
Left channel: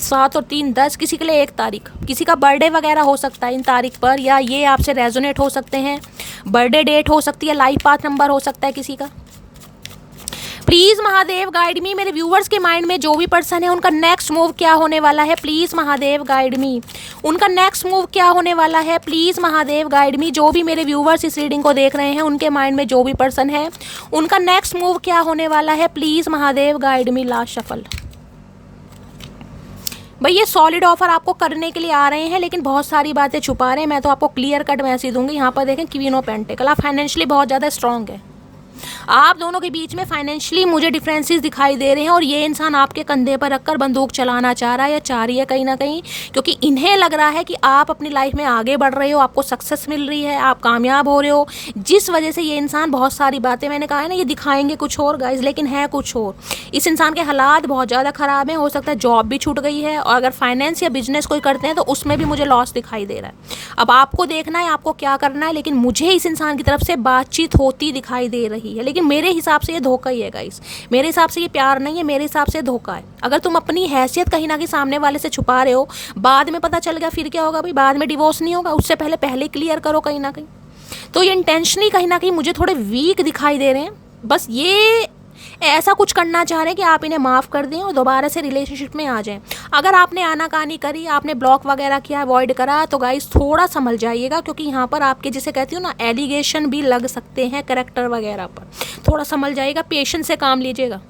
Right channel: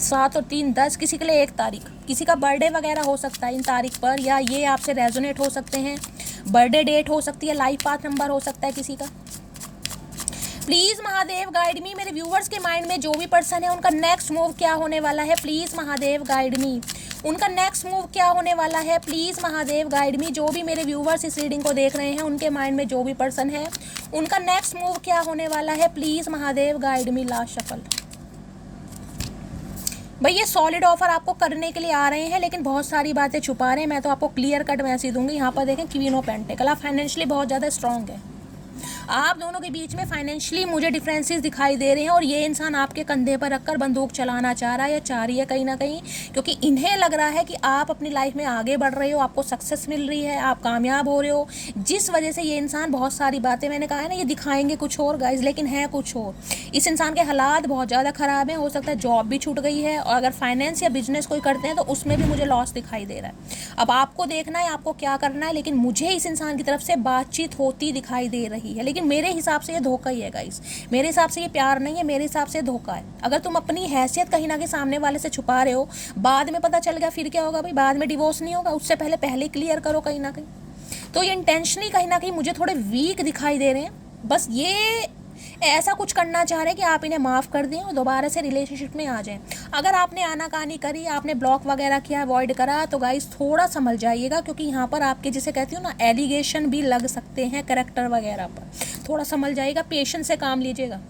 7 और 3 10, किसी के लिए 1 तारीख। किसी का बर्थडे वगैरह हो सकता है इन तारीख पर, या ये आपसे रेजोनेट हो सकते हैं, बर्थडे डेट हो सकती है, लाइफ पाथ नंबर हो सकता है किसी का। प्लीज महादेव गाइड मी। मेरे व्यूवर्स के माइंड में जो भी पर्सन है उनका नेक्स्ट मूव क्या होने वाला है प्लीज महादेव गाइड मी। उनका नेक्स्ट मूव क्या होने वाला है प्लीज महादेव गाइड मी। जो भी मेरे व्यूवर्स इस रीडिंग को देख रहे हैं उनके माइंड में जो भी पर्सन है उनका नेक्स्ट मूव क्या होने वाला है please Mahadev guide me. Last shuffle भाई ये सॉलिड ऑफर आपको करने के लिए आ रहे हैं, लेकिन बहुत सारी बातें छुपा रहे हैं। मैं तो आपको क्लियर कट मैसेज दूंगी। यहाँ पर देखें क्वीन ऑफ पेंटिकल, आप फाइनेंशियली बहुत ज़्यादा स्ट्रांग है, आप दोनों के बीच में फाइनेंशियली मुझे डिफरेंसेस दिखाई दे रहे हैं और ये इंसान आपके कंधे पर रखकर बंदूक चलाना चाह रहा है या चाह रही है कहीं ना कहीं, क्योंकि इन्हें लग रहा है कि आप अपनी लाइफ में आगे बढ़ रहे हो, आपको सक्सेस मिल रही है, आप कामयाब हो रहे हो, जिस वजह से ये इंसान बहुत सारी बातें, मैंने कहा है ना, ये दिखाएंगे कुछ और गाइज लेकिन है कुछ और। इस इंसान के हालात बहुत ज़्यादा ख़राब हैं, हो सकता है जॉब भी छूट गई है, और अगर फाइनेंस या बिजनेस कोई करते हैं तो उसमें भी मुझे लॉस दिखाई दे रहा है। अब आपको देखना है आपको क्या करना है, लेकिन मुझे इस इंसान की तरफ से बातचीत होती दिखाई दे रही है, लेकिन मेरे हिसाब से ये धोखा ही है गाइस। मेरे हिसाब से ये प्यार नहीं है, मेरे हिसाब से धोखा है। अगर तुम अपनी हैसियत कहीं ना कहीं सामने वाले से छुपा रहे हो, बाद में पता चल गया फिर क्या होगा भाई, बाद में डिवोर्स नहीं होगा, उससे पहले क्लियर करो कहीं ना कहीं। तो ये इंटेंशनली कहीं ना कहीं मुझे थोड़े वीक दिखाई दे रहे हैं, बस ये ऐसा कुछ करना चाह रहे हैं कि आप इन्हें माफ़ कर दें और दोबारा से रिलेशनशिप में आ जाएं। अगर आपने आनाकानी करी, आपने ब्लॉक वगैरह किया, अवॉइड करा, तो गाइस थोड़ा समझ जाइएगा, क्योंकि यहाँ पर आपके जिसे कहती हूँ ना एलिगेशन भी लग सकते हैं कैरेक्टर वगैरह पर। थोड़ा समझ जाइएगा, पेशेंस से काम लीजिएगा।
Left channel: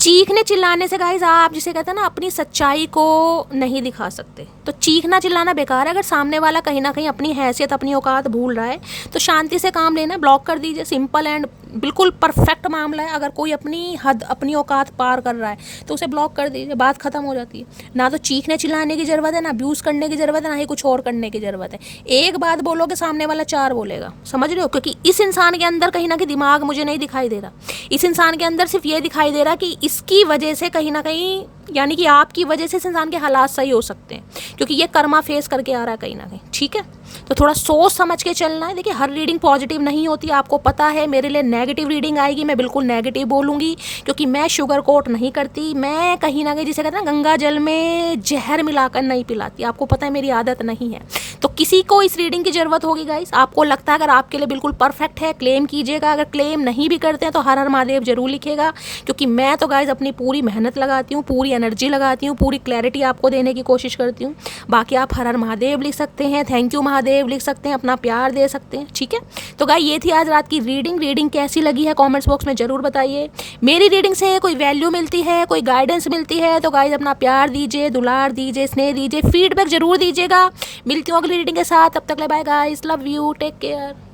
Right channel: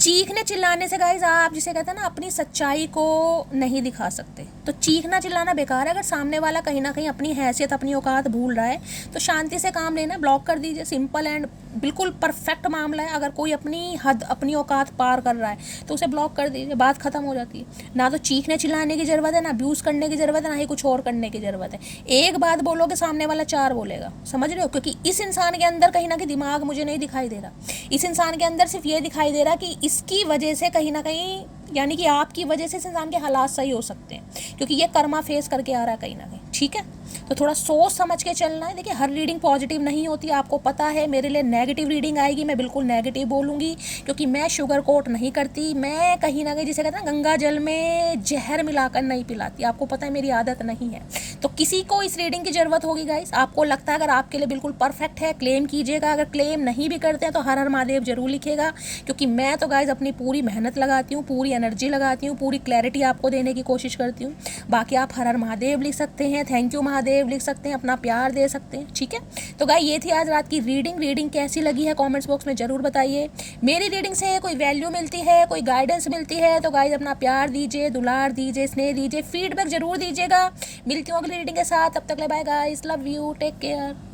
चीखने चिल्लाने से गाइज आप जिसे कहते हैं ना अपनी सच्चाई को नहीं दिखा सकते। तो चीखना चिल्लाना बेकार है। अगर सामने वाला कहीं ना कहीं अपनी हैसियत अपनी औकात भूल रहा है तो शांति से काम लेना, ब्लॉक कर दीजिए। सिंपल एंड बिल्कुल परफेक्ट मामला है। अगर कोई अपनी हद अपनी औकात पार कर रहा है तो उसे ब्लॉक कर दीजिए, बात खत्म हो जाती है। ना तो चीखने चिल्लाने की ज़रूरत है, ना अब्यूज़ करने की ज़रूरत है, ना ही कुछ और करने की ज़रूरत है। एक बात बोलोगे सामने वाला चार बोलेगा, समझ रहे हो? क्योंकि इस इंसान के अंदर कहीं ना कहीं दिमाग मुझे नहीं दिखाई दे रहा। इस इंसान के अंदर सिर्फ ये दिखाई दे रहा कि इसकी वजह से कहीं ना कहीं, यानी कि आपकी वजह से इस इंसान के हालात सही हो सकते हैं, क्योंकि ये कर्मा फेस करके आ रहा है कहीं ना कहीं। ठीक है, तो थोड़ा सोच समझ के चलना है। देखिए हर रीडिंग पॉजिटिव नहीं होती, आपको पता है। मेरे लिए नेगेटिव रीडिंग आएगी, मैं बिल्कुल नेगेटिव बोलूँगी, क्योंकि मैं शुगर कोट नहीं करती। मैं कहीं ना कहीं जिसे कहते हैं ना गंगा जल में जहर मिलाकर नहीं पिलाती, आपको पता है मेरी आदत नहीं है। तो किसी को इस रीडिंग की ज़रूरत होगी गाइस, आपको लगता है अगर आपके लिए बिल्कुल परफेक्ट है क्लेम कीजिएगा। अगर क्लेम नहीं भी करते हैं तो हर हर महादेव जरूर लिखेगा, क्योंकि मैं तो गाइस अपनी पूरी मेहनत लगाती हूँ, पूरी एनर्जी लगाती हूँ, पूरी क्लैरिटी आपको देने की कोशिश करती हूँ। बाकी आप हर हर महादेव लिख सकते हैं, थैंक यू महादेव लिख सकते हैं, अपना प्यार दे सकते हैं। ठीक है, तो गाइस ये थी आज रात की रीडिंग कैसी लगी है कमेंट्स बॉक्स में जरूर बताइए। मेरी रीडिंग से कोई वैल्यू मिलती है, कोई गाइडेंस मिलती है तो गाइस अपना प्यार दीजिए, दुलार दीजिए, स्नेह दीजिए, फीडबैक जरूर दीजिएगा। मिलती हूँ अगली रीडिंग के साथ, तब तक ले bye guys, love you, take care.